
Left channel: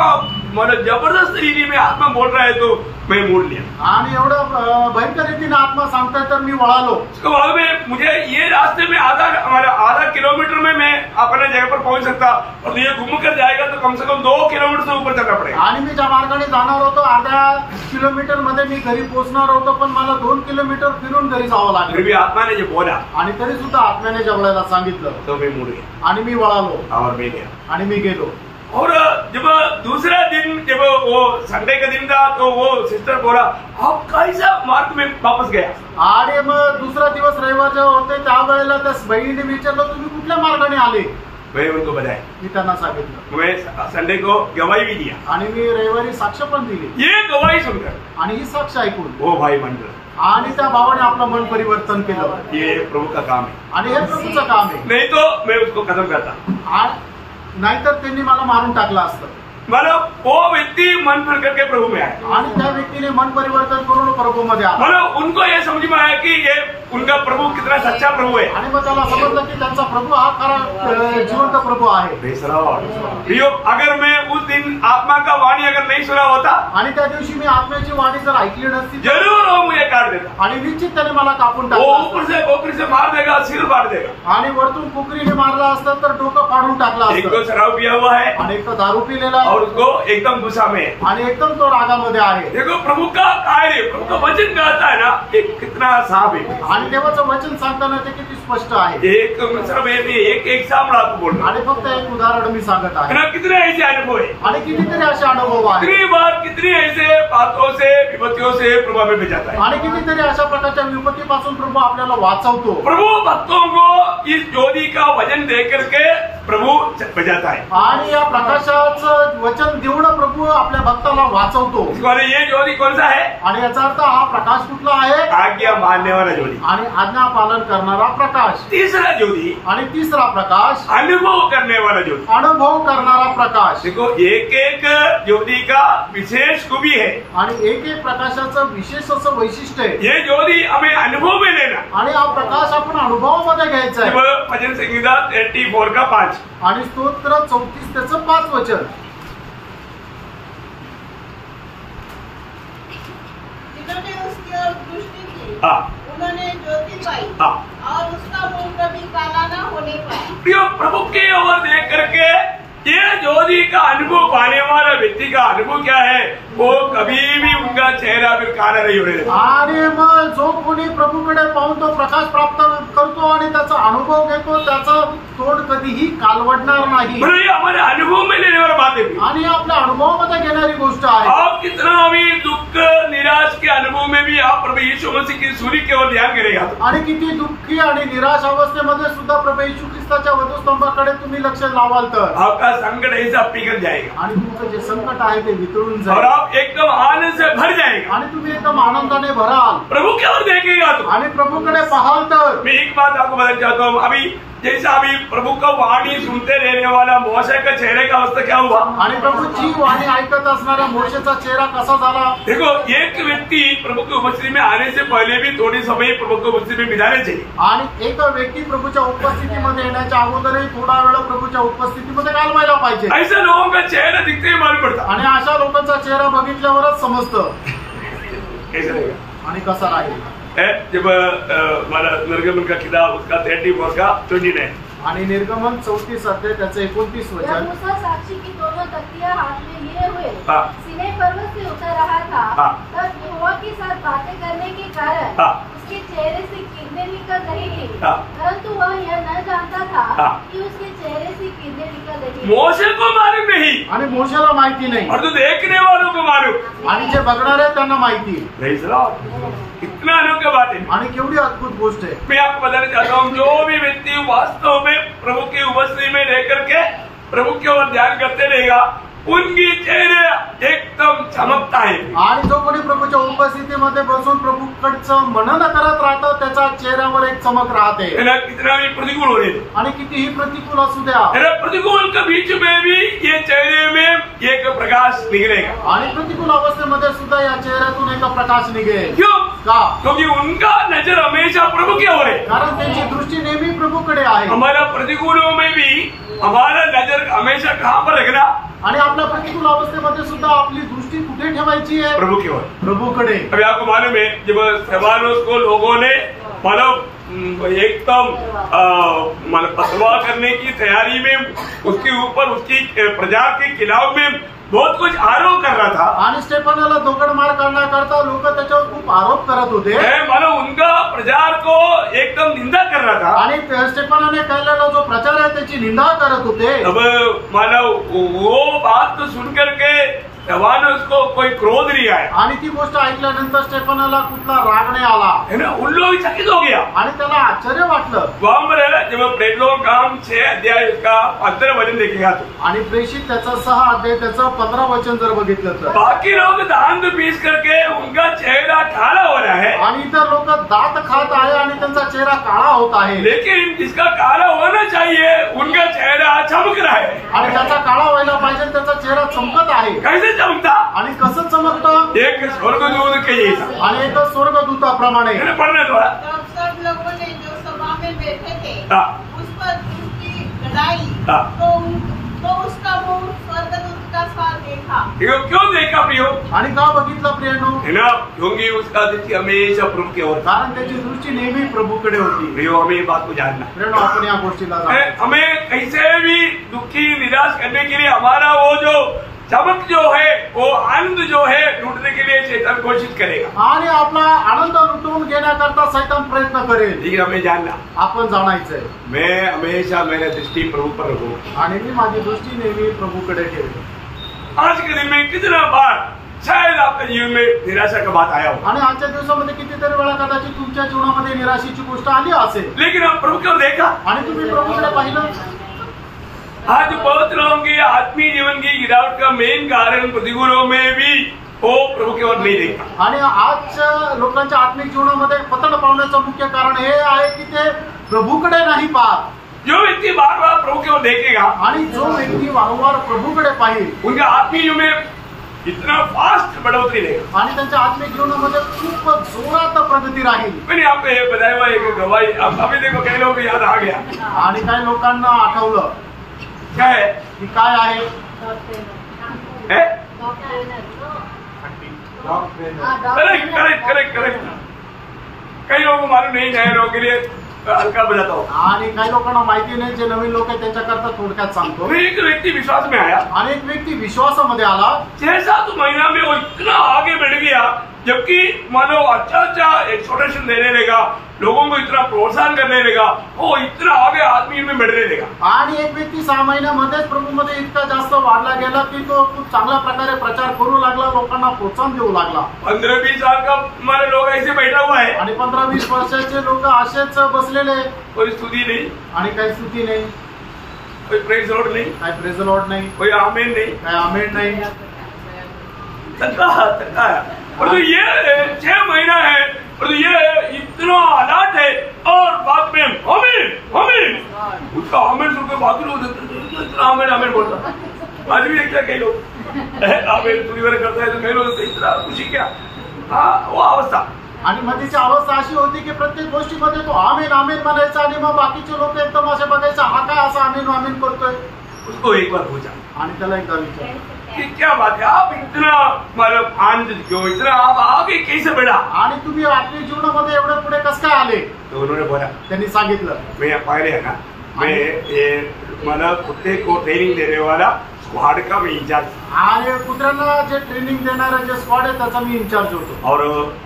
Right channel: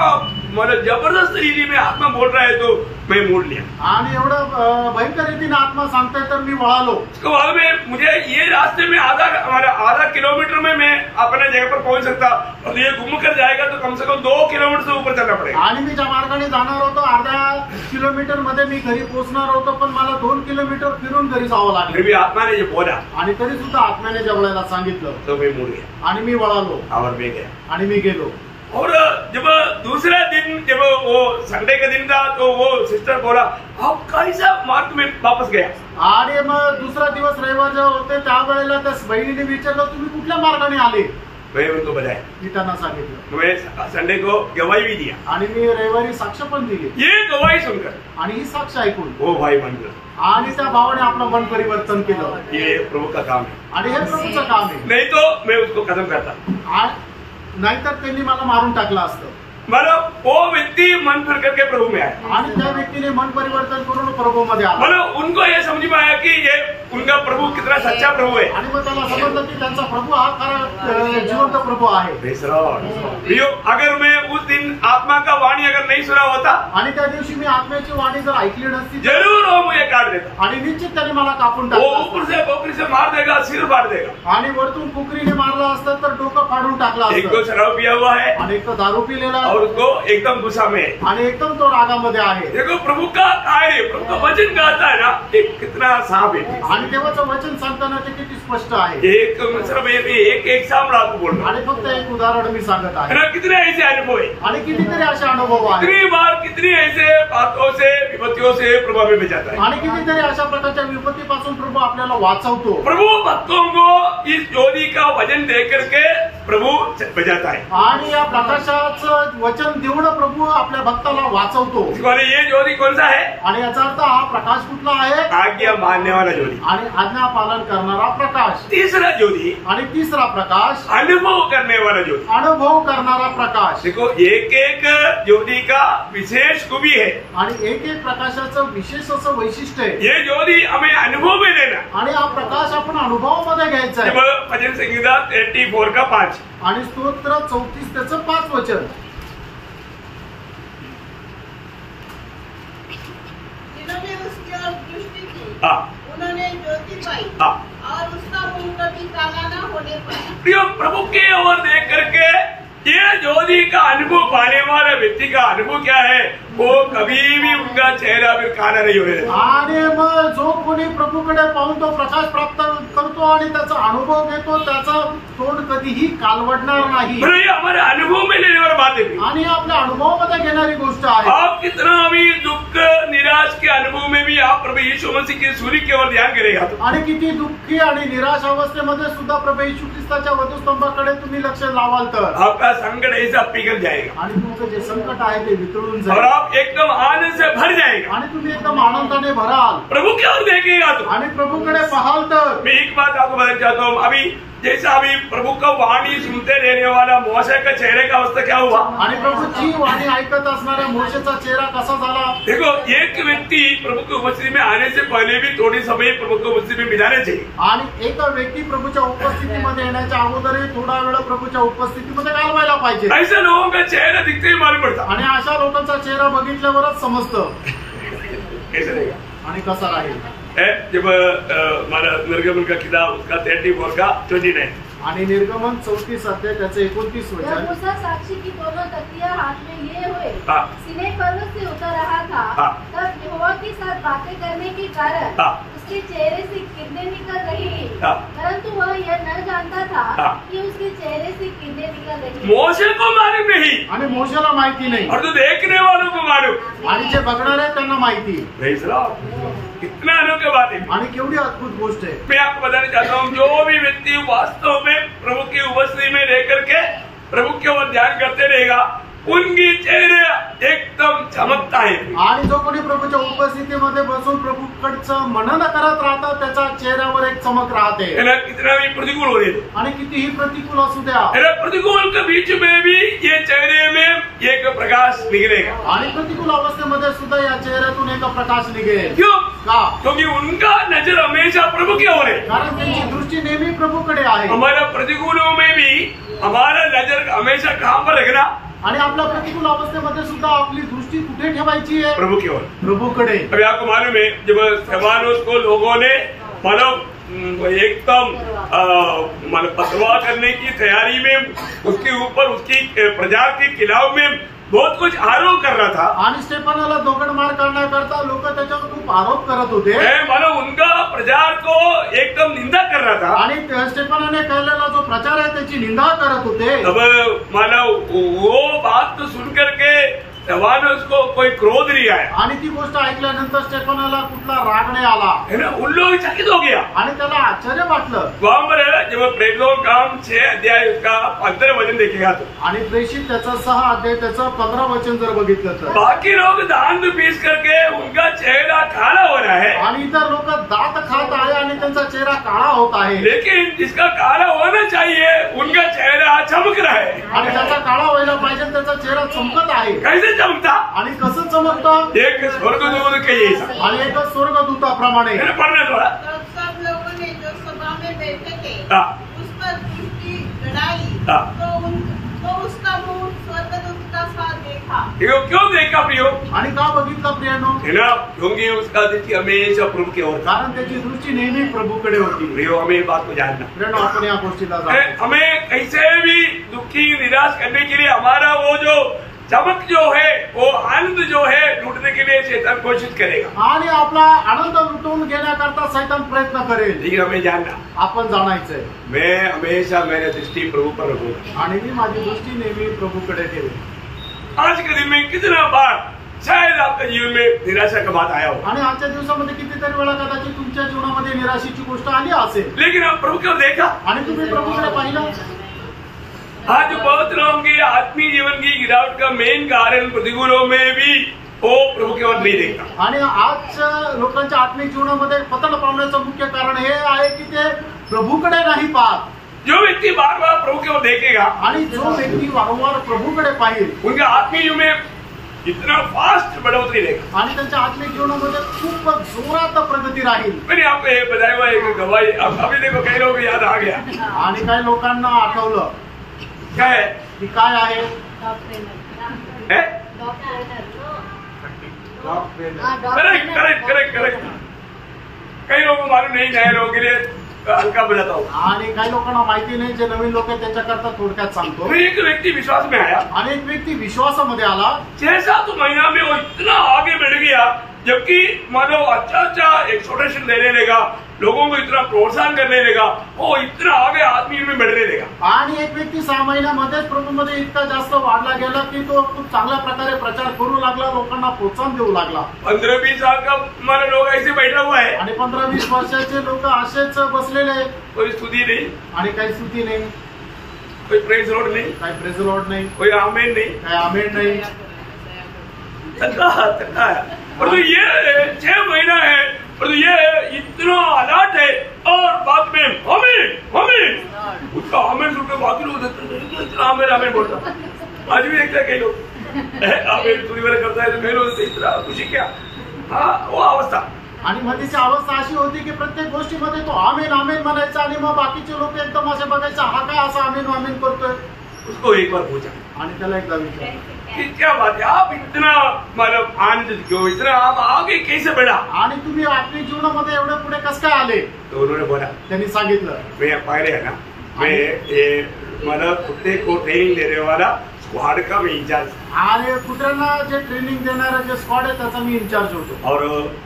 मतलब जबरदस्त रीति में आत्मा बोल रहा है तो मैं मोड़ लिया। आणि एवढं भयंकर रीतीने आत्मा सांगतोय तर मी वळालो। उसके बाद में मुझे ये रास्ते में आधा किलोमीटर में मैं अपने जगह पर पहुंच सकता, और ये घूम कर जाएगा तो कम से कम 2 किलोमीटर से ऊपर चलना पड़ेगा। आणि मी ज्या मार्गाने जाणार होतो अर्ध्या किलोमीटर मध्ये मी घरी पोहोचणार होतो, पण मला 2 किलोमीटर फिरून घरी जावं फिर लागलं। भी आत्मा ने जो बोला आणि तरी सुद्धा आत्म्याने जेवढ्याला सांगितलं तो मैं मुड़ गया आणि मी वळालो और मैं गया। आणि मी गेलो। और जब दूसरा दिन, जब वो संडे का दिन था, तो वो सिस्टर बोला, आप कैसा मार्ग में वापस गया? आणि मग दुसरा दिवस रविवार जेव्हा होते त्यावेळेला त्या बहिणीने विचारलं, तुम्ही कुठल्या मार्गाने आले? मैं उनको बताया, मी त्यांना सांगितलं, मैं संडे को गवाही भी दिया। आणि मी रविवारी साक्ष पण दिली। ये गवाही सुनकर आणि ही साक्ष ऐकून वो भाई मन गया, आणि त्या भावाने आपलं मन परिवर्तन केलं। ये प्रभु का काम है, आणि हे प्रभूचं काम आहे। नहीं तो मैं उसको खत्म करता। नाहीतर त्यांनी मला मारून टाकलं असतं। मतलब वो व्यक्ति मन फिर करके प्रभु में आया, आणि त्या व्यक्तीने मन परिवर्तन करून प्रभूमध्ये आला। मतलब उनको ये समझ में आया कि ये उनका प्रभु कितना सच्चा प्रभु है। आणि मग त्याला समजलं की त्यांचा प्रभू हा खरा जिवंत प्रभू आहे। प्रियो, अगर मैं उस दिन आत्मा का वाणी अगर नहीं सुना होता, आणि त्या दिवशी मी आत्म्याची वाणी जर ऐकली नसती जरूर वो मुझे काट देता। आणि निश्चित त्याने मला कापून वो टाकलं ऊपर से पोखरी से मार देगा, सिर फाड़ देगा। आणि वरतून कुकरीने मारलं असतं तर डोकं फाडून टाकलं एक तो असतं। शराब पिया हुआ है आणि एक तो दारू पिलेला और उसको एकदम गुस्सा में है। आणि एकदम तो रागामध्ये आहे। देखो प्रभु का कार्य, प्रभु का वचन कहता है ना, एक कितना साफ है। आणि देवाचं वचन सांगताना ते किती स्पष्ट आहे। एक सिर्फ एक सामने आपको बोल रहा आणि फक्त एक उदाहरण मी सांगत है आहे। ना, कितने ऐसे अनुभव है, आणि कितीतरी असे अनुभव आहेत। कितनी बार कितनी ऐसे बातों से विपत्तियों से प्रभु हमें बचाता है। आणि कितीतरी अशा प्रकारच्या विपत्तीपासून प्रभू आपल्याला वाचवतो। प्रभु भक्तों को इस ज्योति का वचन दे करके प्रभु बचाता है। आणि या प्रकाशाचं वचन देऊन प्रभू आपल्या भक्ताला वाचवतो। ये ज्योति कौन सा है? आणि याचा अर्थ हा प्रकाश कुठला आहे? आज्ञा मानने वाला ज्योति। आणि आज्ञा पालन करणारा प्रकाश। तीसरा ज्योति, आणि तिसरा प्रकाश अनुभव करने वाला ज्योति। अनुभव करणारा प्रकाश। देखो, एक एक ज्योति का विशेष खूबी है, आणि एक एक प्रकाशाचं विशेष असं वैशिष्ट्य आहे। ये ज्योति हमें अनुभव में लेना। आणि हा प्रकाश आपण अनुभवामध्ये घ्यायचा आहे। जब भजन संहिता 34 का 5 आणि स्तोत्र 34 त्याचं 5 वचन, जिन्होंने उसकी ओर दृष्टि की, हाँ। उन्होंने ज्योति पाई, हाँ। और उसका मुंह कभी काला न होने पाया। प्रियो, प्रभु की ओर देख करके ये ज्योति का अनुभव पाने वाला व्यक्ति का अनुभव क्या है? वो कभी भी उनका चेहरा फिर काला नहीं होने देता। आणि मग जो कोणी प्रभूकडे पाहून तो प्रकाश प्राप्त करतो आणि त्याचा अनुभव घेतो, त्याचं तोंड कधीही कालवडणार नाही। मतलब ये हमारे अनुभव में लेने वाला बात है। आणि आपल्या अनुभवामध्ये घेणारी गोष्ट आहे। आप कितना भी दुख निराश के अनुभव में भी आप प्रभु यीशु मसीह की सूरी की ओर ध्यान करेगा तो आणि किती दुःखी आणि निराश अवस्थेमध्ये सुद्धा प्रभू येशू ख्रिस्ताच्या वधूस्तंभाकडे तुम्ही लक्ष लावाल तर आपका संकट ऐसा पिघल जाएगा आणि तुमचं जे संकट आहे ते वितळून और जाईल आप एकदम आनंद से भर जाएगा। आणि तुम्ही एकदम आनंदाने भराल प्रभु की ओर देखेगा तो आणि प्रभूकडे पाहाल तर। मैं एक बात आपको बताना चाहता हूँ, अभी जैसा अभी प्रभु का वाणी सुनते रहने वाला मोशे का चेहरे का अवस्था क्या हुआ? आणि प्रभूची वाणी ऐकत असणाऱ्या मोशेचा चेहरा कसा झाला? देखो, एक व्यक्ति प्रभु की उपस्थिति में आने से पहले भी थोड़ी समय प्रभु की उपस्थिति में बिताने चाहिए। आणि एक व्यक्ती प्रभूच्या उपस्थितीमध्ये येण्याच्या अगोदरही थोडा वेळ प्रभूच्या उपस्थितीमध्ये घालवायला पाहिजे। ऐसे लोगों का चेहरा दिखते ही मालूम पड़ता। आणि अशा लोकांचा चेहरा बघितल्यावरच समजतं कैसे रहेगा आणि कसा राहील। जब हमारा निर्गमन का किताब उसका 34 का 29 आणि निर्गमन 34 अध्याय त्याचं 29 जब वचन, मूसा साक्षी की दोनों तख्तियां हाथ में लिए हुए हाँ। सीनै पर्वत से उतर रहा था, हाँ। तब यहोवा के साथ बातें करने के कारण हाँ। उसके चेहरे से किरणें निकल रही थी, हाँ। परंतु वह यह न जानता था हाँ। कि उसके चेहरे से किरणें निकल रही थी। मोशे को मालूम नहीं आणि मोशेला माहिती नाही और तो देखने वालों को मालूम। आणि जे बघणार आहे त्यांना माहिती। Praise the Lord। कितना अनोखा बात है। आणि केवढी अद्भुत गोष्ट आहे। मैं आपको बताना चाहता हूँ, जो भी व्यक्ति वास्तव में प्रभु की उपस्थिति में रह करके प्रभु की ओर ध्यान करते रहेगा, उनकी चेहरे एकदम चमकता है। आणि जो कोणी प्रभूच्या उपस्थितीमध्ये बसून प्रभूकडचं मनन करत राहतं त्याच्या चेहऱ्यावर एक चमक राहते। है ना, कितना भी प्रतिकूल हो रहे तो आणि कितीही प्रतिकूल असू द्या, है ना, प्रतिकूल के बीच में भी ये चेहरे में एक प्रकाश निकलेगा। आणि प्रतिकूल अवस्थेमध्ये सुद्धा या चेहऱ्यातून एक प्रकाश निघेल। क्यों? का? क्योंकि उनका नजर हमेशा प्रभु की ओर है। कारण त्यांची दृष्टी नेहमी प्रभूकडे आहे। हमारा प्रतिकूलों में भी हमारा नजर हमेशा कहाँ पर रखना? आणि आपल्या प्रतिकूल अवस्थेमध्ये सुद्धा आपली दृष्टी कुठे ठेवायची आहे? प्रभु की ओर, प्रभूकडे। अभी आपको मालूम है जब स्तेफानोस को लोगों ने एकदम पतवा करने की तैयारी में उसके ऊपर उसकी प्रजा के खिलाफ में बहुत कुछ आरोप कर रहा था, आणि स्टेफानाला दोघडमार करण्याकरता लोक त्याच्यावर खूप आरोप करत होते। उनका प्रचार को एकदम निंदा कर रहा था, आणि स्टेफानाने केलेला जो प्रचार आहे त्याची निंदा करत होते। अब वो बात को सुन करके स्तेफानोस को कोई क्रोध नहीं आया, आणि ती गोष्ट ऐकल्यानंतर स्टेफानाला कुठला राग नाही आला, है ना, उन लोग चकित हो गया आणि त्याला आश्चर्य वाटलं। वहां पर जब प्रेरितों का काम 6 अध्याय उसका 15 वचन देखेगा तो, आणि प्रेषित त्याचा 6 अध्याय त्याचं 15 वचन जर बघितलं तर बाकी लोग दांत पीस करके उनका चेहरा काला हो रहा है, आणि इतर लोक दात खात आहे आणि त्यांचा चेहरा काळा होत आहे, लेकिन जिसका काला होना चाहिए उनका चेहरा चमक रहा है। आणि त्याचा काळा व्हायला पाहिजे त्याचा चेहरा चमकत आहे। कैसे चमकता? आणि कसं चमकतं? एक स्वर्गदूत के जैसा, आणि एक स्वर्गदूताप्रमाणे। पढ़ना थोड़ा। तब सब लोगों ने जो सभा में बैठे थे हाँ। उस पर दृष्टि गड़ाई हाँ। तो उसका मुंह स्वर्गदूत का सा देखा। क्यों देखा प्रियो? आणि का बघितलं प्रियानो? है ना, क्योंकि उसका दृष्टि हमेशा प्रभु की ओर, कारण त्याची दृष्टी नेहमी प्रभूकडे होती। प्रियो हमें बात को जानना, प्रियानो आपण या गोष्टीला जाणून हमें कैसे भी दुखी निराश करने के लिए हमारा वो जो चमक जो है, वो आनंद जो है लूटने के लिए शैतान कोशिश करेगा, आणि आपला आनंद लुटवून घेण्याकरता शैतान प्रयत्न करेल। लेकिन हमें जानना, आपण जाणायचंय मैं हमेशा मेरी दृष्टि प्रभु पर रखूंगा, आणि मी माझी दृष्टी नेहमी प्रभूकडे ठेवेन। आज के दिन में कितना बार शायद आपके जीवन में निराशा का बात आया हो, आणि आजच्या दिवसामध्ये कितीतरी वेळा कदाचित तुमच्या जीवनामध्ये निराशेची गोष्ट आली असेल, लेकिन आप प्रभु की ओर देखा, आणि तुम्ही प्रभूकडे पाहिलं। आज बहुत लोगों की आत्मीय जीवन की गिरावट का मेन कारण प्रतिकूलों में भी वो प्रभु की ओर नहीं देखा, आणि आज लोकांच्या आत्मिक जीवनामध्ये पतन पावण्याचं मुख्य कारण हे आहे की ते प्रभूकडे नाही पाहत। जो व्यक्ति बार बार प्रभु की ओर देखेगा, आणि जो व्यक्ती वारंवार प्रभूकडे पाहिल, उनका आत्मीय जीवन में इतना फास्ट बढ़ोतरी रहेगा, आणि त्यांच्या आत्मिक जीवनामध्ये खूप जोरात प्रगती राहील। मैंने आपको ये बताया हुआ एक गवाही, अभी देखो कई लोग याद आ गया, आणि काही लोकांना आठवलं क्या है? की काय आहे? Correct correct correct correct. कई लोगों को मालूम नहीं, नए लोगों के लिए हल्का बताता हूँ। आणि काही लोकांना माहिती नाही, जे नवीन लोक आहेत त्यांच्याकरता थोडक्यात सांगतो। फिर एक व्यक्ति विश्वास में आया, आणि एक व्यक्ती विश्वासामध्ये आला, 6-7 महीना में वो इतना आगे बढ़ गया, जबकि मानो अच्छा एक्सपोर्टेशन देने लगा, लोगों को इतना प्रोत्साहन करने लगा, वो इतना आगे आदमी में बढ़ने लगा। आणि एक व्यक्ती 6 महिन्यामध्येच प्रभूमध्ये इतका जास्त वाढला गेला की तो खूप चांगल्या प्रकारे प्रचार करू लागला, लोकांना प्रोत्साहन देऊ लागला। 15-20 साल का हमारे लोग ऐसे बैठा हुआ है, आणि 15-20 वर्षाचे लोक असेच बसलेले, कोई स्तुति नहीं, आणि काही स्तुती नाही, कोई प्रेज लॉर्ड नहीं, काही प्रेज लॉर्ड नाही, कोई आमेन नहीं, काही आमेन नाही। तक्का है। और तो ये 6 महीना है, और तो ये इतना अलर्ट है, और बाद में आमीन उसका आमीन सुनकर बाकी लोग इतना आमीन आमीन बोलता। आज भी देखता है कई लोग आमीन तुरी वगैरह करता है, तो कई लोग इतना खुशी क्या, हाँ वो अवस्था। आणि मध्येची अवस्था अशी होती की प्रत्येक गोष्टीमध्ये तो आमेन आमेन म्हणायचा, आणि मग बाकीचे लोक एकदम असे बघायचे, हा काय असं आमेन आमेन करतोय। उसको एक बार पूछा, आणि त्याला एकदा विचारलं कि क्या बात है, आप इतना मतलब आनंद क्यों, इतना आप आगे कैसे बढ़ा, आणि तुम्ही आपल्या जीवनामध्ये एवढे पुढे कसं काय आले? तो उन्होंने बोला, त्यांनी सांगितलं, मैं पहले है ना, मैं ये मतलब कुत्ते को ट्रेनिंग देने वाला स्क्वाड का मैं इंचार्ज, आणि कुत्र्यांना जे ट्रेनिंग देणारं जे स्क्वॉड आहे त्याचा मी इंचार्ज होतो। और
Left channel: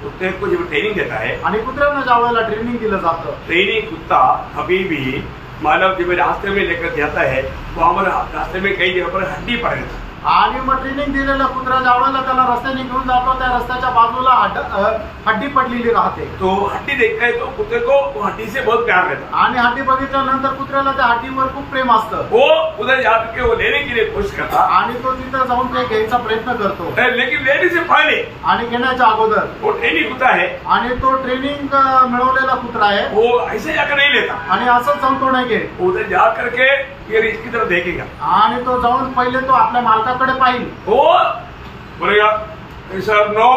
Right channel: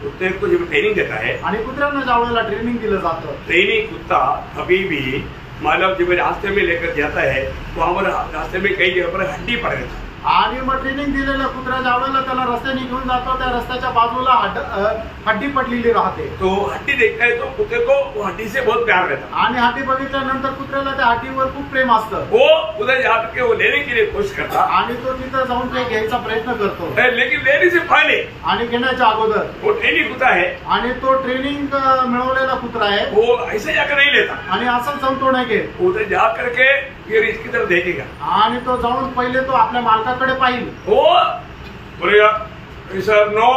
कुत्ते को जब ट्रेनिंग देता है, आणि कुत्र्यांना ज्या वेळेला ट्रेनिंग दिलं जातं, ट्रेनिंग कुत्ता कभी भी मतलब जब रास्ते में लेकर जाता है, वो हमारे रास्ते में कई जगह पर हड्डी पड़ जाता है, आणि मग ट्रेनिंग दिलेल्या कुत्र्याच्या आवडायला त्याला रस्त्याने घेऊन जातो, त्या रस्त्याच्या बाजूला हड्डी पडलेली राहते, तो हड्डी देखता है तो कुत्ते को वो हड्डी से बहुत प्यार रहता, आणि हड्डी बघितल्यानंतर कुत्र्याला त्या हड्डीवर खूप प्रेम असतं, वो उधर जाकर वो लेने के लिए कोशिश करता, आणि तो तिथं जाऊन ते घ्यायचा प्रयत्न करतो, लेकिन लेने से पहले आणि घेण्याच्या अगोदर वो ट्रेनिंग कुत्ता है, आणि तो ट्रेनिंग मिळवलेला कुत्रा आहे, वो ऐसे जाकर नहीं लेता, आणि असंच जाऊन तो नाही घेत, उधर जा करके फिर इसकी तरफ देखेगा, आणि तो जाऊन पहिले तो आपल्या मालकाकडे पाहिजे, वो बोलेगा सर नो,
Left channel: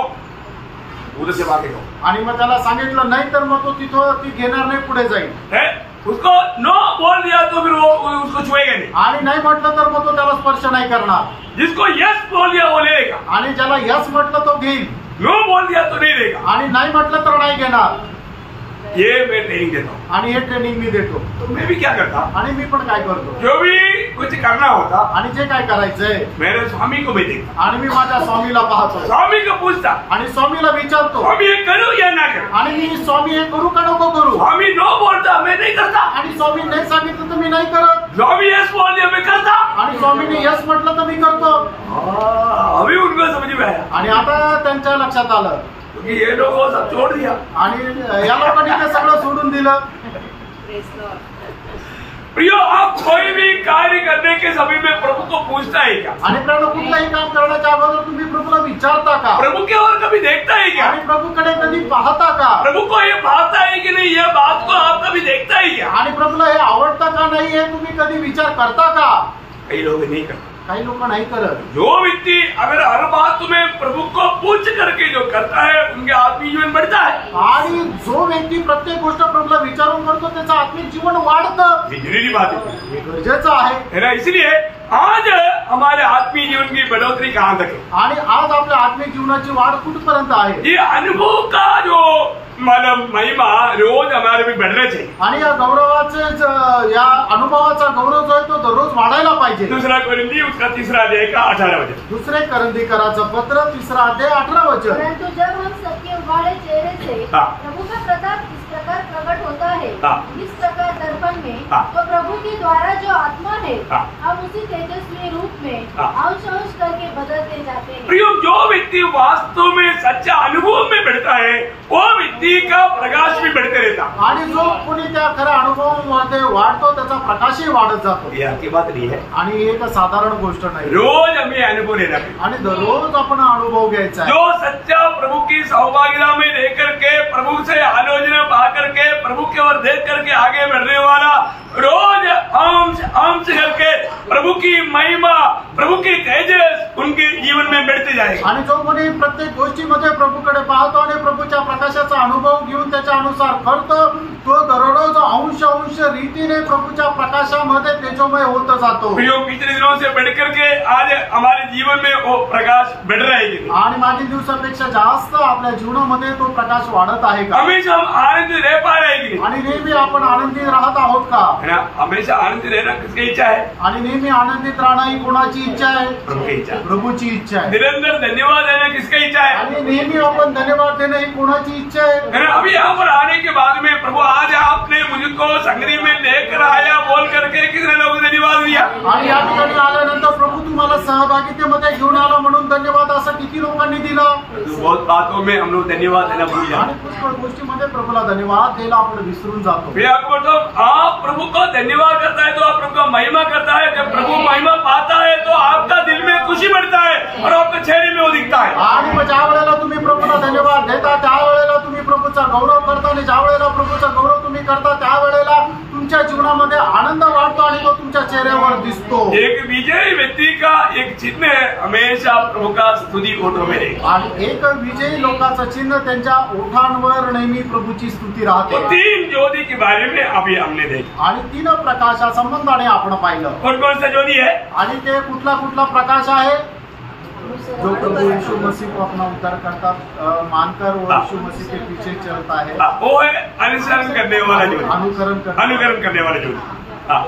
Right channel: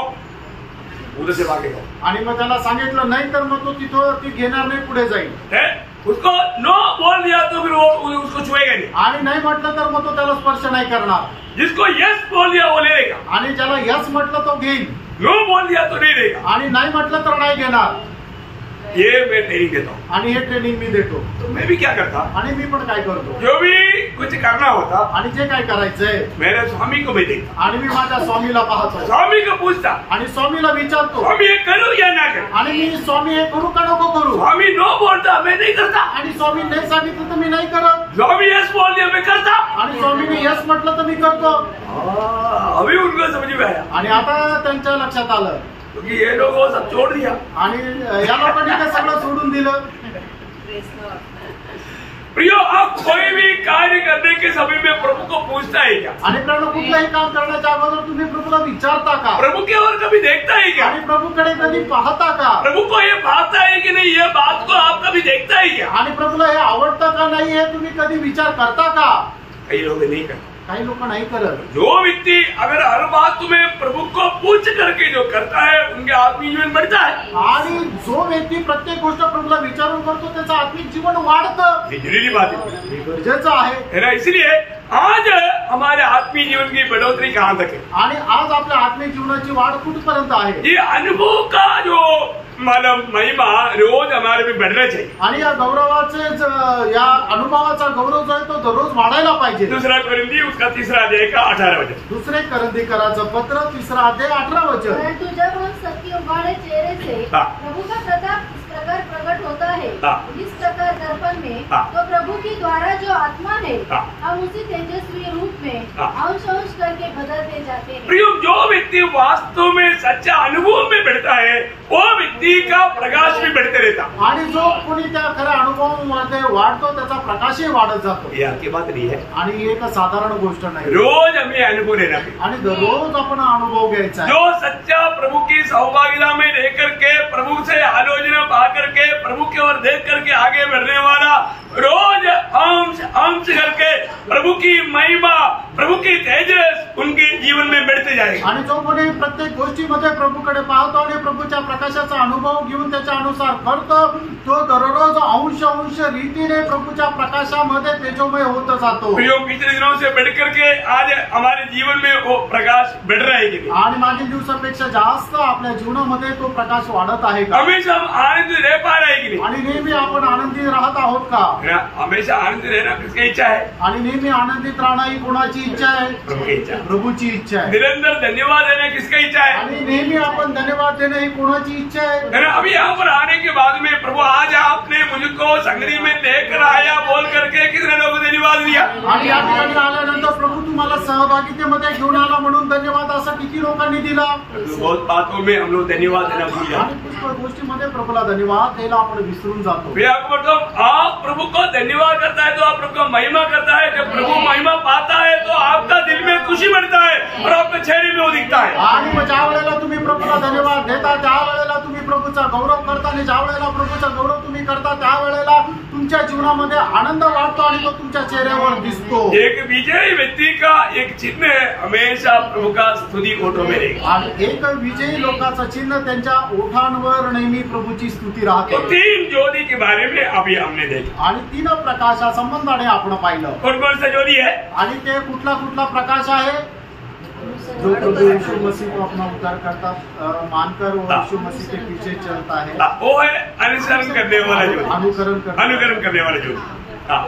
उधर से भागेगा, आणि मग त्याला सांगितलं नाही तर मग तो तिथं ती घेणार नाही, पुढे जाईल, है उसको नो बोल दिया तो फिर वो उसको छुएगा नहीं, आणि नाही म्हटलं तर मग तो त्याला स्पर्श नाही करणार, जिसको यस बोल दिया वो लेगा, आणि ज्याला यस म्हटलं तो घेईल, नो बोल दिया तो नहीं लेगा, आणि नाही म्हटलं तर नाही घेणार, ये मैं ट्रेनिंग देता हूँ, आणि हे ट्रेनिंग मी देतो, तो मैं भी क्या करता, आणि मी पण काय करतो, जो भी कुछ करना होता आणि जे काय करायचंय मेरे स्वामी को मैं देखता, आणि मी माझ्या स्वामीला पाहतो, स्वामी को पूछता, आणि स्वामीला विचारतो, स्वामी ये करूँ या ना करूँ, आणि मी स्वामी हे करू का नको करू, स्वामी नो बोलता मैं नहीं करता, आणि स्वामी नाही सांगितलं तर मी नाही करत, स्वामी यस बोल दिया मैं करता, आणि स्वामीने यस म्हटलं तर मी करतो, अभी उनको समझ में आया, आणि आता त्यांच्या लक्षात आलं, क्योंकि ये लोग वो सब छोड़ दिया, आणि या लोकांनी ते सगळं सोडून दिलं, प्रियो आप कोई भी कार्य करने के समय में प्रभु को पूछता है क्या, आणि प्रभू कुठलंही काम करण्याच्या अगोदर तुम्ही प्रभूला विचारता का, प्रभु के और कभी देखता है क्या, आणि प्रभूकडे कधी पाहता का, प्रभु को ये भाता है कि नहीं, ये बात को आप कभी देखता है क्या, आणि प्रभूला हे आवडतं का नाही हे तुम्ही कधी विचार करता का, कई लोग नहीं करते, काही लोक नाही करत, जो व्यक्ति अगर हर बात तुम्हें प्रभु को पूछ करके जो करता है उनके आत्मिक जीवन बढ़ता है, आणि जो व्यक्ती प्रत्येक गोष्ट प्रभूला विचारून करतो त्याचं आत्मिक जीवन वाढतं, ये जरूरी बात है, हे गरजेचं आहे, है ना, इसलिए आज हमारे आत्मीय जीवन की बढ़ोतरी कहाँ तक है, आणि आज आपल्या आत्मिक जीवनाची वाढ कुठपर्यंत आहे, ये अनुभव का जो मतलब महिमा रोज हमारे में बढ़ना चाहिए, आणि या गौरवाचे या अनुभवाचा गौरव जो आहे तो दररोज वाढायला पाहिजे, दूसरा कोरिंथी उसका 3 अध्याय का 18 वचन, दुसरे करंदीकराचं पत्र 3 अध्याय 18 वचन, परंतु जब हम सबके उगाड़े चेहरे से हाँ। प्रभु का प्रताप इस प्रकार प्रकट होता है, हाँ। इस प्रकार दर्पण में, हाँ। तो प्रभु के द्वारा जो आत्मा है, हाँ। हम उसी तेजस्वी रूप में हाँ। अंश अंश करके बदलते जाते हैं। प्रियो जो व्यक्ति वास्तव में सच्चा अनुभव में बढ़ता है वो व्यक्ति का प्रकाश भी बढ़ते रहता, आणि जो कोणी त्या खऱ्या अनुभवामध्ये वाढतो त्याचा प्रकाशही वाढत जातो, ये आपकी बात नहीं है, आणि ही एक साधारण गोष्ट नाही, रोज हमें अनुभव लेना चाहिए, आणि दररोज आपण अनुभव घ्यायचा आहे, जो सच्चा प्रभु की सहभागिता में रह करके प्रभु से आलोचना पा करके प्रभु की ओर देख करके आगे बढ़ने वाला रोज अंश अंश करके प्रभु की महिमा प्रभु की तेजस उनके जीवन में बढ़ते जाएगा, आणि जो कोणी प्रत्येक गोष्टीमध्ये प्रभूकडे पाहतो आणि प्रभूच्या प्रकाशाचा अनुभव घेऊन त्याच्या अनुसार करतो तो दररोज अंश अंश रीतीने प्रभूच्या प्रकाशामध्ये तेजोमय होत जातो, प्रियो पिछले दिनों से बढ़ करके आज हमारे जीवन में वो प्रकाश बढ़ रहा है कि नहीं, आणि मागील दिवसापेक्षा जास्त आपल्या जीवनामध्ये तो प्रकाश वाढत आहे का, हमेशा हम आनंद रह पा रहे हैं कि नहीं, आणि नेहमी आपण आनंदित राहत आहोत का, है ना, हमेशा आनंद रहना किसकी इच्छा है, आणि नेहमी आनंदित राहणं ही कोणाची इच्छा आहे, प्रभु की इच्छा, प्रभूची इच्छा आहे, निरंतर धन्यवाद देना किसका इच्छा है, आणि नेहमी आपण धन्यवाद देणं ही कोणाची इच्छा आहे, है ना, अभी यहाँ पर आने के बाद में प्रभु आज आपने मुझको संगरी में लेकर आया बोल करके कितने लोगों ने धन्यवाद दिया, आणि या ठिकाणी आल्यानंतर प्रभू तुम्हाला सहभागितेमध्ये घेऊन आला म्हणून धन्यवाद असं किती लोकांनी दिला, बहुत बातों में हम लोग धन्यवाद देना भूल जाते, आणि पुष्कळ गोष्टीमध्ये प्रभूला धन्यवाद द्यायला आपण विसरून जातो, फिर आपको मतलब आप प्रभु को धन्यवाद करता है तो आप प्रभु का महिमा करता है, जब प्रभु महिमा पाता है तो आपका दिल में खुशी बढ़ता है और आपके चेहरे में वो दिखता है, आणि मग ज्या वेळेला तुम्ही प्रभूला धन्यवाद देता त्यावेळेला तुम्ही प्रभूचा गौरव करता, आणि ज्या वेळेला प्रभूचा गौरव तुम्ही करता त्यावेळेला तुमच्या जीवनामध्ये आनंद वाढतो आणि तो तुमच्या चेहऱ्यावर दिसतो, एक विजयी व्यक्ति का एक चिन्ह हमेशा प्रभु का स्तुति ओठों में रहेगा, आणि एक विजयी लोकांचं चिन्ह त्यांच्या ओठांवर नेहमी प्रभूची स्तुती राहते, तो 3 ज्योति के बारे में अभी हमने देखा, आणि 3 प्रकाशा संबंधाने आपण पाहिलं, कौन कौन सा ज्योति है, आणि ते कुठला कुठला प्रकाश आहे, जो प्रभु यीशु मसीह को अपना उद्धार करता मानकर और यीशु मसीह के पीछे चलता है, वो है अनुसरण करने वाला ज्योति, अनुकरण करने वाला ज्योति,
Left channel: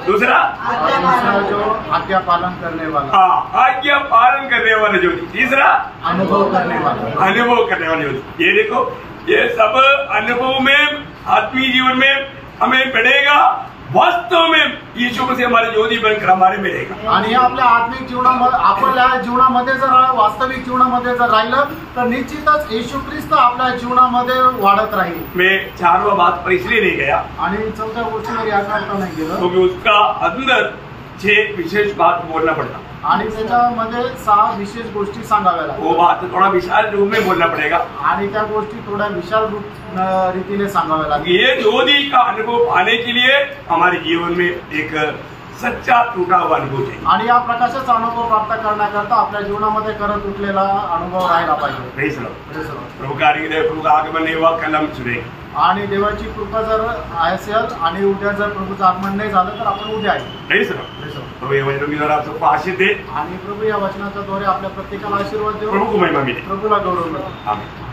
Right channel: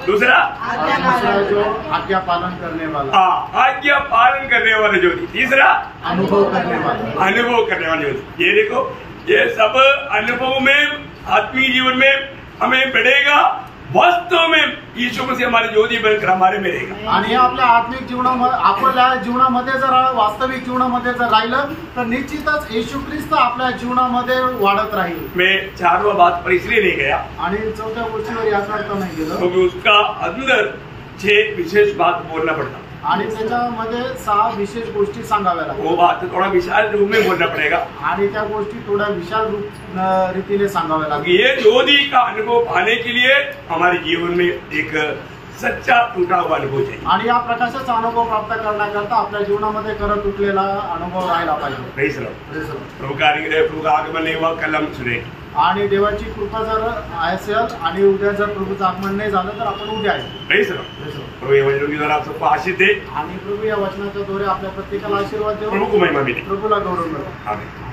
दूसरा और दूसरा जो आज्ञा पालन करने वाला, आज्ञा पालन करने वाला ज्योति, तीसरा अनुभव करने वाला, अनुभव करने वाली ज्योति, ये देखो ये सब अनुभव में आत्मीय जीवन में हमें बढ़ेगा वास्तव में यीशु मसीह हमारे ज्योति बनकर हमारे में रहेगा। आणि हे आपल्या आत्मिक जीवनामध्ये आपल्या जीवनामध्ये जर वास्तविक जीवनामध्ये जर राहिलं तर निश्चितच येशू ख्रिस्त आपल्या जीवनामध्ये वाढत राहील। मैं 4वां बात पर इसलिए नहीं गया आणि चौथ्या गोष्टीवर याकरता नाही गेलो क्योंकि उसका अंदर 6 विशेष बात बोलना पड़ता, आणि त्याच्यामध्ये 6 विशेष गोष्टी सांगाव्या लागतात। वो बात थोड़ा विशाल रूप में बोलना पड़ेगा आणि त्या गोष्टी थोड्या विशाल रीतीने सांगाव्या लागतील। ये ज्योति का अनुभव पाने के लिए हमारे जीवन में एक सच्चा टूटा हुआ अनुभव चाहिए। आणि या प्रकाशाचा अनुभव प्राप्त करण्याकरता आपल्या जीवनामध्ये खरं तुटलेला अनुभव राहिला पाहिजे। Praise Lord. प्रभु का आगमन नहीं हुआ, कल हम सुने। आणि देवाची कृपा जर असेल आणि उद्या जर प्रभूचं आगमन नाही झालं तर आपण उद्या आहे। Praise Lord. प्रभु ये वचनों के द्वारा आप सबको आशीष दे आणि प्रभू या वचनाच्या द्वारे आपल्या प्रत्येकाला आशीर्वाद देऊ, प्रभु को महिमा मिले, प्रभूला गौरव मिळो। आमीन।